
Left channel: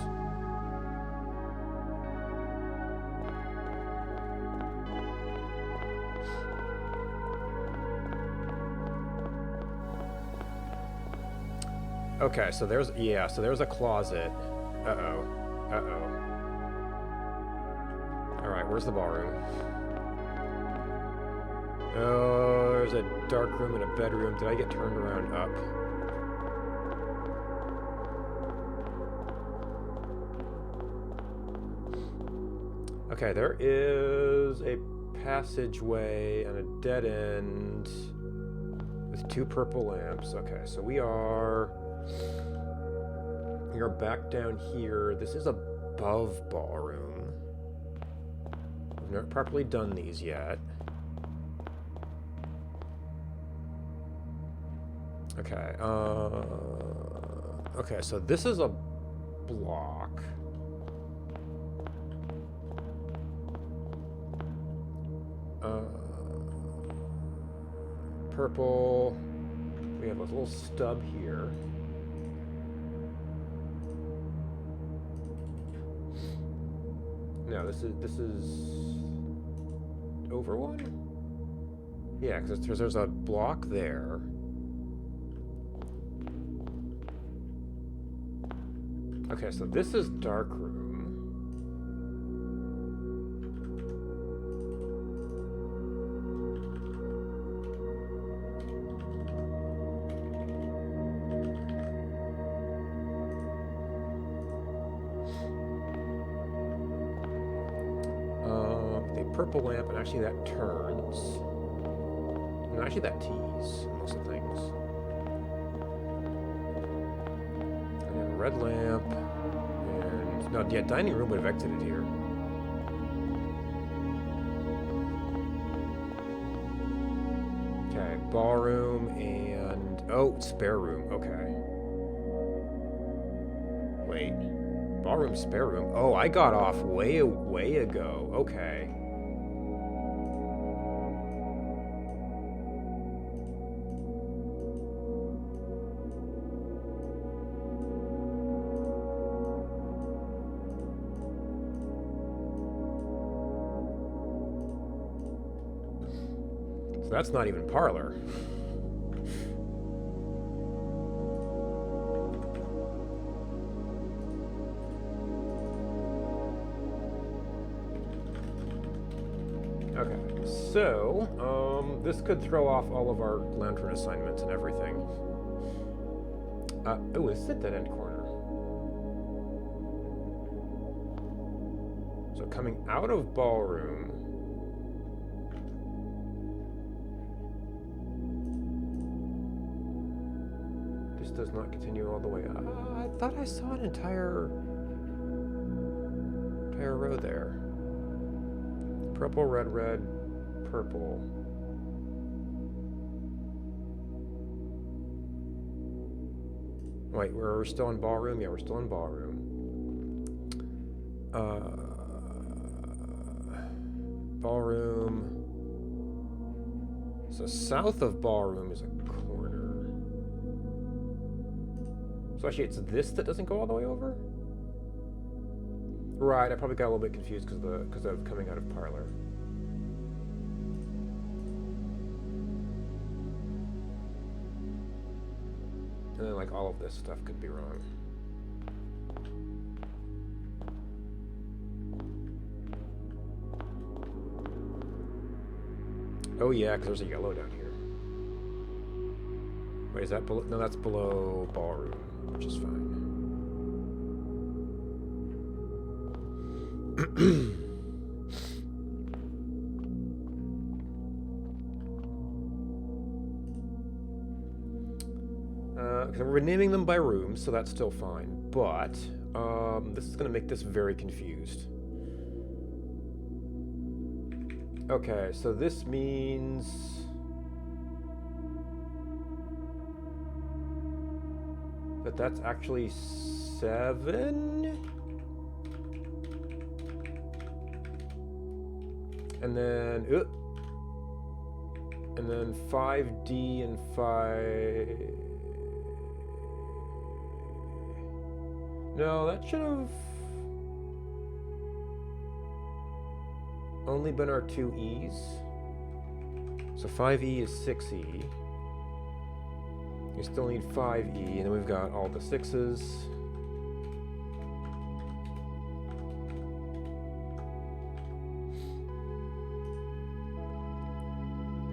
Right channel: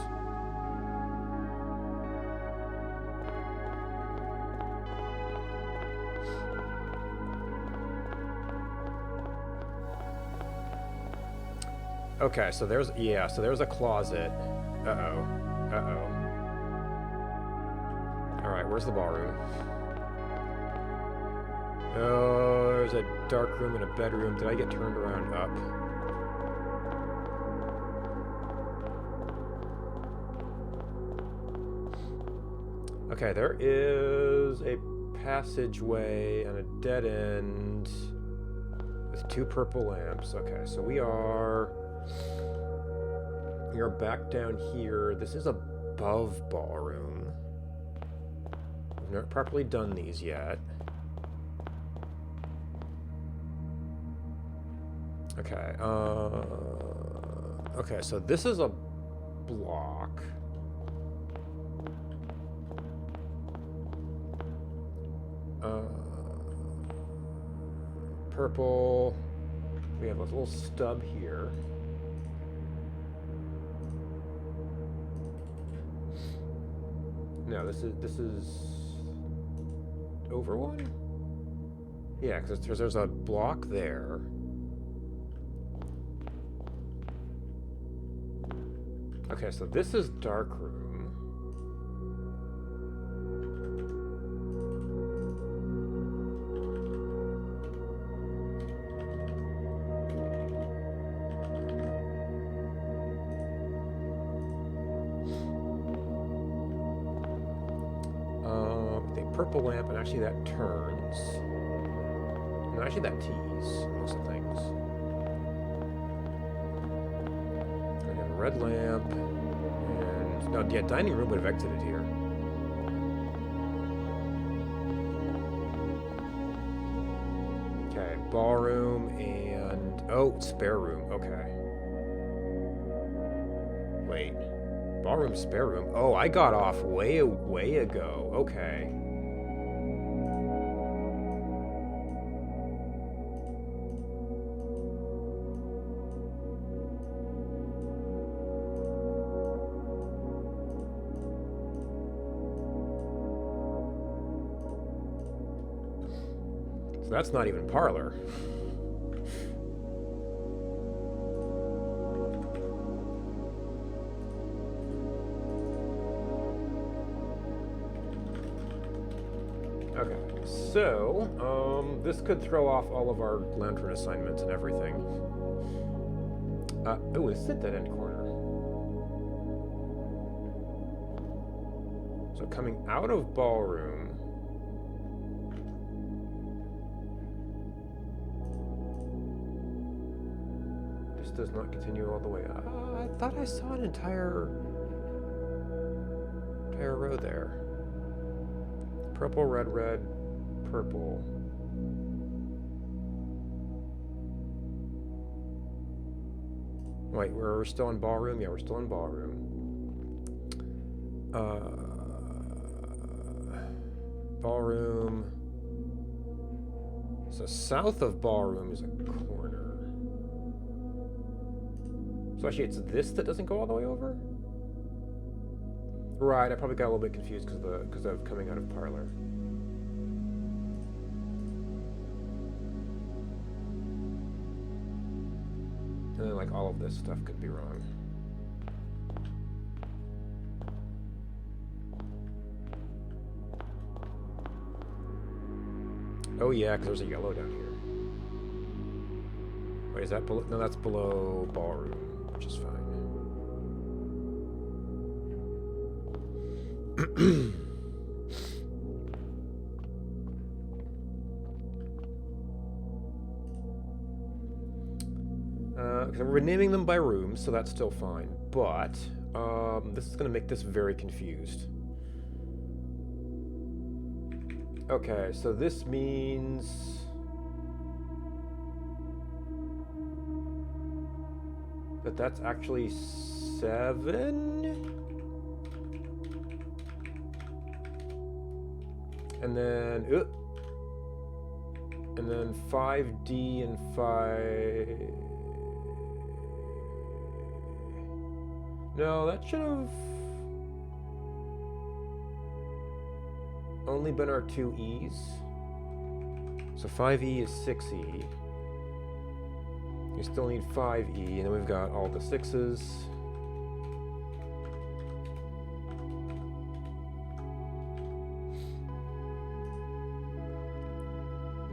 Okay, so there's a closet. Uh-oh. Uh-oh. Alright, where's the ballroom? Oh, there's a dark room and a bedroom. Did I get turned around up? Okay, there is a passageway and a dead end with 2 purple lamps. Okay, so we are back down here. This is above ballroom. I've not properly done these yet. Okay, okay, so this is a block. Purple. We have a little stub here. No, this is over one? Yeah, because there's a block there. Okay, so this is dark room. The purple lamp, and actually that turns. No, actually that tees most of the things. And then a red lamp, and no, yeah, dining room would have exited here. Okay, ballroom and oh, spare room. Okay. Wait, ballroom, spare room. Oh, I got off way ago. Okay. So that's not even parlor. Okay, so this could throw off all of our lantern assignments and everything. Oh, this is a dead end corner. So coming out of ballroom. This does not continue all the way. I thought I saw an entire row there. Purple, red, red, purple. Wait, we're still in ballroom? Yeah, we're still in ballroom. Ballroom. So south of ballroom is a corner. So actually it's this that doesn't go all the way over? Right, I probably got a little bit confused because of coming out of parlor. And then, like, all of this stuff could be wrong. Oh yeah, because there's a yellow down here. Wait, is that below? No, that's below ballroom, which is fine. We're renaming them by rooms, so that's still fine. But this is going to make this very confused. Okay, so this means that that's actually 7. And then 5D and 5. No, that should have only been our 2 E's. So 5E is 6E. You still need 5E, and then we've got all the 6's.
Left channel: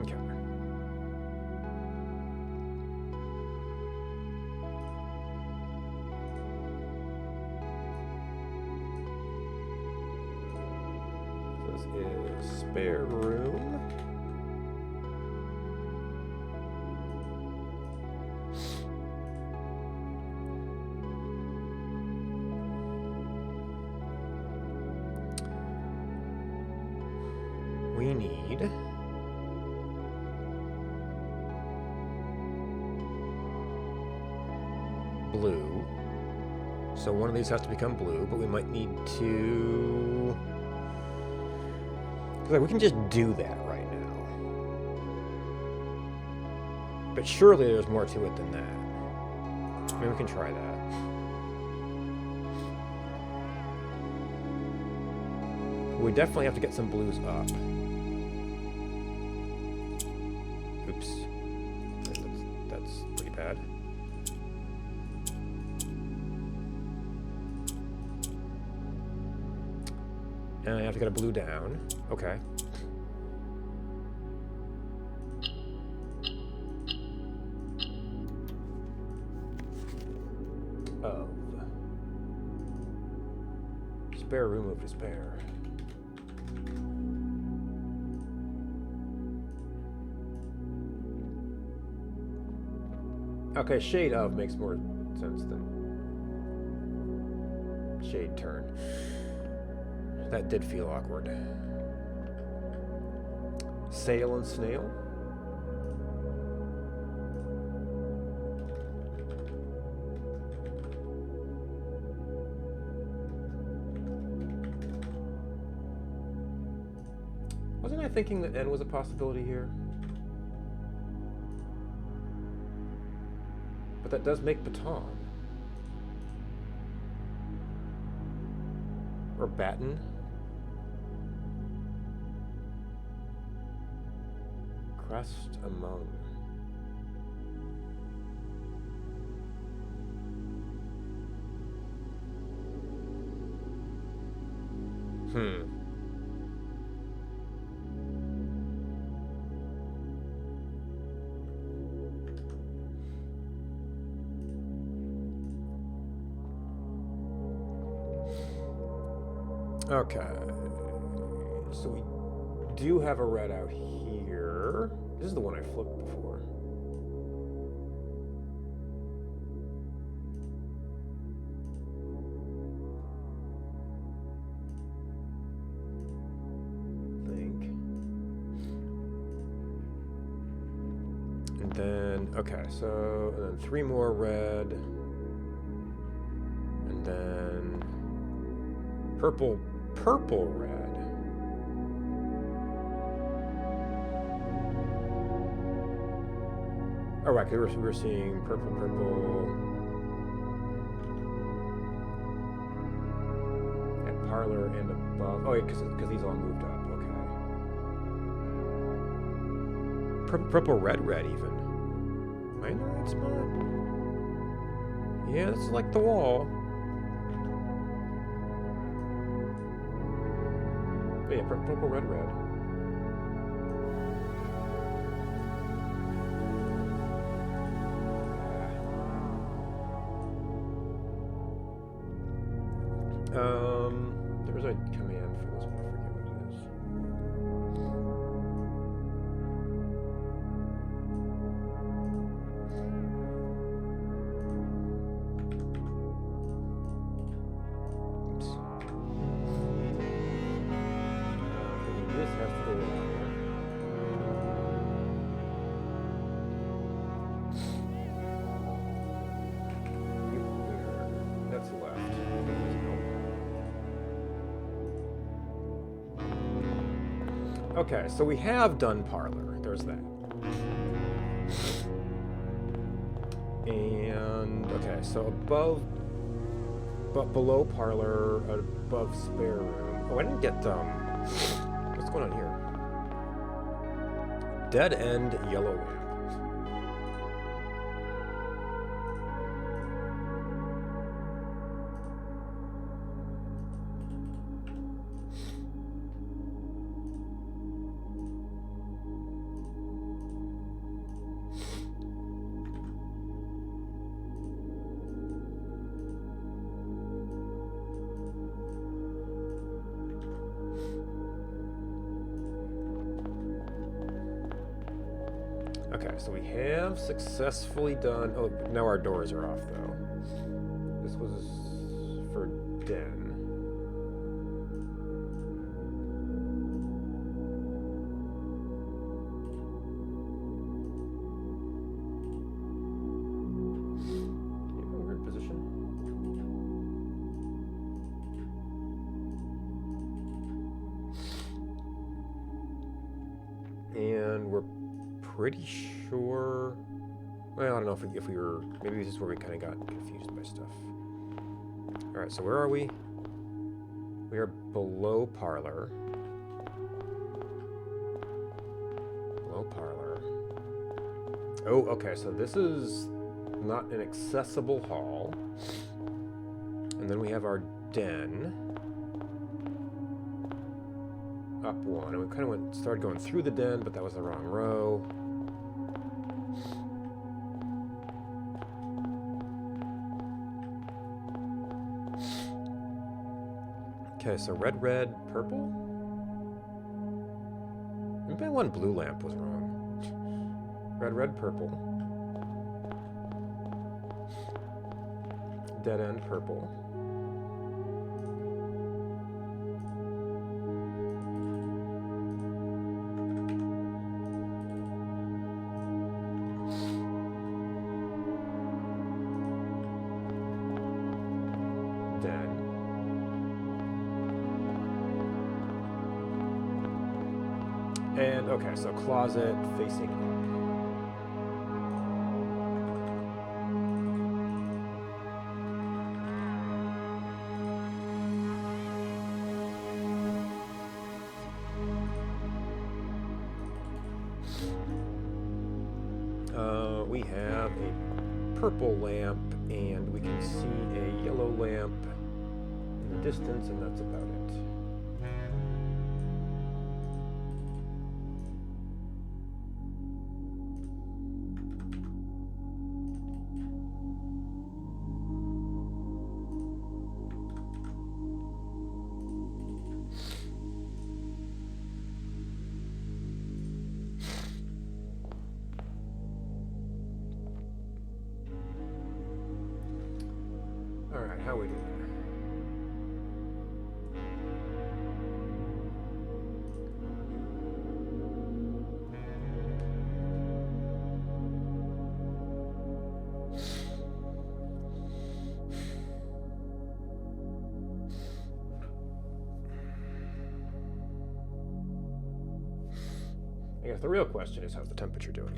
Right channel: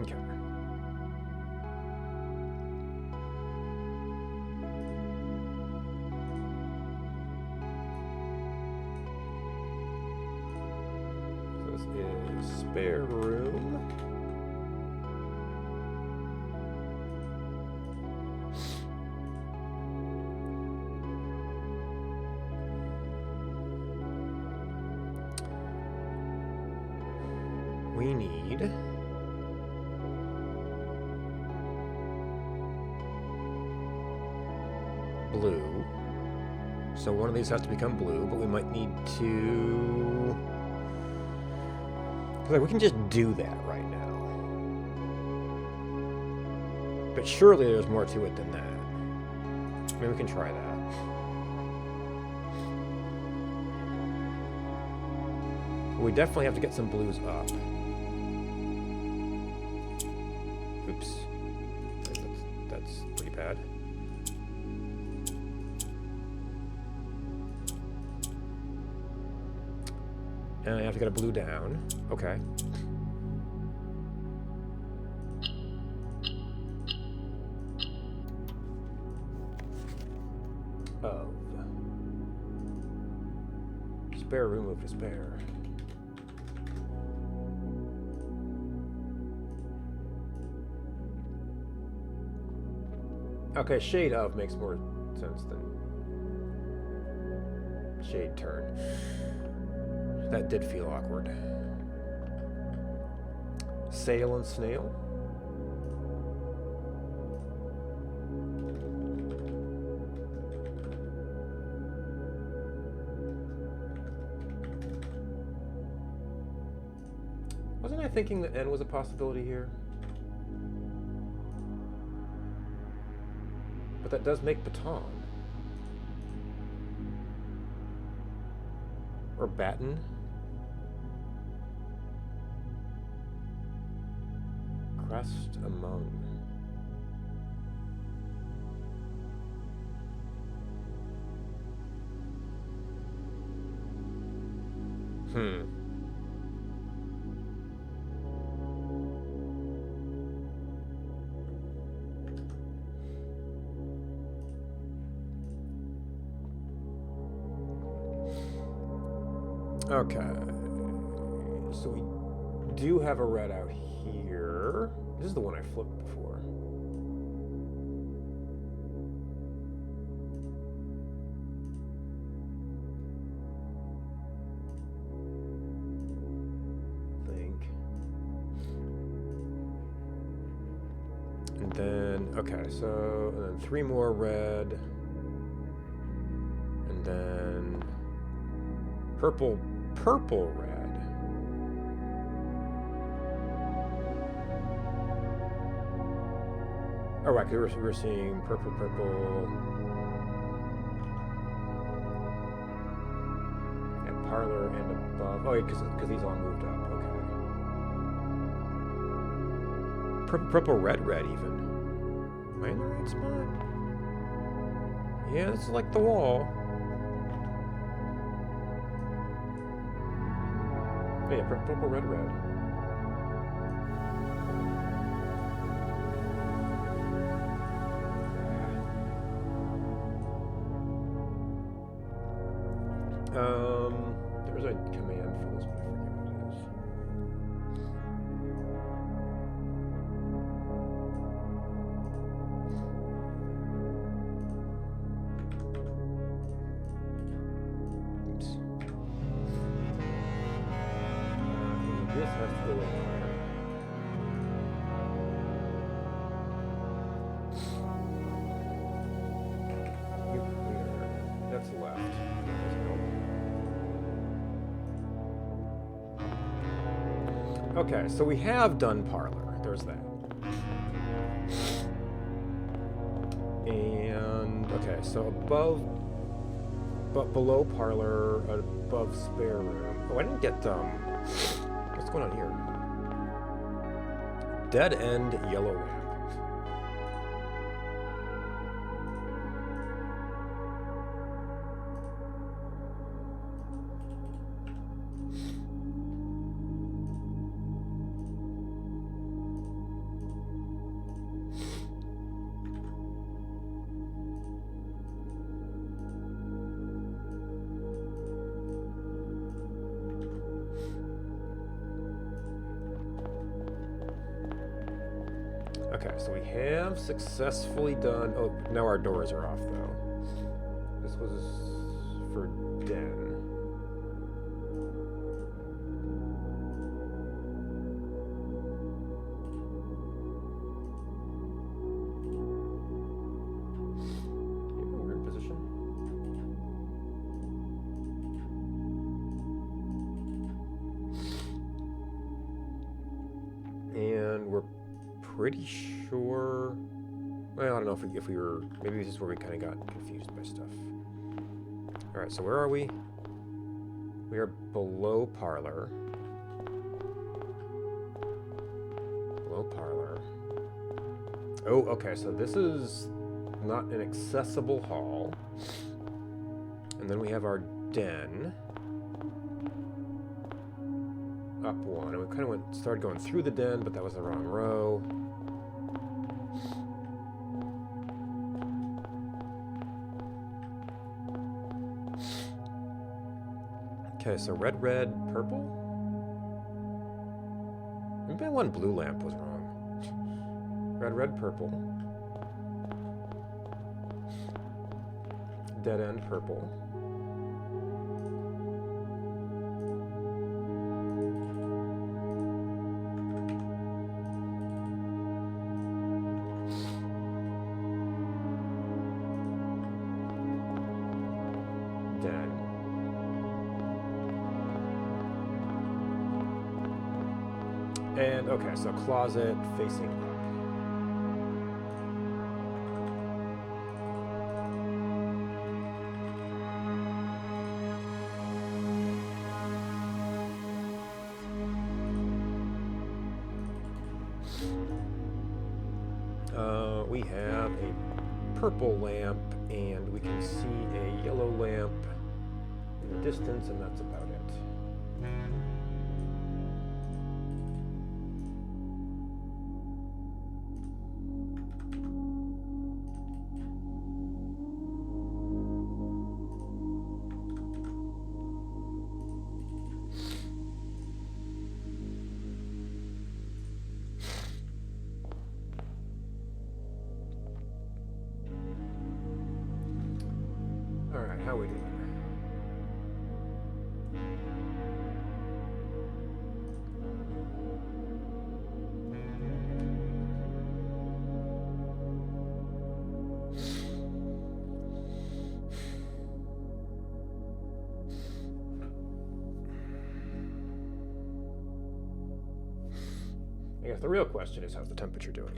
Okay. So this is spare room. We need blue. So one of these has to become blue, but we might need to... Because like, we can just do that right now. But surely there's more to it than that. Maybe we can try that. We definitely have to get some blues up. Oops. That's pretty bad. And I have to get a blue down. Okay. Of spare room of despair. Okay, shade of makes more sense than shade turn. That did feel awkward. Sail and snail. Wasn't I thinking that N was a possibility here? But that does make baton. Or baton. Crest among. Okay. So we do have a red out here. This is the one I flipped before. I think. And then, okay, so, and then 3 more red. And then purple red. Oh, right, we were seeing purple. And parlor and above. Oh, yeah, because these all moved up. Okay. Purple red even. Am I in the right spot? Yeah, this is like the wall. Oh, yeah, purple, red, red. There's a command for this, but I forget what it is. Oops. This has to go in here. That's left. That doesn't help. Okay, so we have done parlor. There's that. And okay, so above, but below parlor, above spare room. Oh, I didn't get what's going on here? Dead end yellow lamp. Okay, so we have successfully done... Oh, now our doors are off, though. This was for den. In a weird position. And we're pretty sure. Well, I don't know if we were. Maybe this is where we kind of got confused by stuff. All right, so where are we? We are below parlor. Below parlor. Oh, okay. So this is not an accessible hall. And then we have our den. Up one, and we kind of started going through the den, but that was the wrong row. Okay, so red, red, purple? Maybe that one blue lamp was wrong. Red, red, purple. Dead end, purple. Den. And okay, so closet facing up. We have a purple lamp, and we can see a yellow lamp in the distance, and that's about it. All right, how we doing? I guess the real question is, how's the temperature doing?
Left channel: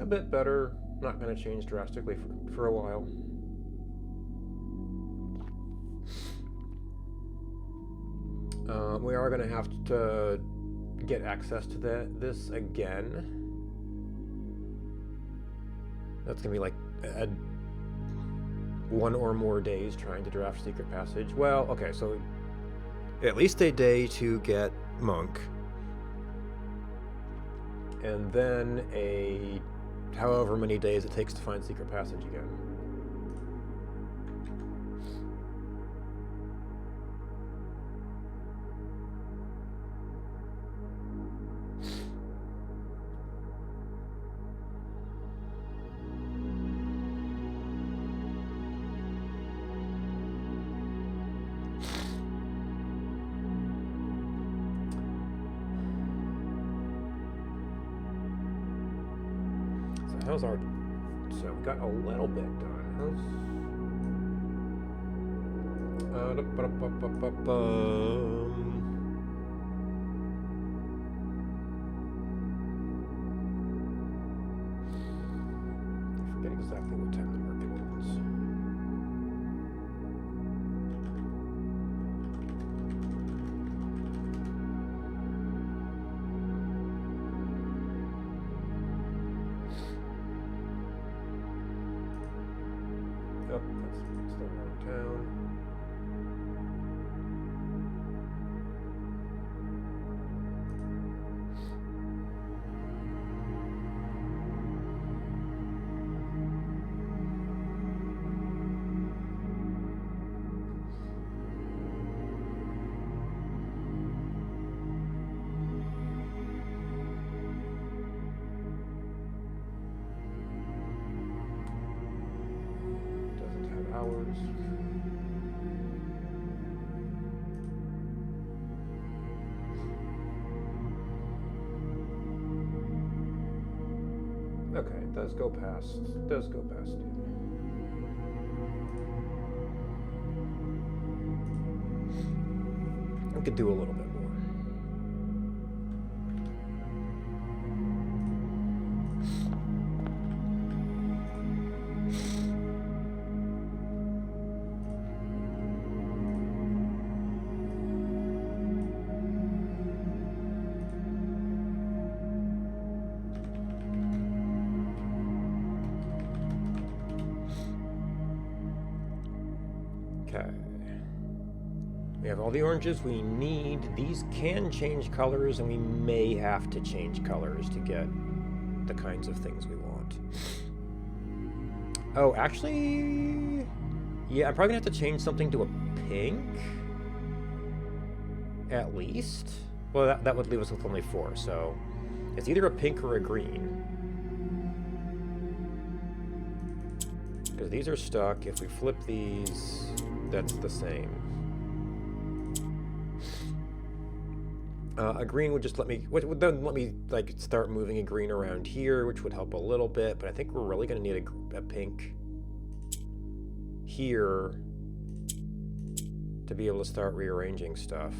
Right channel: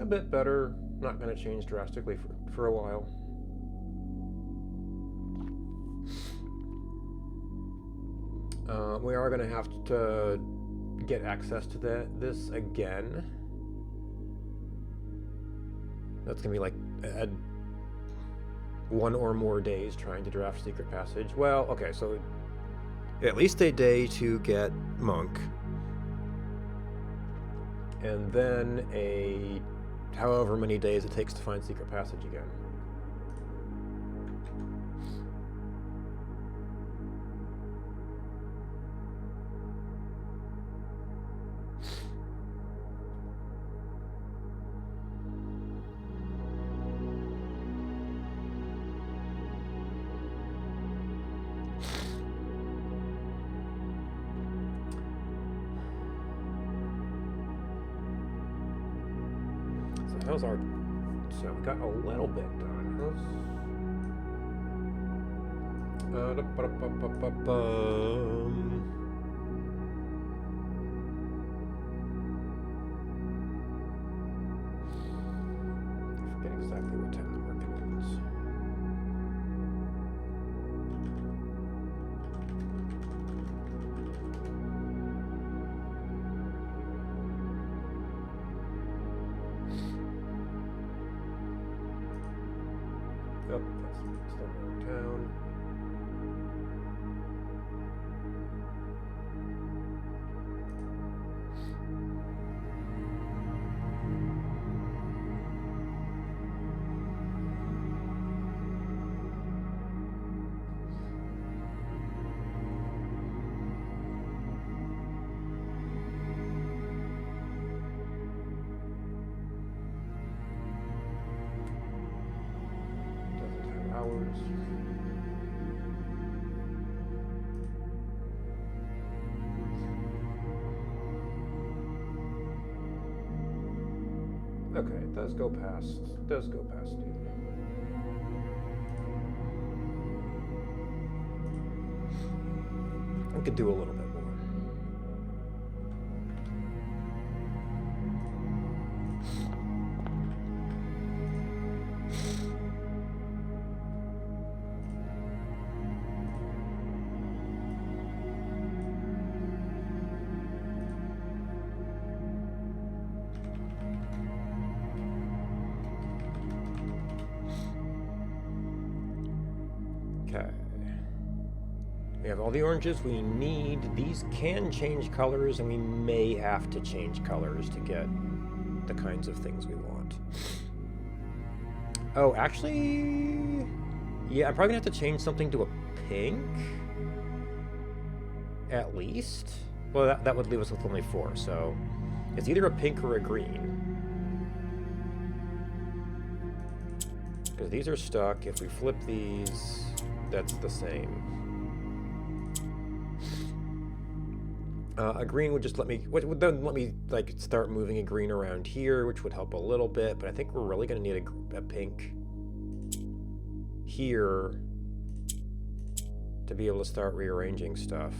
A bit better, not going to change drastically for a while. We are going to have to get access to this again. That's going to be like one or more days trying to draft Secret Passage. Well, okay, so at least a day to get Monk. And then however many days it takes to find Secret Passage again. How's our... So we got a little bit done. I forget exactly what time the market ends. Oh, that's still wrong town. Doesn't have hours. Okay, it does go past noon. I could do a little bit more. Okay. We have all the oranges we need. These can change colors, and we may have to change colors to get the kinds of things we want. Oh, actually... Yeah, I'm probably gonna have to change something to a pink. At least. Well, that would leave us with only 4, so... It's either a pink or a green. Because these are stuck. If we flip these, that's the same. A green would just let me, would then let me like start moving a green around here, which would help a little bit, but I think we're really going to need a pink here to be able to start rearranging stuff.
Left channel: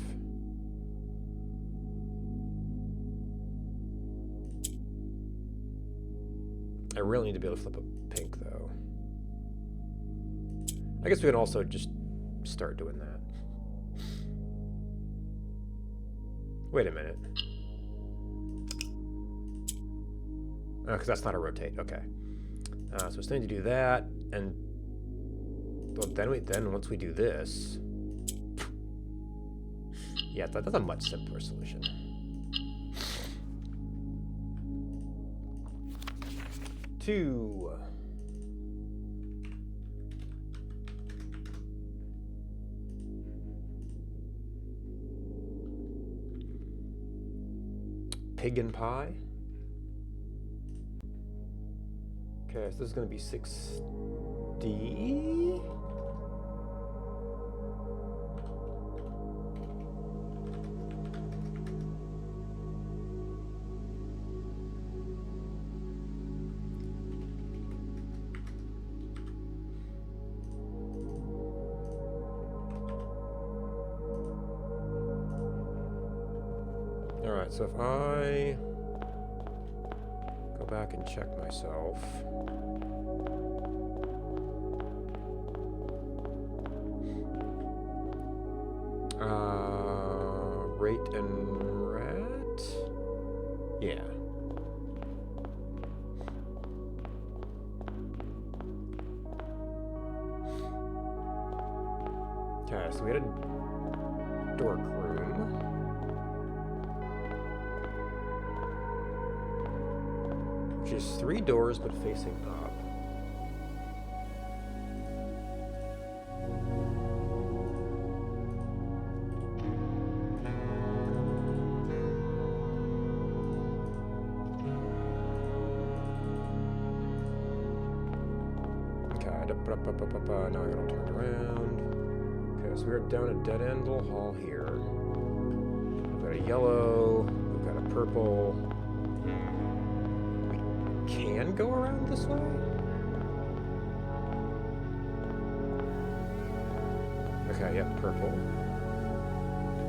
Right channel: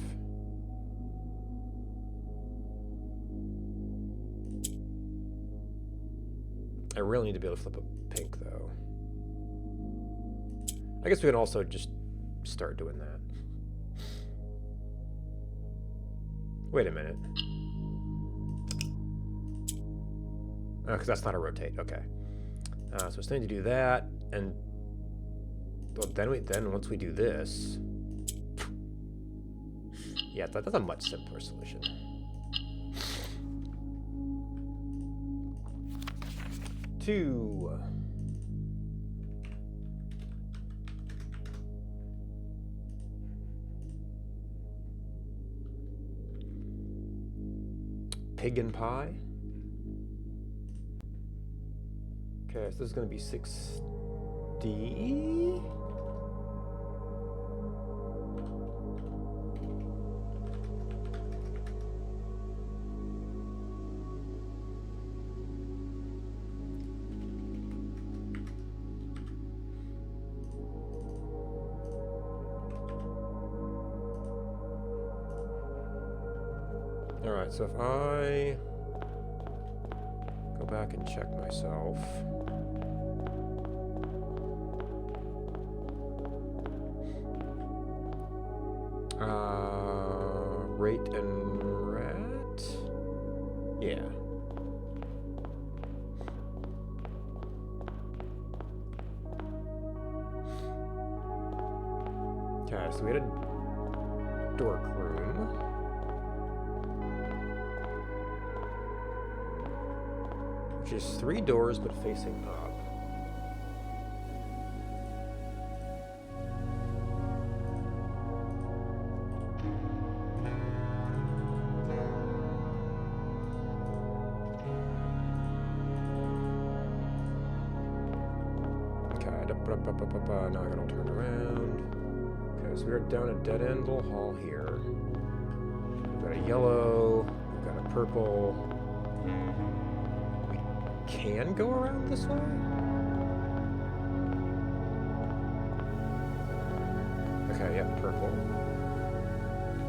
I really need to be able to flip a pink though. I guess we can also just start doing that. Wait a minute. Oh, because that's not a rotate. Okay. So it's going to do that, and well, then once we do this, yeah, that's a much simpler solution. Two. Pig and pie. Okay, so this is going to be 6D. All right, so if I go back and check myself. crate and rat? Yeah. Okay, so we had a dork room. Which is 3 doors but facing up. Okay, now I gotta all turn around. Okay, so we're down a dead-end little hall here. We've got a yellow, we've got a purple. We can go around this way? Okay, yeah, purple.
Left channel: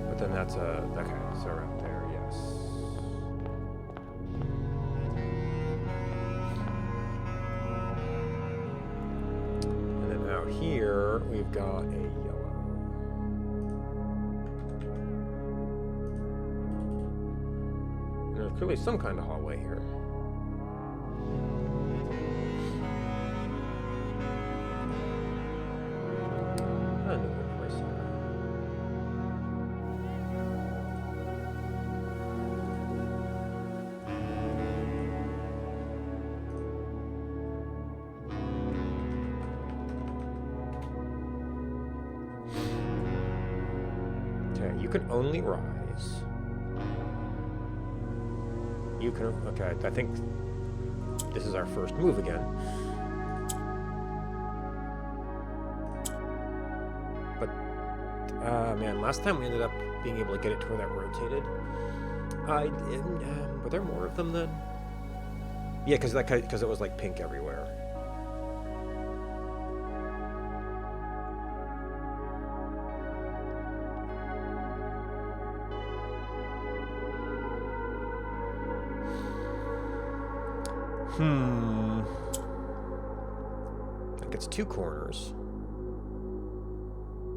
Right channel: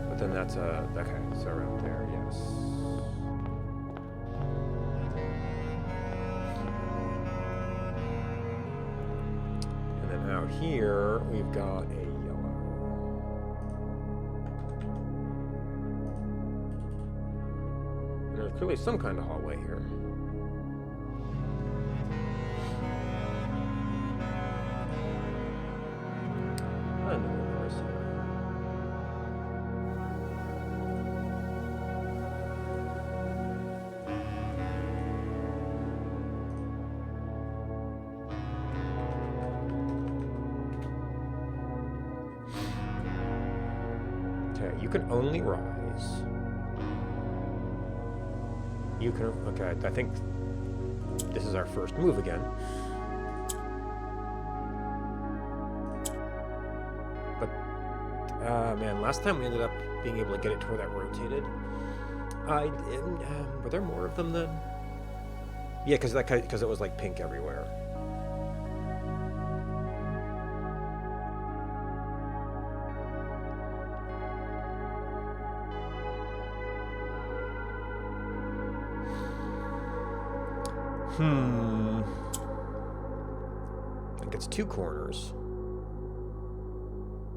But then that's a... Okay, so around there, yes. And then out here, we've got a yellow. And there's clearly some kind of hallway here. Another place here. Okay, you can only rise. You can... Okay, I think this is our first move again. But, man, last time we ended up being able to get it to where that rotated. Were there more of them then? Yeah, because it was like pink everywhere. I think it's 2 corners.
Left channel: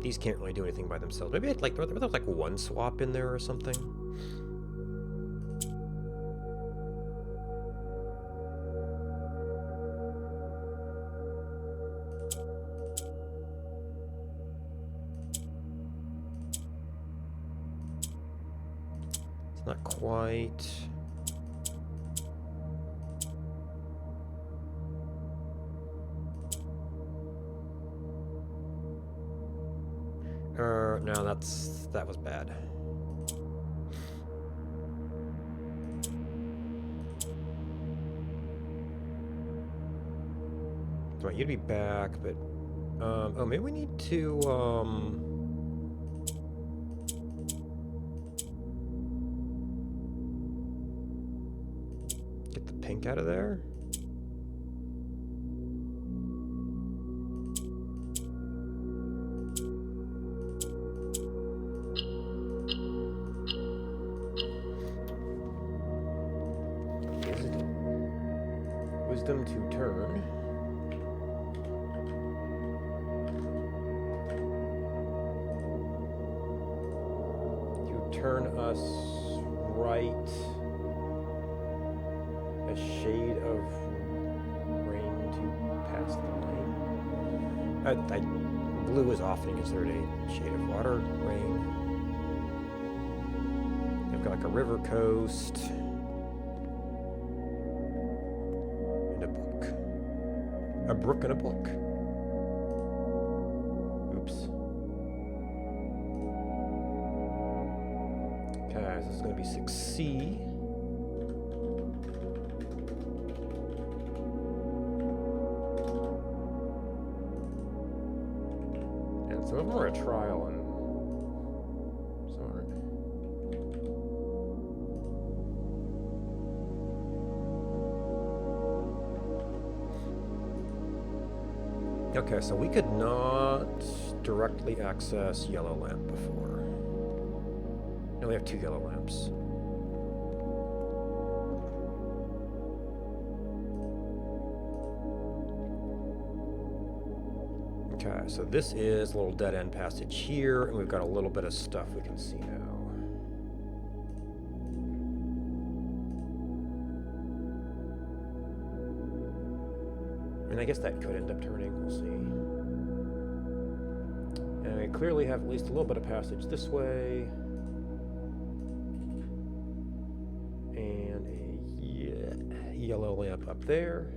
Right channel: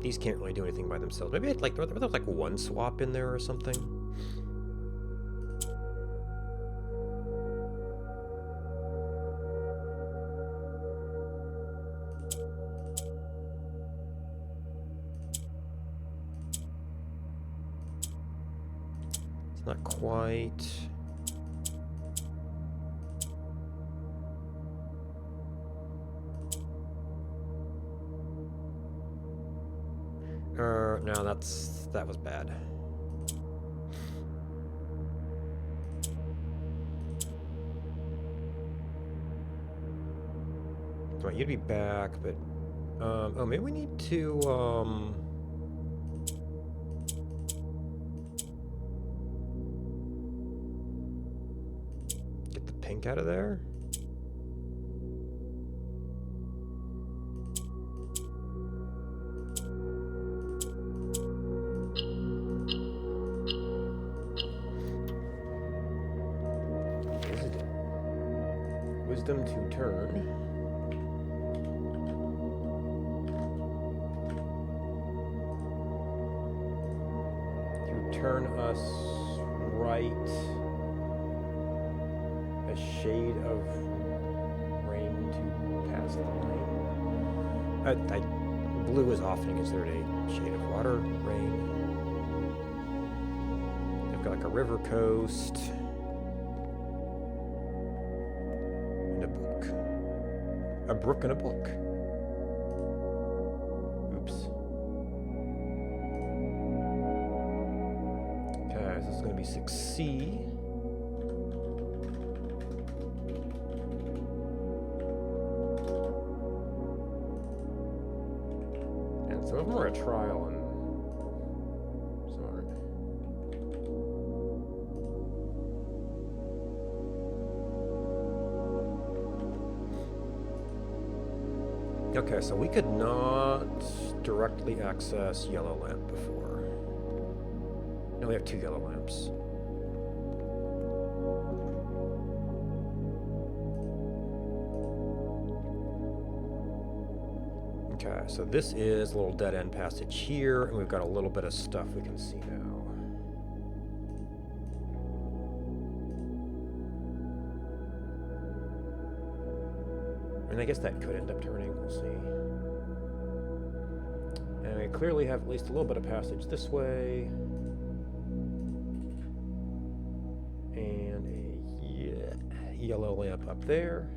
These can't really do anything by themselves. Maybe it's like there's like 1 swap in there or something. It's not quite. No, that was bad. I want you to be back, but oh, maybe we need to get the pink out of there. Wisdom to turn. To turn us right a shade of rain to pass the line. Blue is often considered a shade of water, rain. They've got like a river coast. A brook and a book. Oops. Okay, so this is going to be 6C. And some of them are a trial and some aren't. Okay, so we could not directly access yellow lamp before. Now we have 2 yellow lamps. Okay, so this is a little dead-end passage here, and we've got a little bit of stuff we can see now. And I guess that could end up turning, we'll see. And we clearly have at least a little bit of passage this way. And a yellow lamp up there.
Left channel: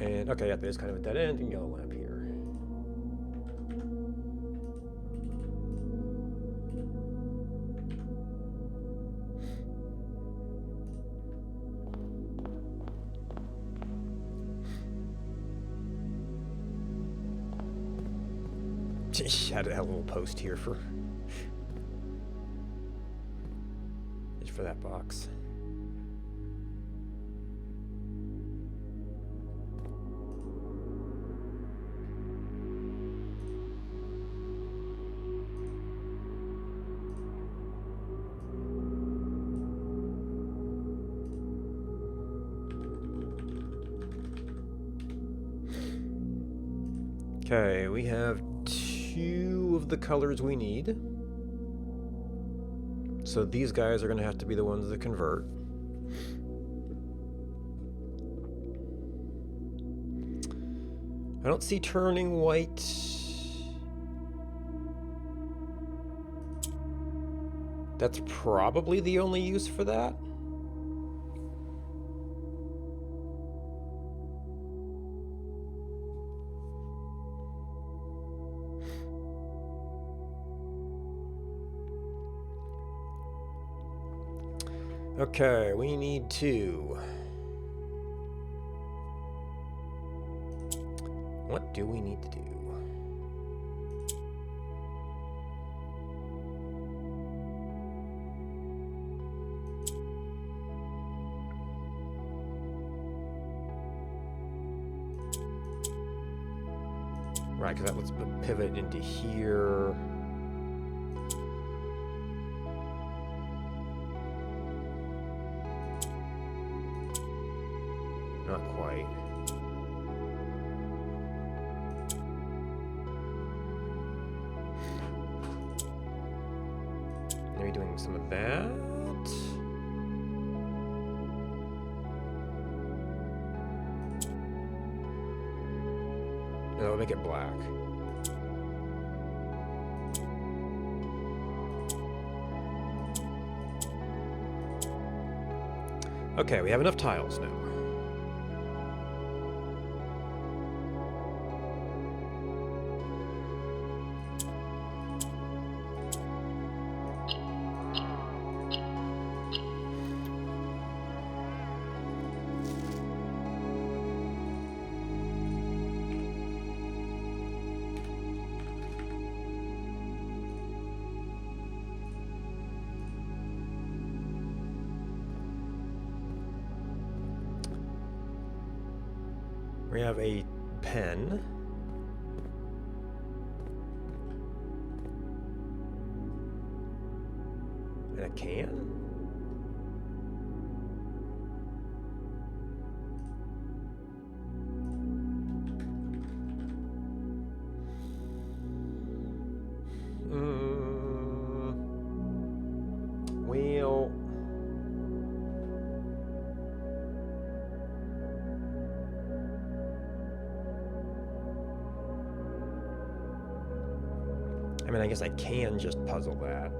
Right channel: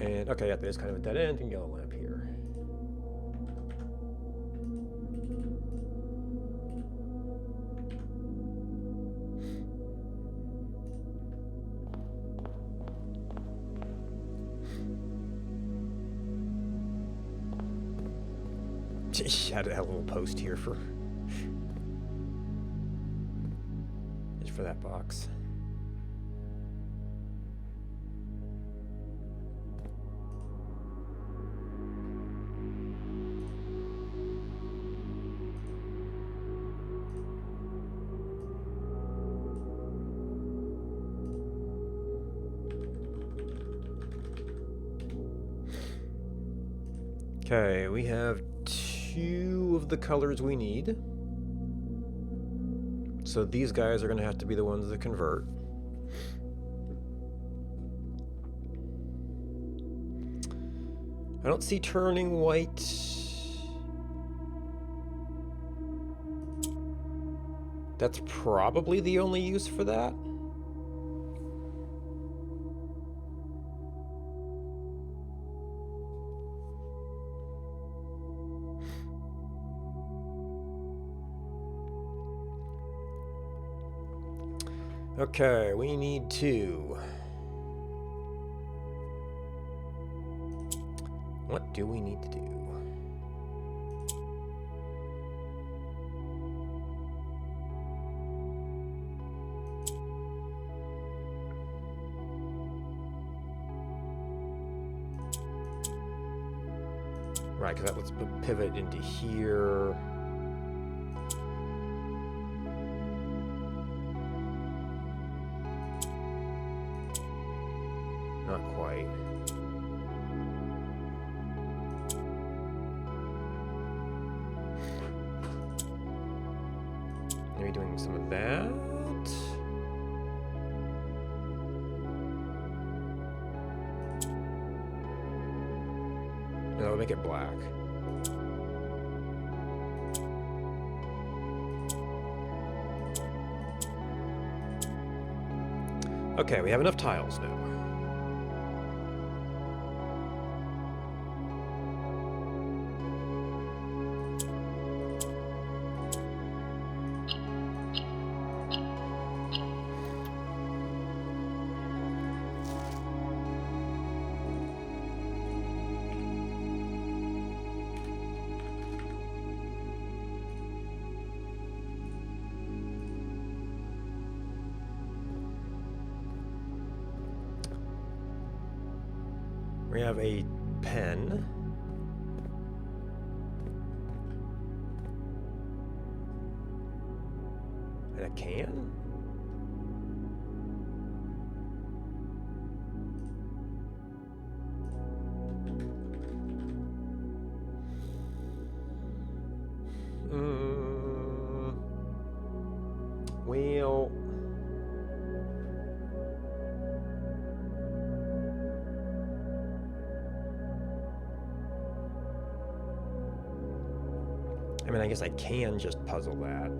And okay, yeah, there's kind of a dead end and yellow lamp here. Had a little post here for just for that box. Okay, we have 2 of the colors we need. So these guys are going to have to be the ones that convert. I don't see turning white. That's probably the only use for that. Okay, we need to. What do we need to do? Right, because that lets pivot into here. Not quite. Maybe doing some of that. No, it'll make it black. Okay, we have enough tiles now. We have a pen. And a can? Well... I mean, I guess I can just puzzle that.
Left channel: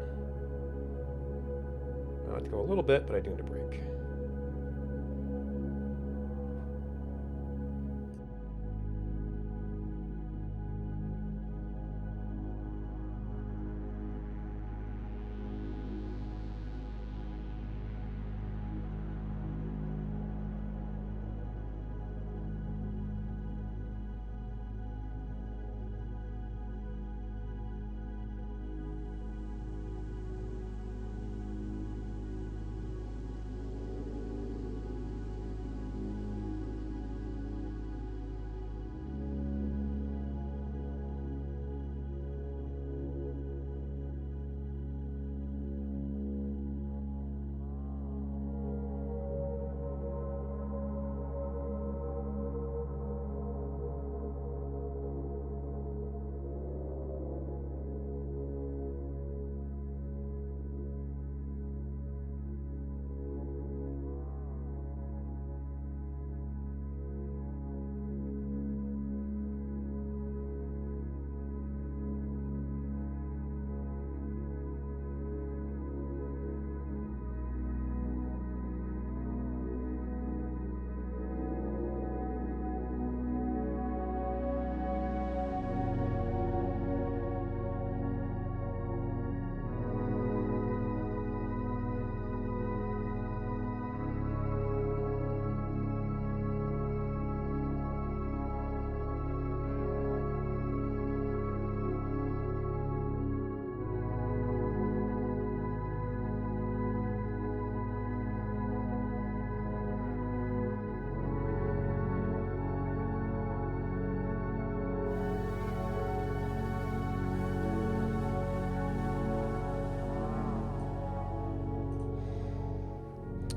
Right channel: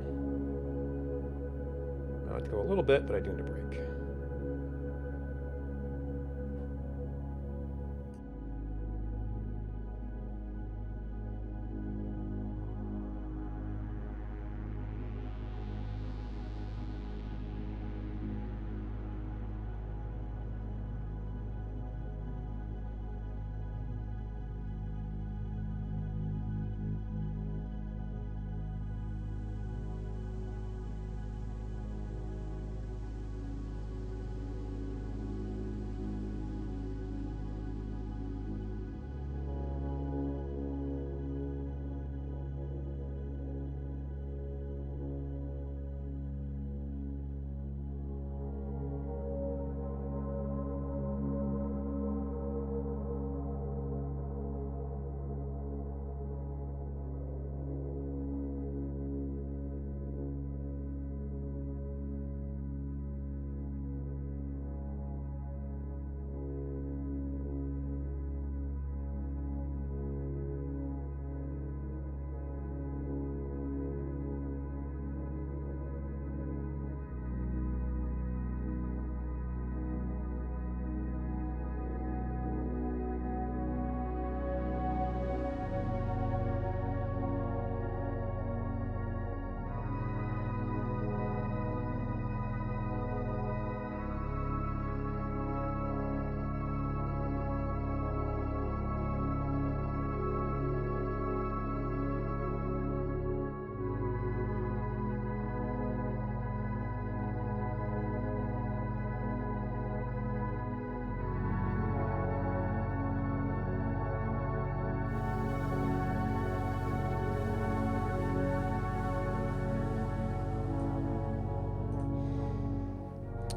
I'll have to go a little bit, but I do need a break.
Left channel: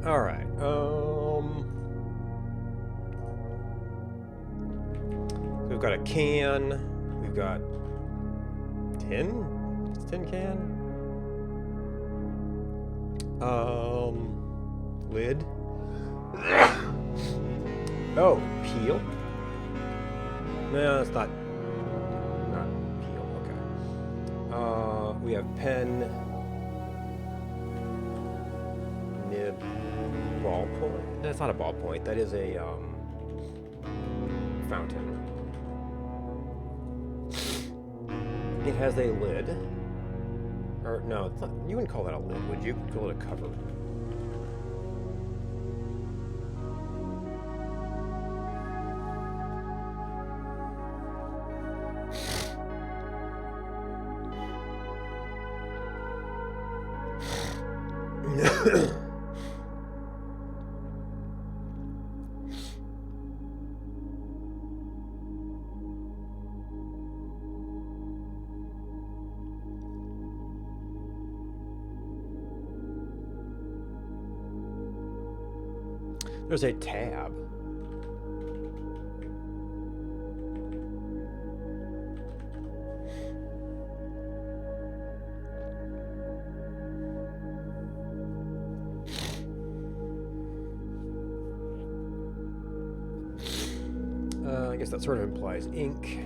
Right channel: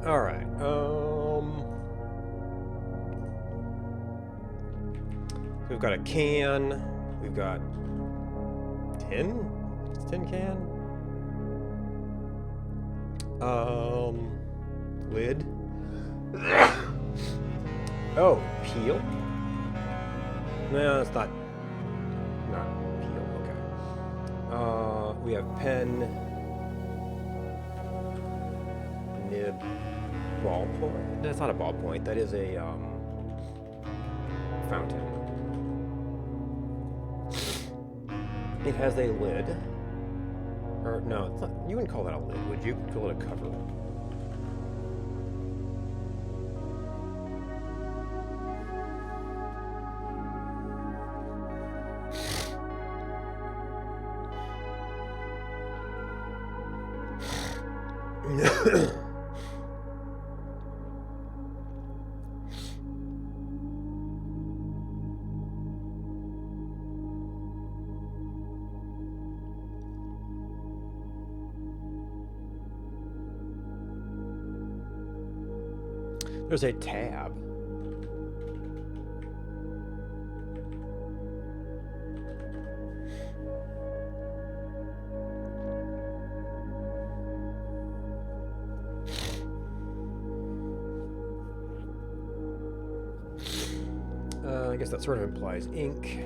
All right. So we've got a can. We've got tin. It's tin can. Lid. Oh, peel. No, it's not. Not peel. Okay. We have pen, nib, ballpoint. That's not a ballpoint. That is a fountain. It has a lid. Or no, it's not, you wouldn't call that a lid, would you? You'd call it a cover. There's a tab. I guess that sort of implies ink.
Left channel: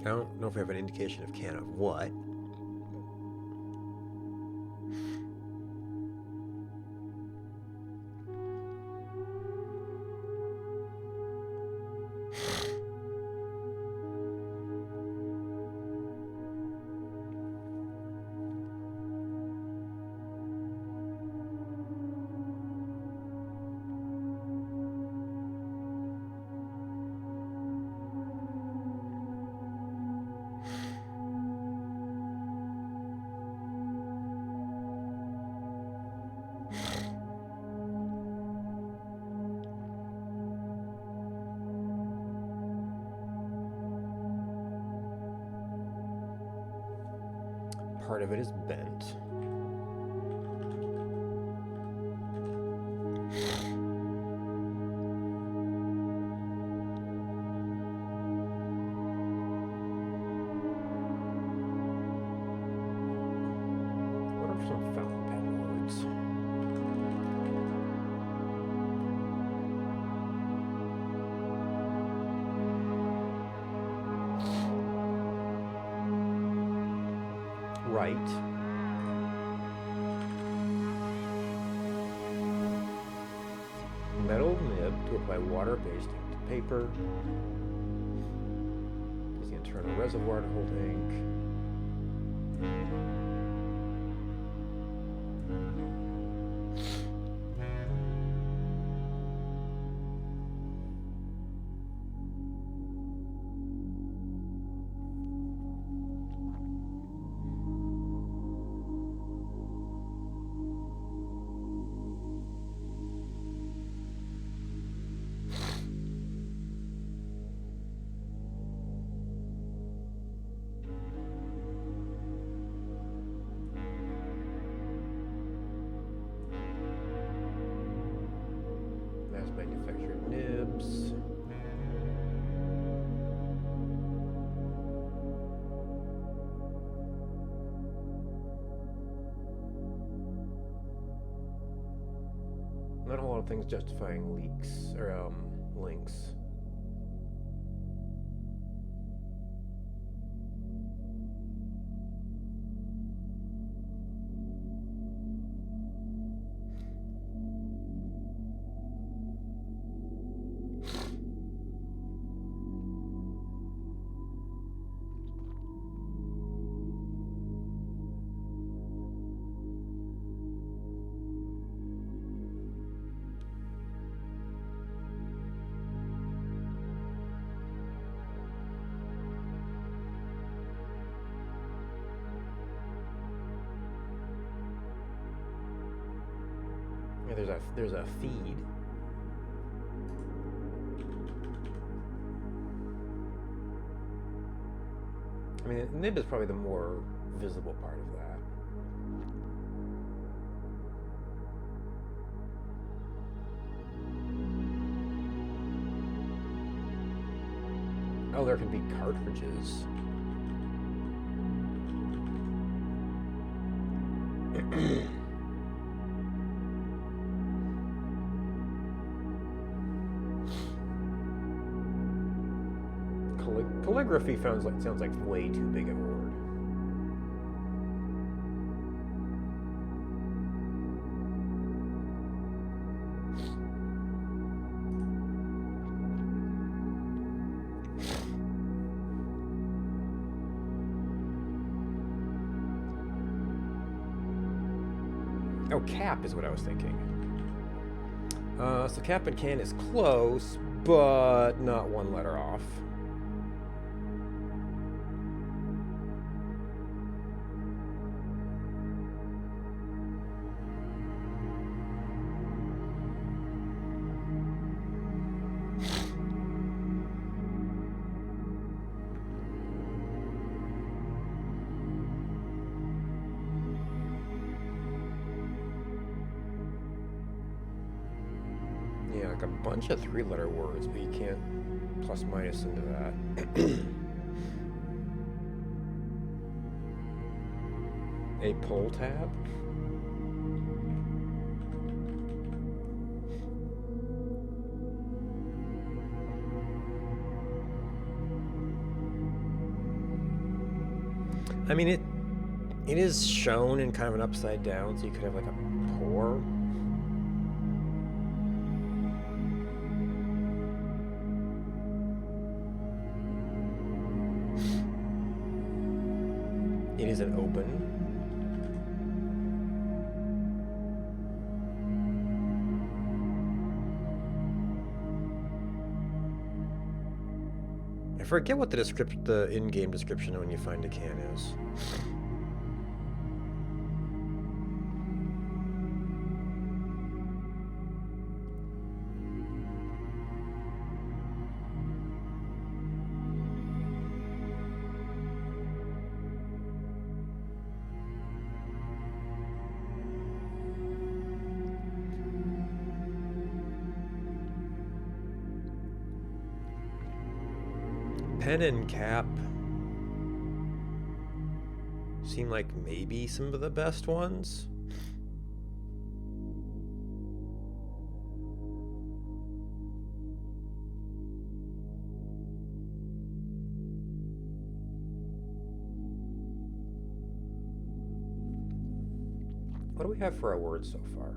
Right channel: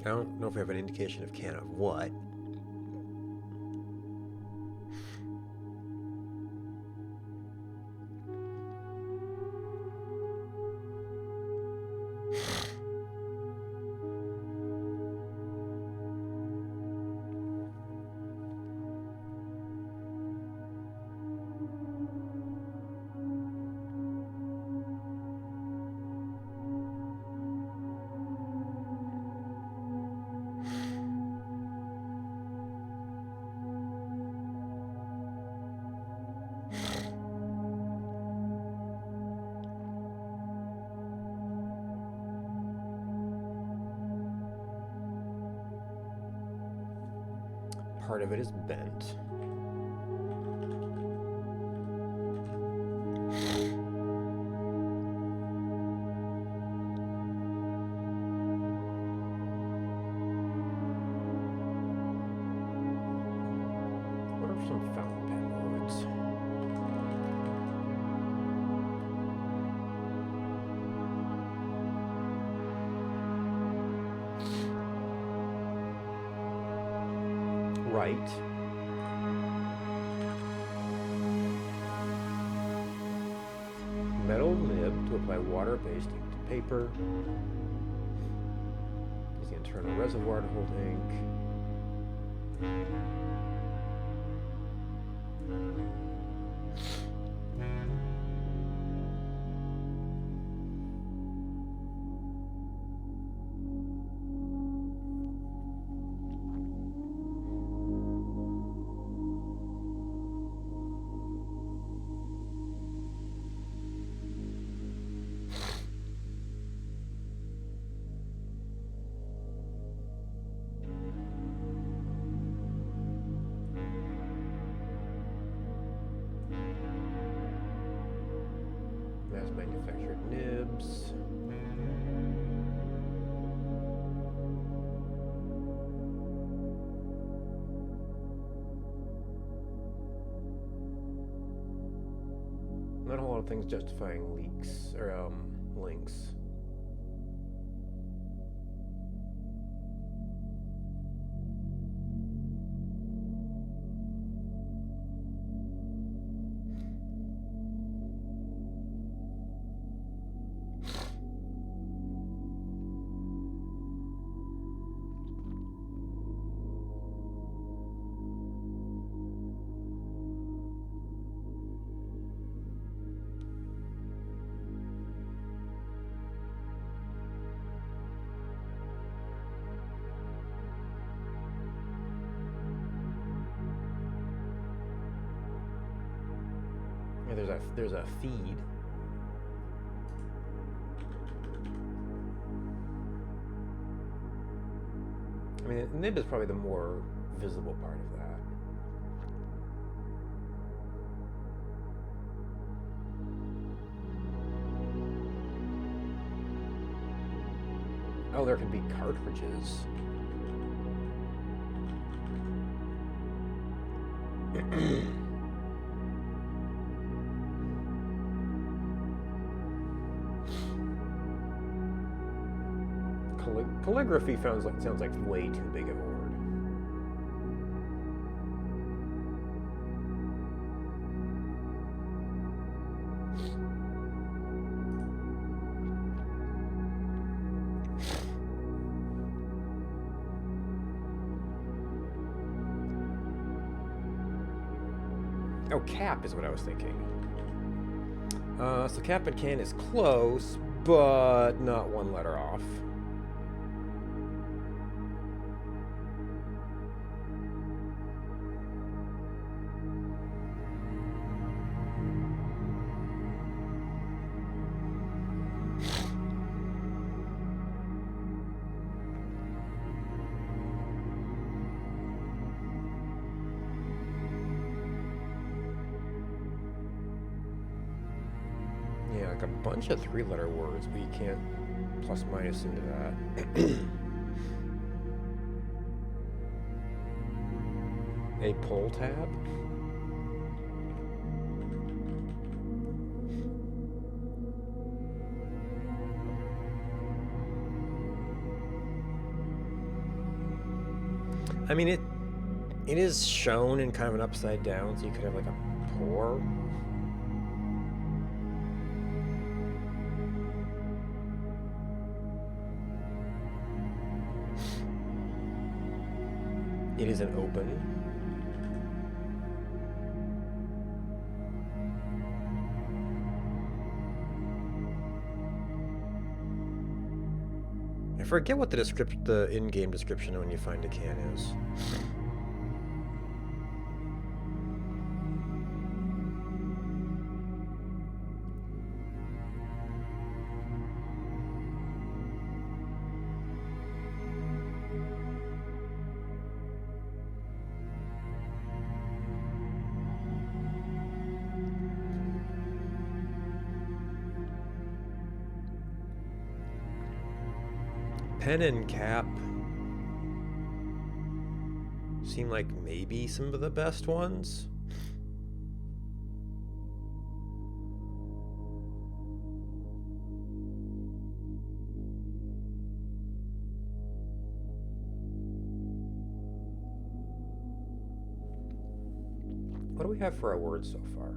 I don't know if we have an indication of can of what. Part of it is bent. What are some fountain pen words? Right. Metal nib to apply water-based ink to paper. Use the internal reservoir to hold ink. Mass manufactured nibs. Not a lot of things justifying leaks or links. Yeah, there's a feed. I mean, nib is probably the more visible part of that. Oh, there can be cartridges. Calligraphy sounds like way too big of a word. Oh, cap is what I was thinking. So cap and can is close, but not one letter off. Yeah, like a bunch of three-letter words, but you can't plus minus into that. A pull tab? I mean, it is shown in kind of an upside down, so you could have like a pour. It is an open. I forget what the in-game description when you find a can is. Pen and cap seem like maybe some of the best ones. What do we have for our words so far?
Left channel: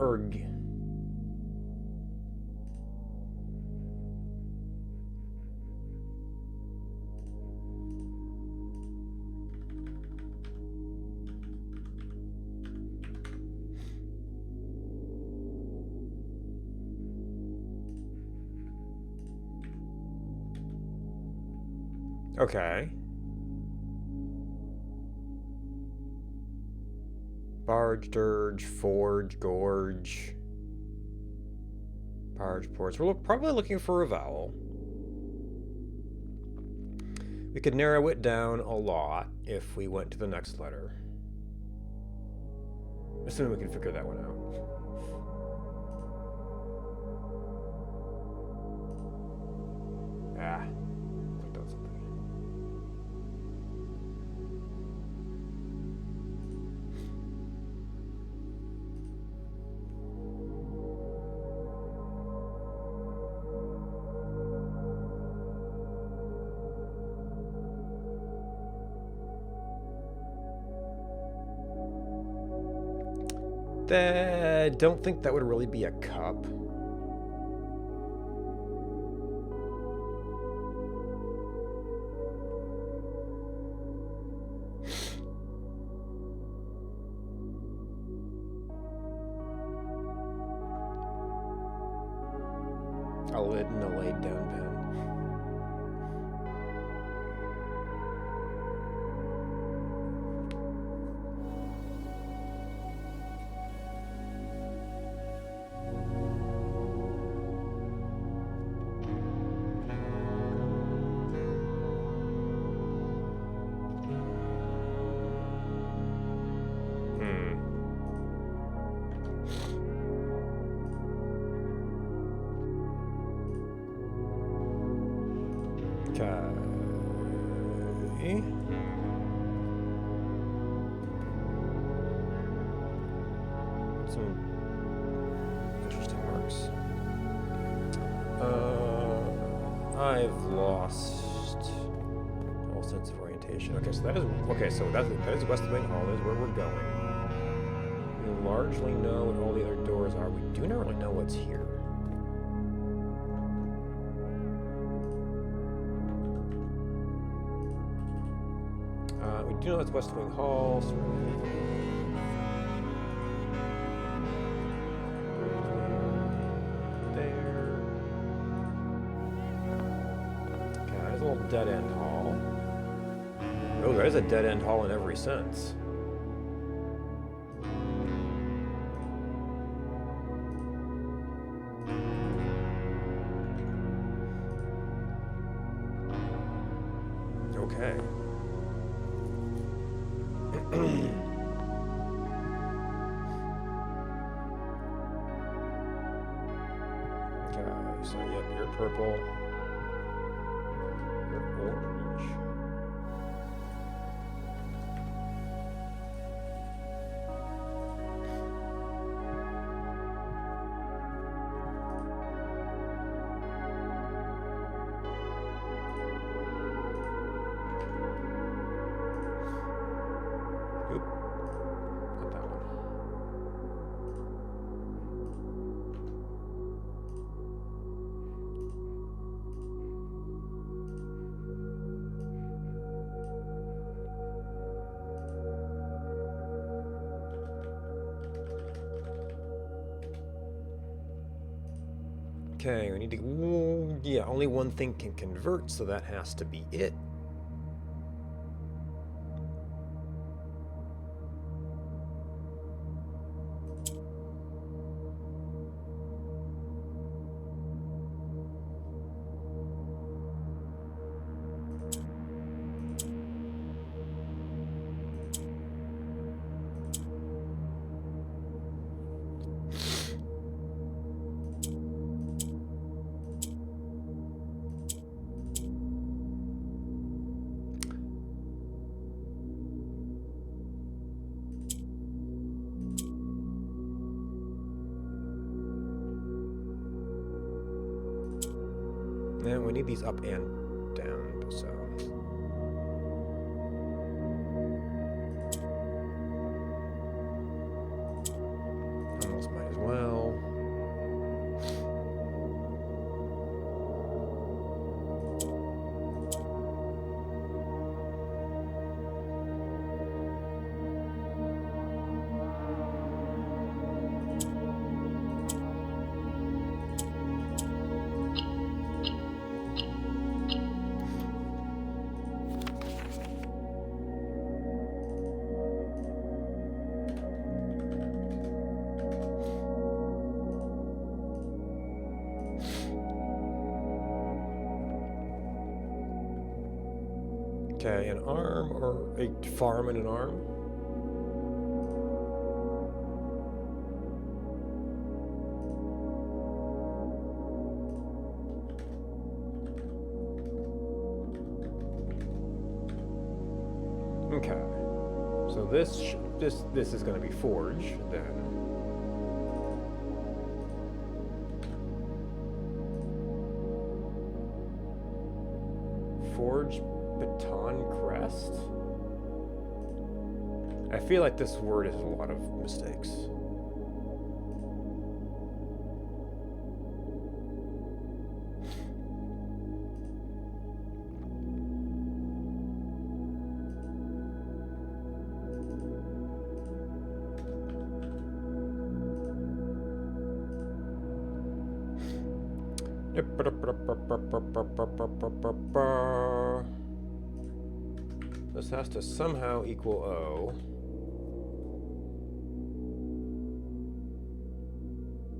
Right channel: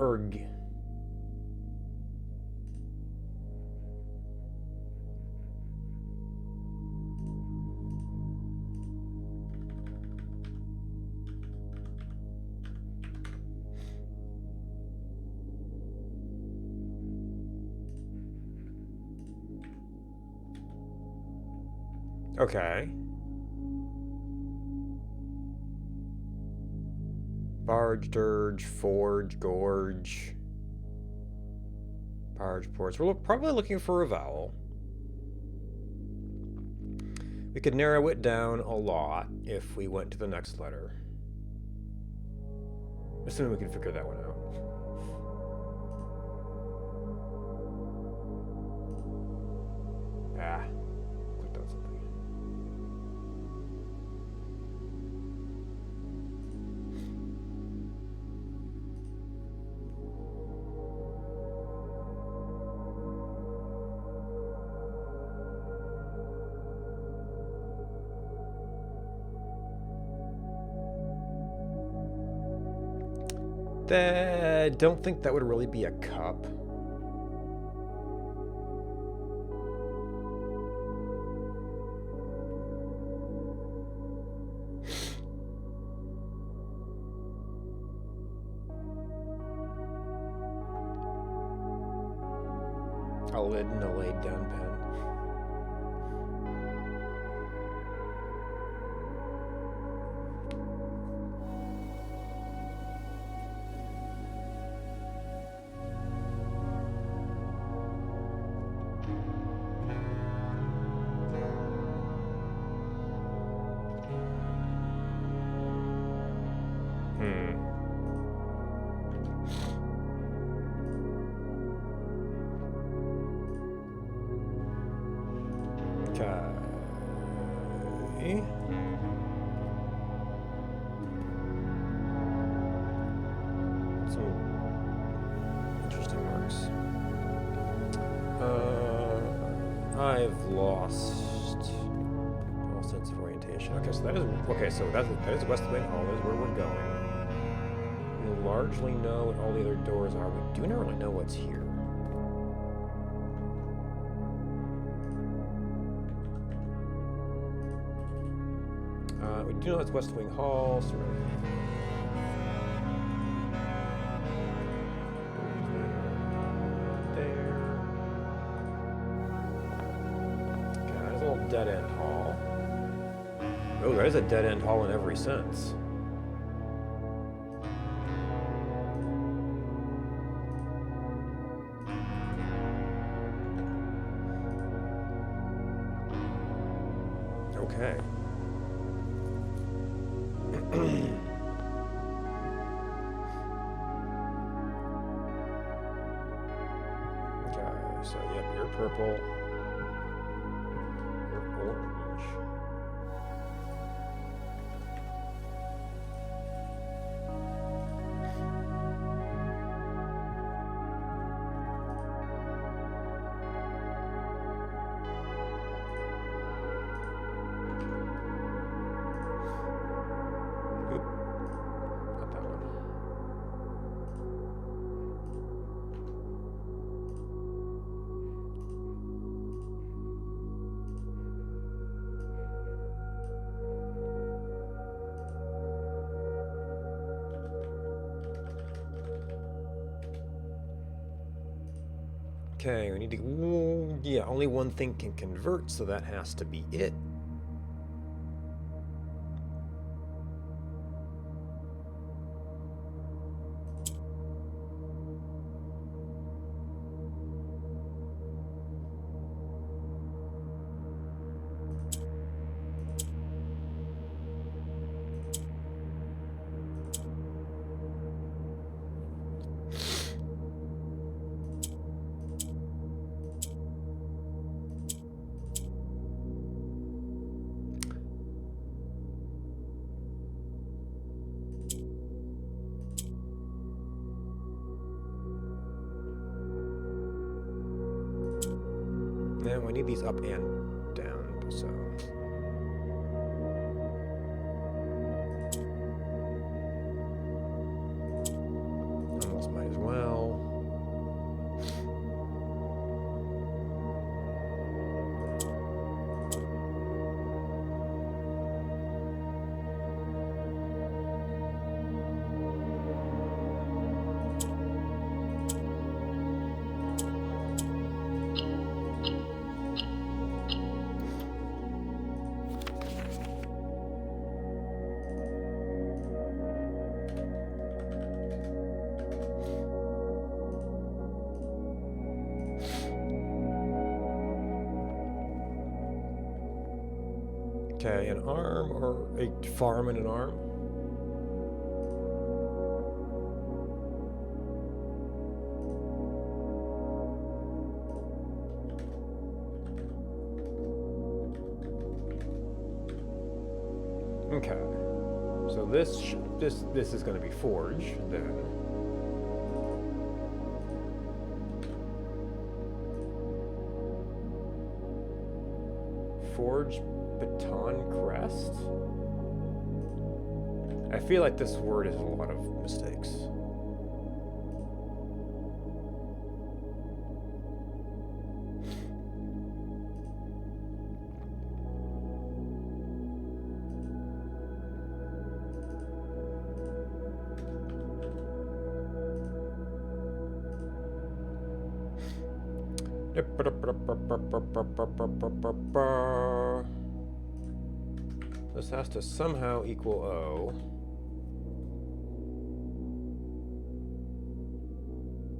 Erg. Okay. Barge, dirge, forge, gorge. Barge, ports. We're probably looking for a vowel. We could narrow it down a lot if we went to the next letter. Assuming we can figure that one out. Ah, clicked on something. I don't think that would really be a cup. A lid and a laid down pen. some interesting marks. I've lost all sense of orientation. Okay, so that is West Wing Hall. Is where we're going. We largely know what all the other doors are. We do not really know what's here. We do know it's West Wing Hall. So there. Okay, there's a little dead-end hall. Oh, that is a dead-end hall in every sense. Okay. Okay, so yep, you're purple. You're orange. Oop, not that one. Okay, we need to. Ooh, yeah, only one thing can convert, so that has to be it. Yeah, we need these up and down, so. Almost might as well. Okay, an arm or a farm and an arm? Okay, so this is going to be forge then. Forge Baton Crest? I feel like this word has a lot of mistakes. This has to somehow equal O.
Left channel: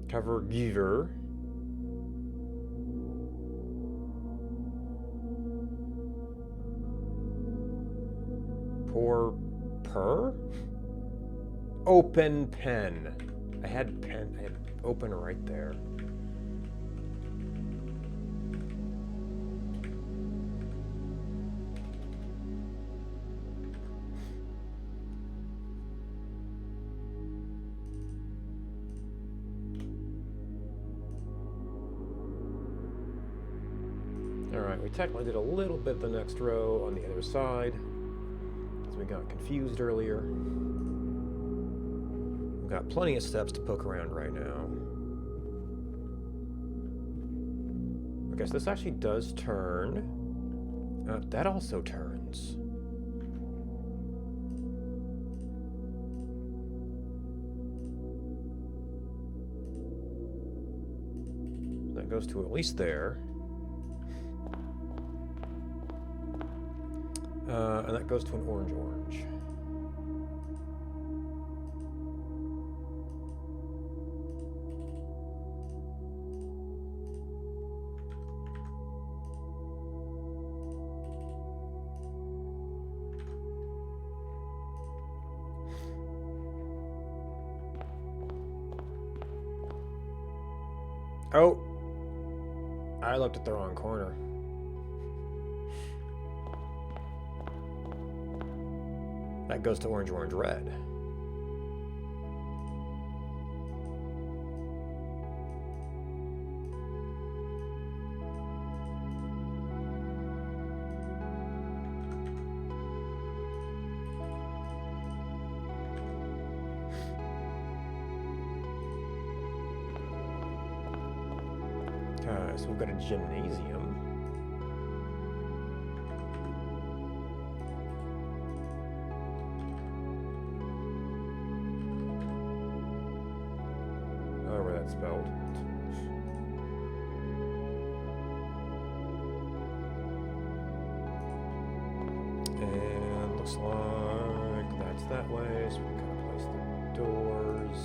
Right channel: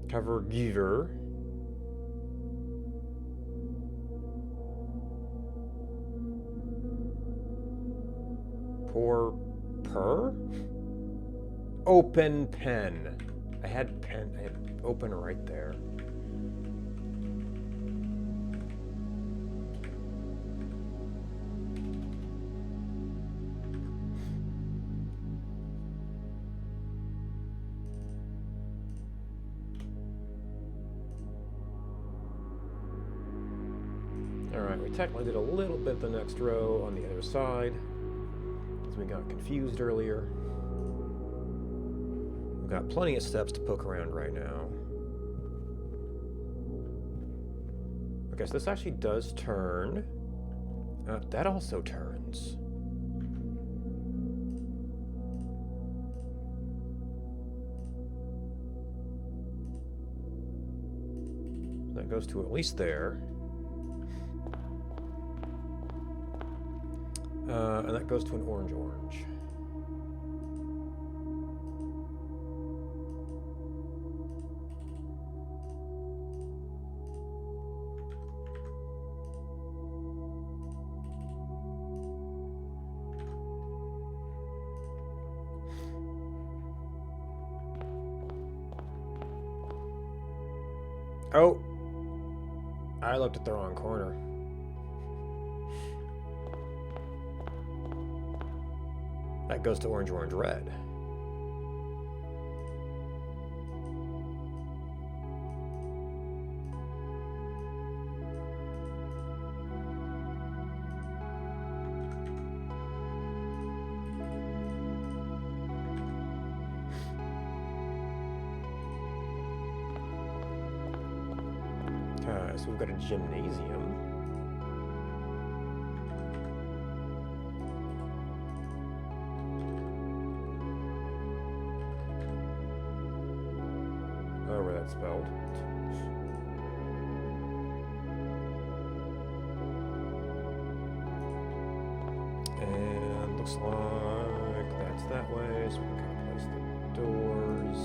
Cover giver. Pour per? Open pen. I had open right there. we technically did a little bit of the next row on the other side, because we got confused earlier. We've got plenty of steps to poke around right now. Okay, so this actually does turn. That also turns. That goes to at least there. And that goes to an orange. Oh! I looked at the wrong corner. That goes to orange, red. Okay, so we've got a gymnasium. However that's spelled. And looks like that's that way, so we can kind of place the doors.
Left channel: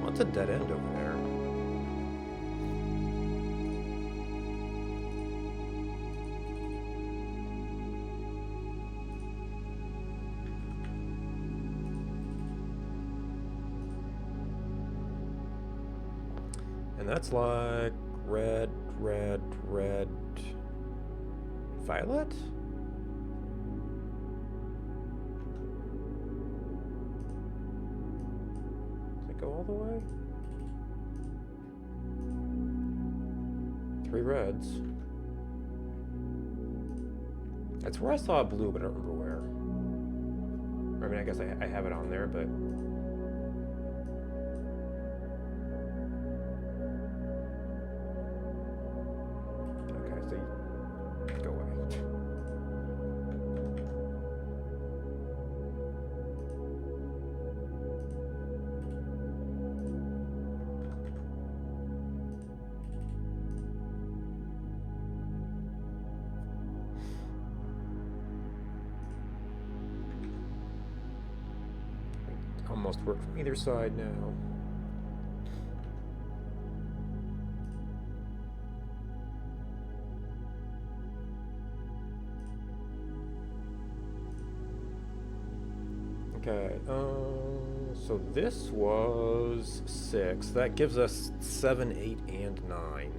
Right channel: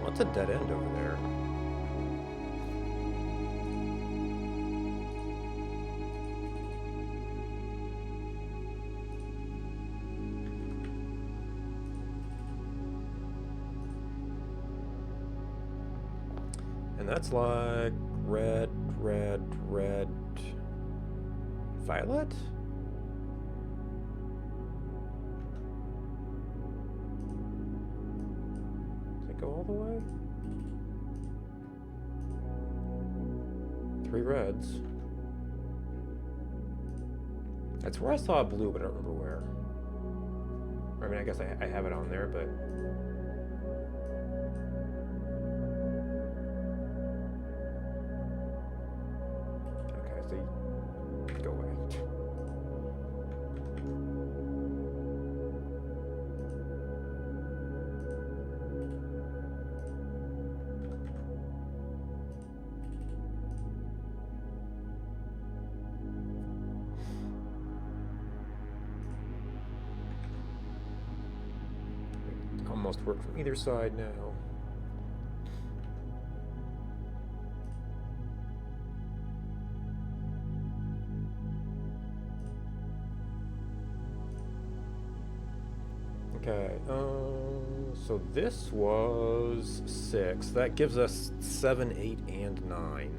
What's a dead end over there? And that's like red, violet? Go all the way? 3 reds. That's where I saw a blue, but I don't remember where. I mean, I guess I have it on there, but... Okay, so you... Go away. Almost work from either side now. Okay, so this was 6. That gives us 7, 8, and 9.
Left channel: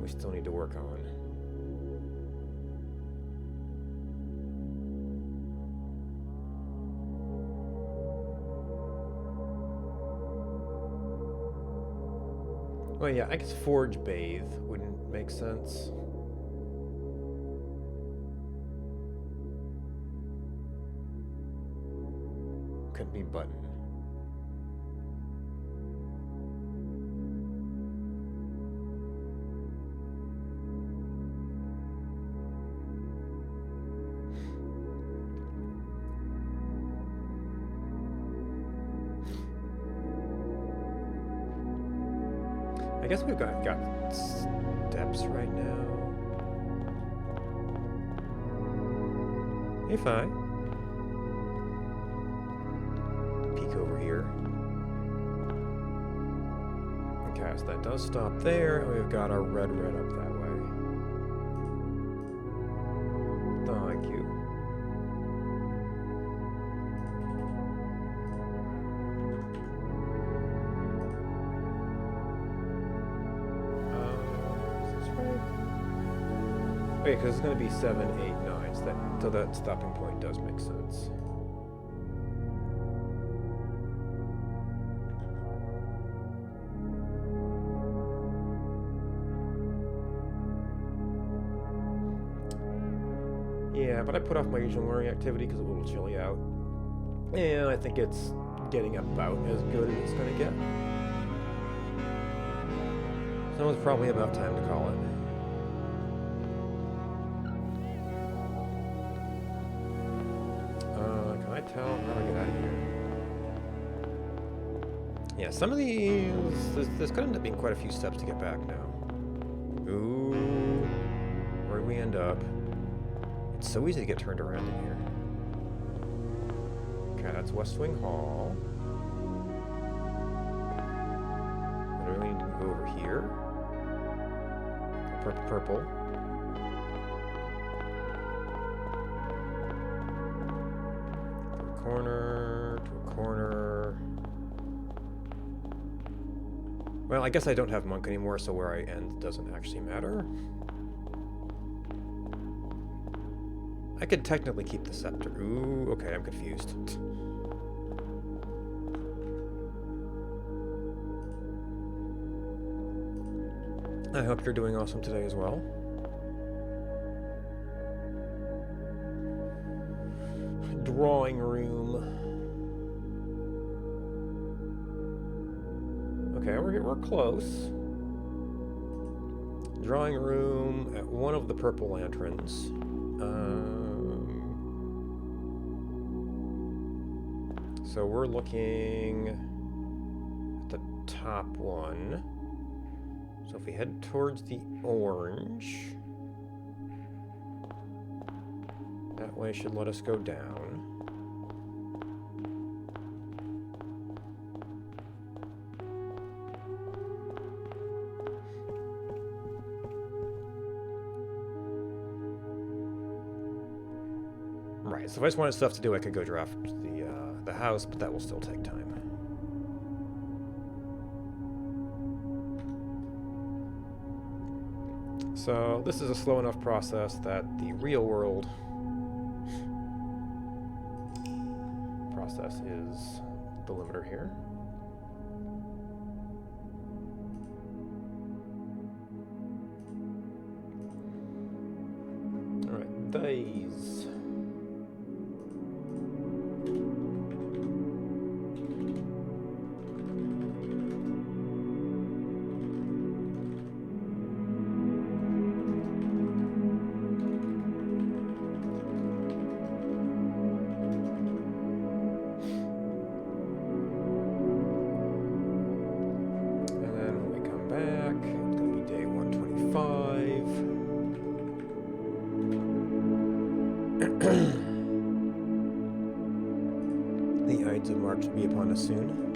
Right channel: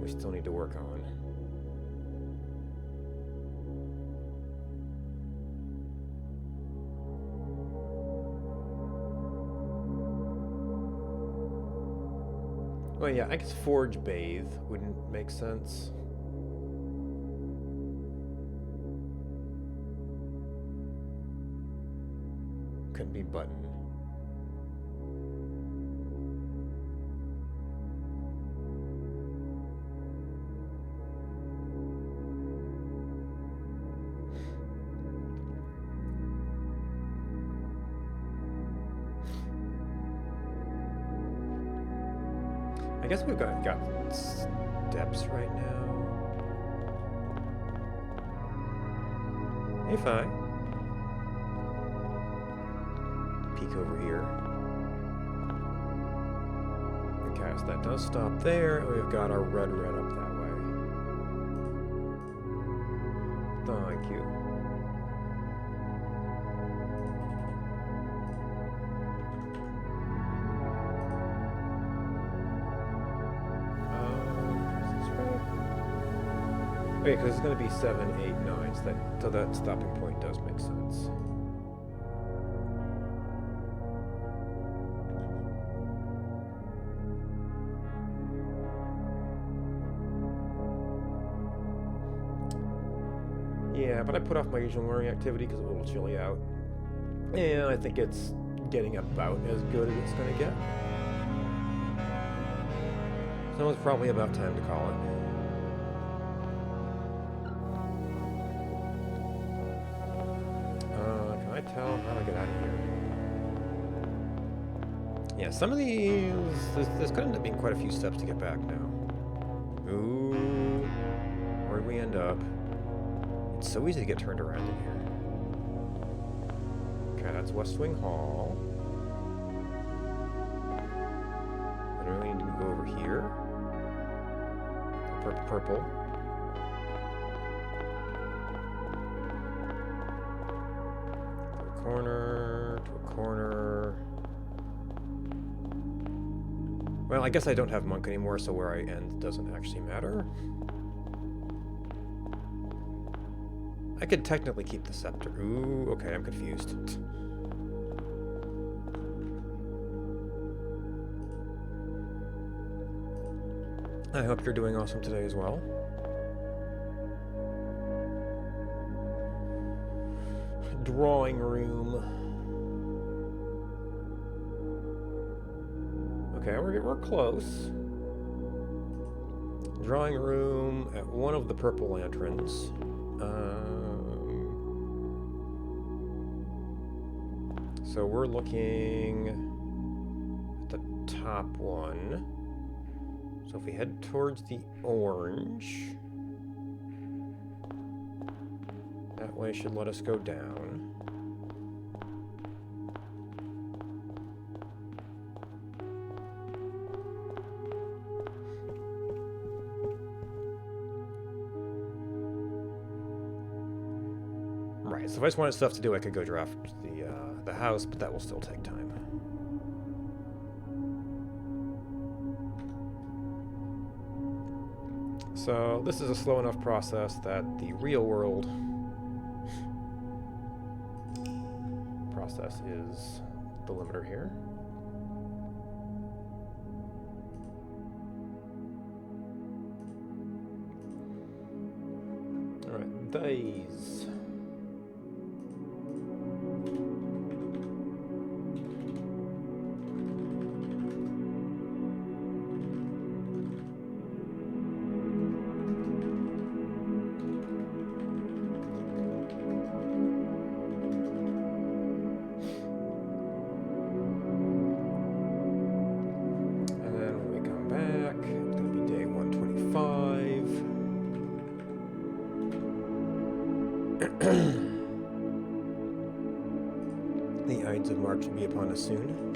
We still need to work on. Well, yeah, I guess Forge Bathe wouldn't make sense. Couldn't be Button. I guess we've got steps right now. Hey, Fi. Peek over here. Okay, so that does stop there, and we've got our red up that way. Thank you. Okay, because it's going to be 7, 8, 9, so that stopping point does make sense. Yeah, but I put off my usual learning activity because it's a little chilly out. And I think it's getting about as good as it's going to get. So it's probably about time to call it. Can I tell? How do I get out of here? Yeah, some of these... There's going to end up being quite a few steps to get back now. Ooh. Where'd we end up? It's so easy to get turned around in here. Okay, that's West Wing Hall. I do really need to go over here. Purple. To a corner, to a corner. Well, I guess I don't have Monk anymore, so where I end doesn't actually matter. I could technically keep the scepter. Ooh, okay, I'm confused. I hope you're doing awesome today as well. Drawing room. Okay, we're close. Drawing room at one of the purple lanterns. So we're looking at the top one. So if we head towards the orange, that way should let us go down. Right, so if I just wanted stuff to do, I could go draft the house, but that will still take time. So this is a slow enough process that the real world process is the limiter here. All right, days. And then when we come back, it's going to be day 125. The Ides of March will be upon us soon.